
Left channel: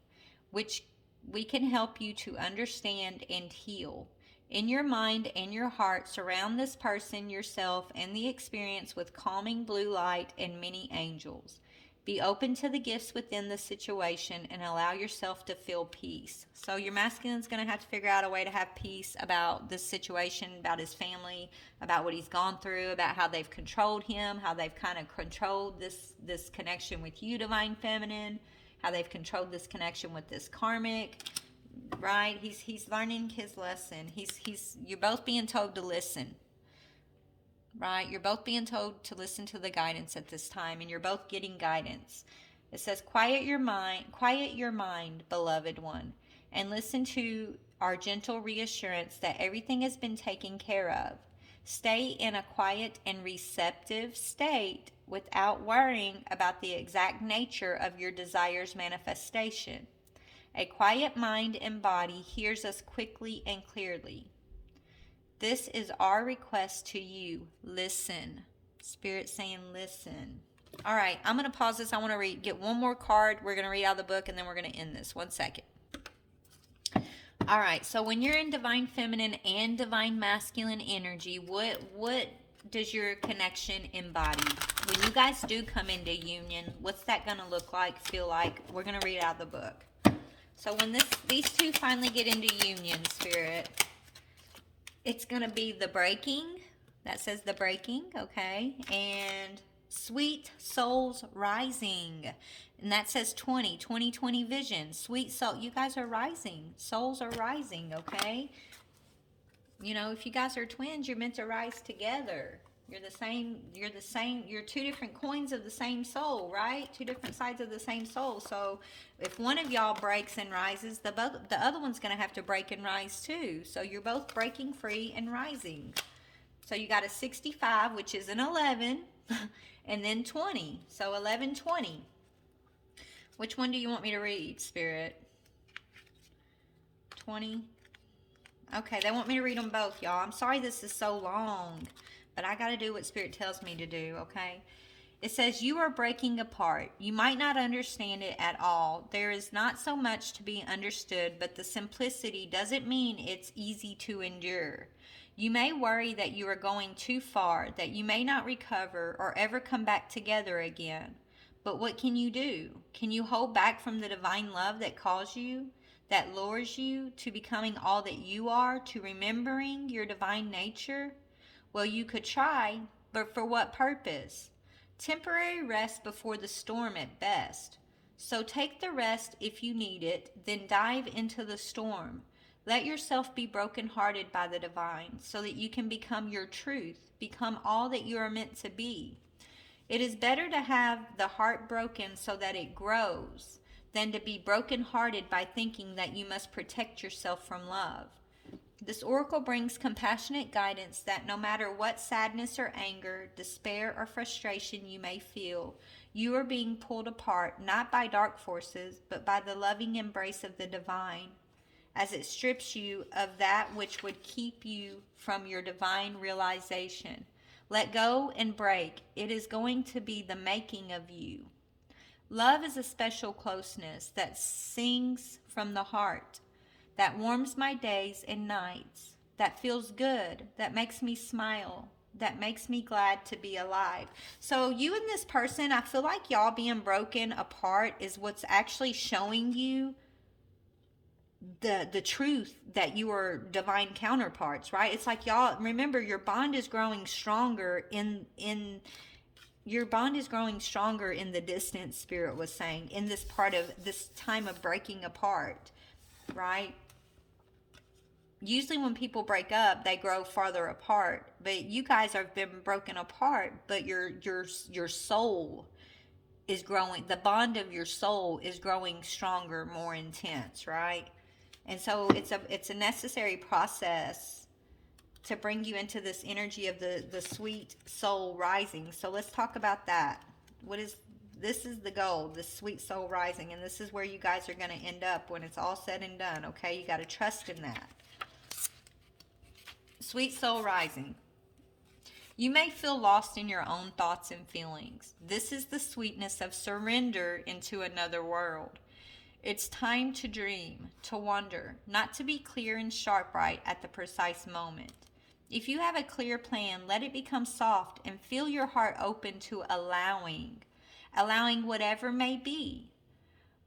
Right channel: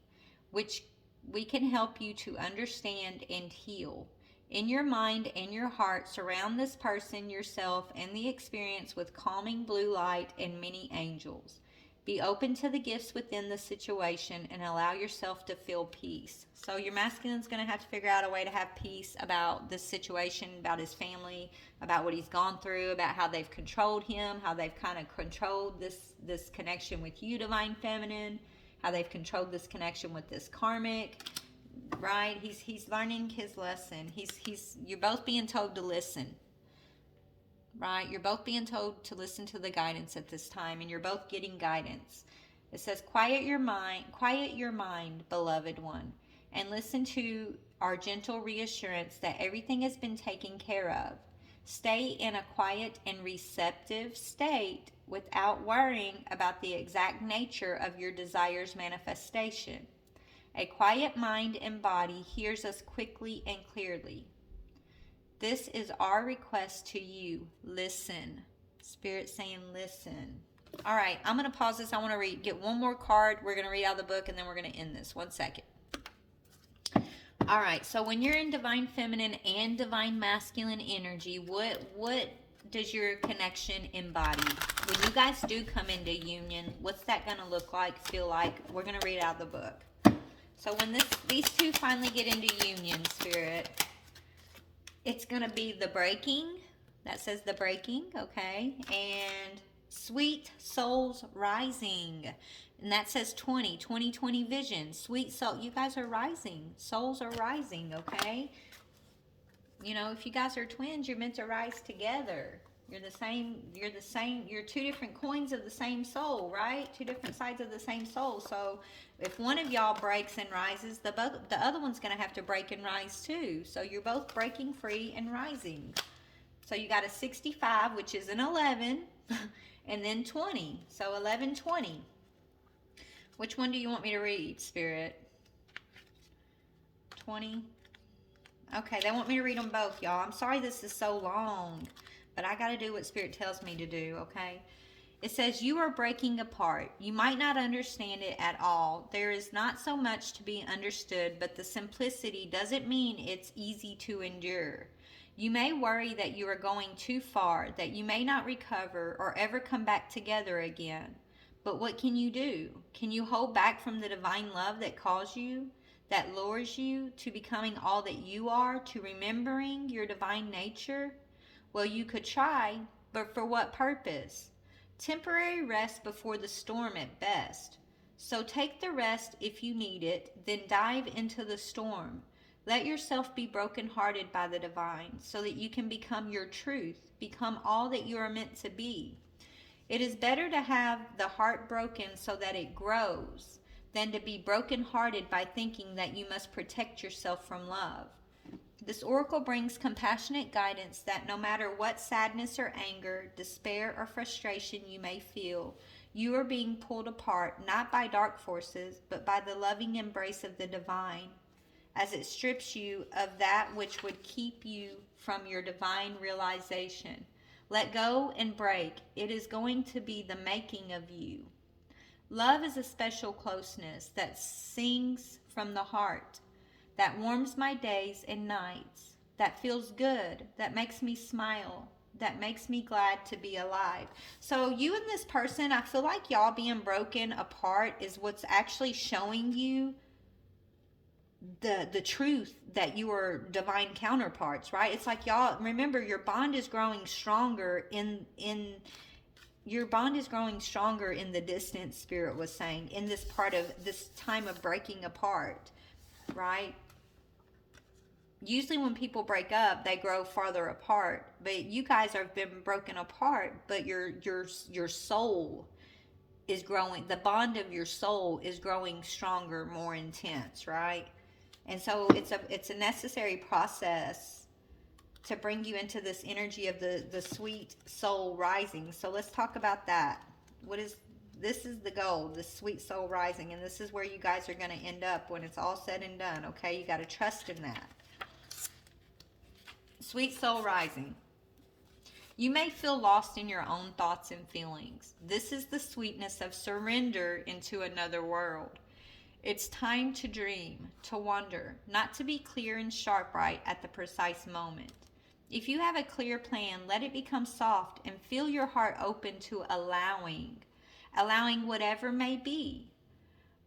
which we can help you to understand and heal. In your mind and your heart, surround this person, yourself, and the experience with calming blue light and many angels. Be open to the gifts within the situation and allow yourself to feel peace. So your masculine's going to have to figure out a way to have peace about this situation, about his family, about what he's gone through, about how they've controlled him, how they've kind of controlled this connection with you, divine feminine, how they've controlled this connection with this karmic, right? He's learning his lesson. You're both being told to listen. Right? You're both being told to listen to the guidance at this time, and you're both getting guidance. It says, quiet your mind, beloved one, and listen to our gentle reassurance that everything has been taken care of. Stay in a quiet and receptive state without worrying about the exact nature of your desire's manifestation. A quiet mind and body hears us quickly and clearly. This is our request to you. Listen. Spirit saying listen. All right, I'm going to pause this. I want to get one more card. We're going to read out the book, and then we're going to end this. 1 second. All right, so when you're in divine feminine and divine masculine energy, what does your connection embody? When you guys do come into union, what's that going to look like, feel like? We're going to read out the book. So when these two finally get into union, Spirit, it's going to be the breaking. That says the breaking, okay? And sweet souls rising. And that says 2020 vision. Sweet soul. You guys are rising. Souls are rising, okay? You know, if you guys are twins, you're meant to rise together. You're the same. You're two different coins of the same soul, right? Two different sides of the same soul. So if one of y'all breaks and rises, the other one's going to have to break and rise too. So you're both breaking free and rising. So you got a 65, which is an 11, and then 20. So 11, 20. Which one do you want me to read, Spirit? 20. Okay, they want me to read them both, y'all. I'm sorry this is so long, but I got to do what Spirit tells me to do, okay? It says, you are breaking apart. You might not understand it at all. There is not so much to be understood, but the simplicity doesn't mean it's easy to endure. You may worry that you are going too far, that you may not recover or ever come back together again. But what can you do? Can you hold back from the divine love that calls you, that lures you to becoming all that you are, to remembering your divine nature? Well, you could try, but for what purpose? Temporary rest before the storm at best. So take the rest if you need it, then dive into the storm. Let yourself be brokenhearted by the divine so that you can become your truth, become all that you are meant to be. It is better to have the heart broken so that it grows than to be brokenhearted by thinking that you must protect yourself from love. This oracle brings compassionate guidance that no matter what sadness or anger, despair or frustration you may feel, you are being pulled apart not by dark forces, but by the loving embrace of the divine, as it strips you of that which would keep you from your divine realization. Let go and break. It is going to be the making of you. Love is a special closeness that sings from the heart, that warms my days and nights, that feels good, that makes me smile, that makes me glad to be alive. So you and this person, I feel like y'all being broken apart is what's actually showing you the truth that you are divine counterparts, right? It's like y'all, remember, your bond is growing stronger in your bond is growing stronger in the distance, Spirit was saying, in this part of this time of breaking apart, right? Usually when people break up, they grow farther apart, but you guys have been broken apart, but your soul is growing. The bond of your soul is growing stronger, more intense, right? And so it's a necessary process to bring you into this energy of the sweet soul rising. So let's talk about that. This is the goal, the sweet soul rising, and this is where you guys are going to end up when it's all said and done, okay? You got to trust in that. Sweet soul rising. You may feel lost in your own thoughts and feelings. This is the sweetness of surrender into another world. It's time to dream, to wonder, not to be clear and sharp right at the precise moment. If you have a clear plan, let it become soft and feel your heart open to allowing. allowing whatever may be.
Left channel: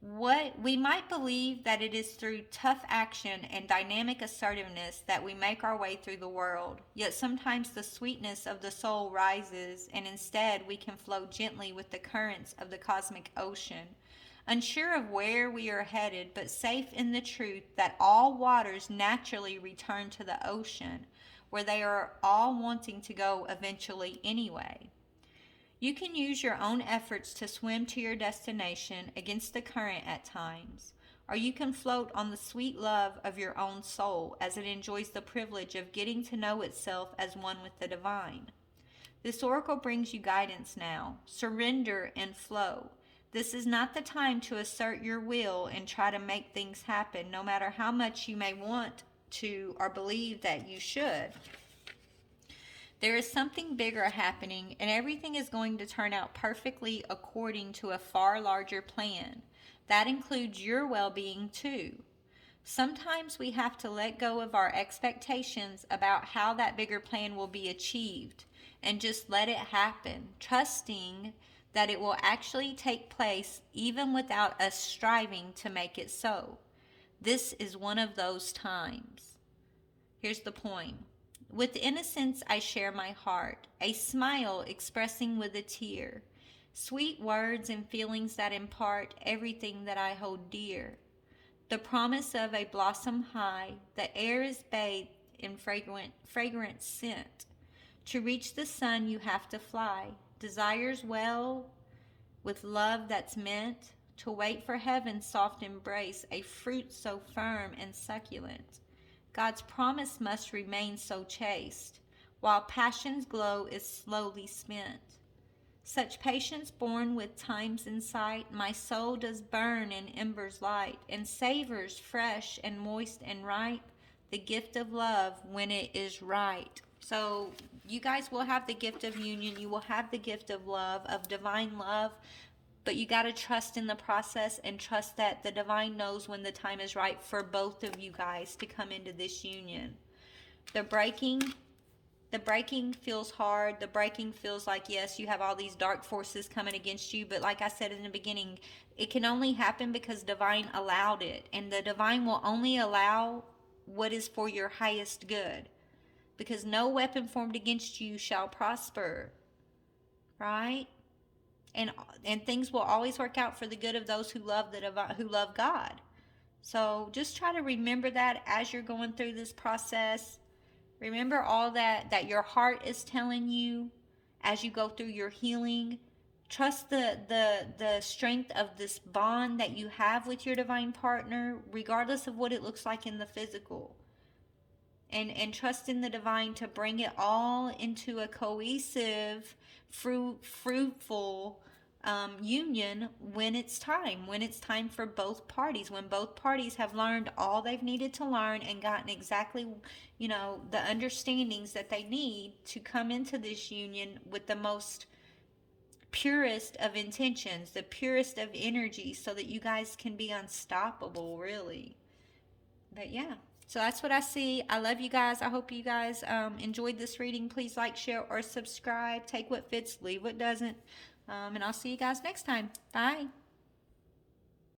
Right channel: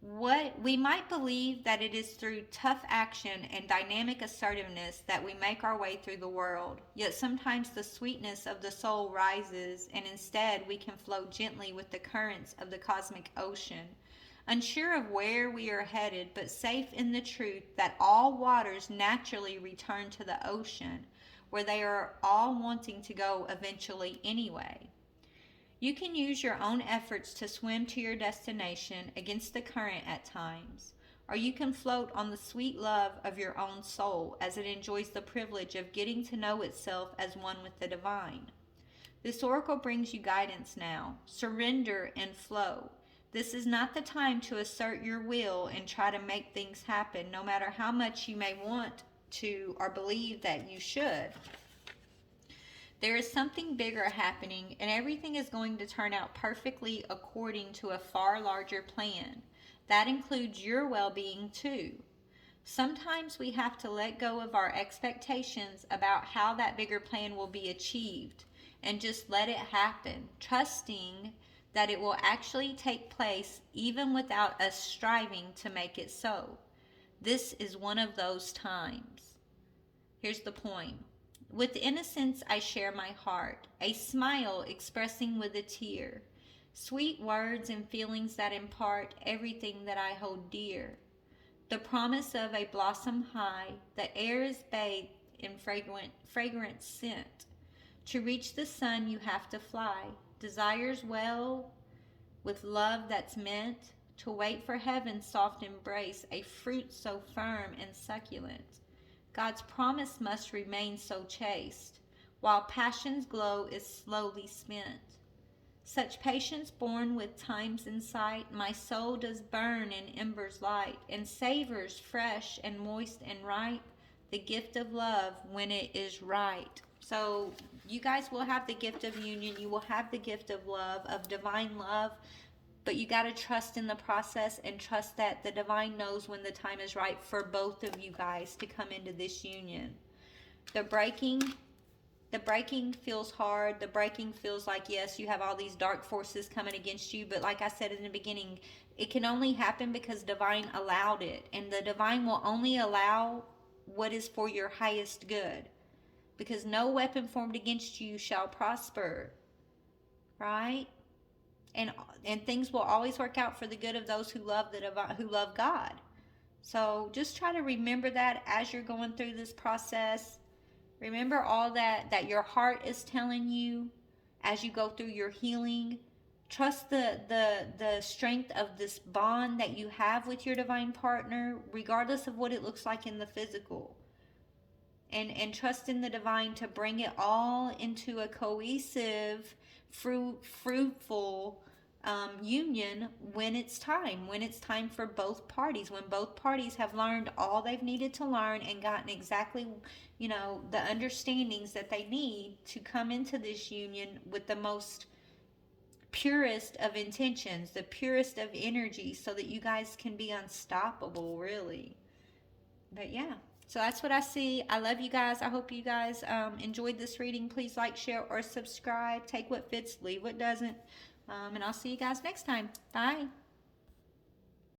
What we might believe that it is through tough action and dynamic assertiveness that we make our way through the world, yet sometimes the sweetness of the soul rises, and instead we can flow gently with the currents of the cosmic ocean, unsure of where we are headed, but safe in the truth that all waters naturally return to the ocean, where they are all wanting to go eventually anyway. You can use your own efforts to swim to your destination against the current at times, or you can float on the sweet love of your own soul as it enjoys the privilege of getting to know itself as one with the divine. This oracle brings you guidance now. Surrender and flow. This is not the time to assert your will and try to make things happen, no matter how much you may want to or believe that you should. There is something bigger happening, and everything is going to turn out perfectly according to a far larger plan. That includes your well-being too. Sometimes we have to let go of our expectations about how that bigger plan will be achieved and just let it happen, trusting that it will actually take place even without us striving to make it so. This is one of those times. Here's the point. With innocence I share my heart, a smile expressing with a tear, sweet words and feelings that impart everything that I hold dear. The promise of a blossom high, the air is bathed in fragrant scent. To reach the sun you have to fly, desires well with love that's meant, to wait for heaven's soft embrace, a fruit so firm and succulent. God's promise must remain so chaste, while passion's glow is slowly spent. Such patience born with times in sight, my soul does burn in embers light, and savors fresh and moist and ripe, the gift of love when it is right. So you guys will have the gift of union, you will have the gift of love, of divine love, but you got to trust in the process and trust that the divine knows when the time is right for both of you guys to come into this union. The breaking feels hard. The breaking feels like, yes, you have all these dark forces coming against you, but like I said in the beginning, it can only happen because divine allowed it, and the divine will only allow what is for your highest good, because no weapon formed against you shall prosper, right? And things will always work out for the good of those who love who love God. So just try to remember that as you're going through this process. Remember all that your heart is telling you as you go through your healing. Trust the strength of this bond that you have with your divine partner, regardless of what it looks like in the physical. And trust in the divine to bring it all into a cohesive, fruitful union when it's time for both parties, when both parties have learned all they've needed to learn and gotten exactly, the understandings that they need to come into this union with the most purest of intentions, the purest of energy, so that you guys can be unstoppable, really. But yeah, so that's what I see. I love you guys. I hope you guys enjoyed this reading. Please like, share, or subscribe. Take what fits, leave what doesn't. And I'll see you guys next time. Bye.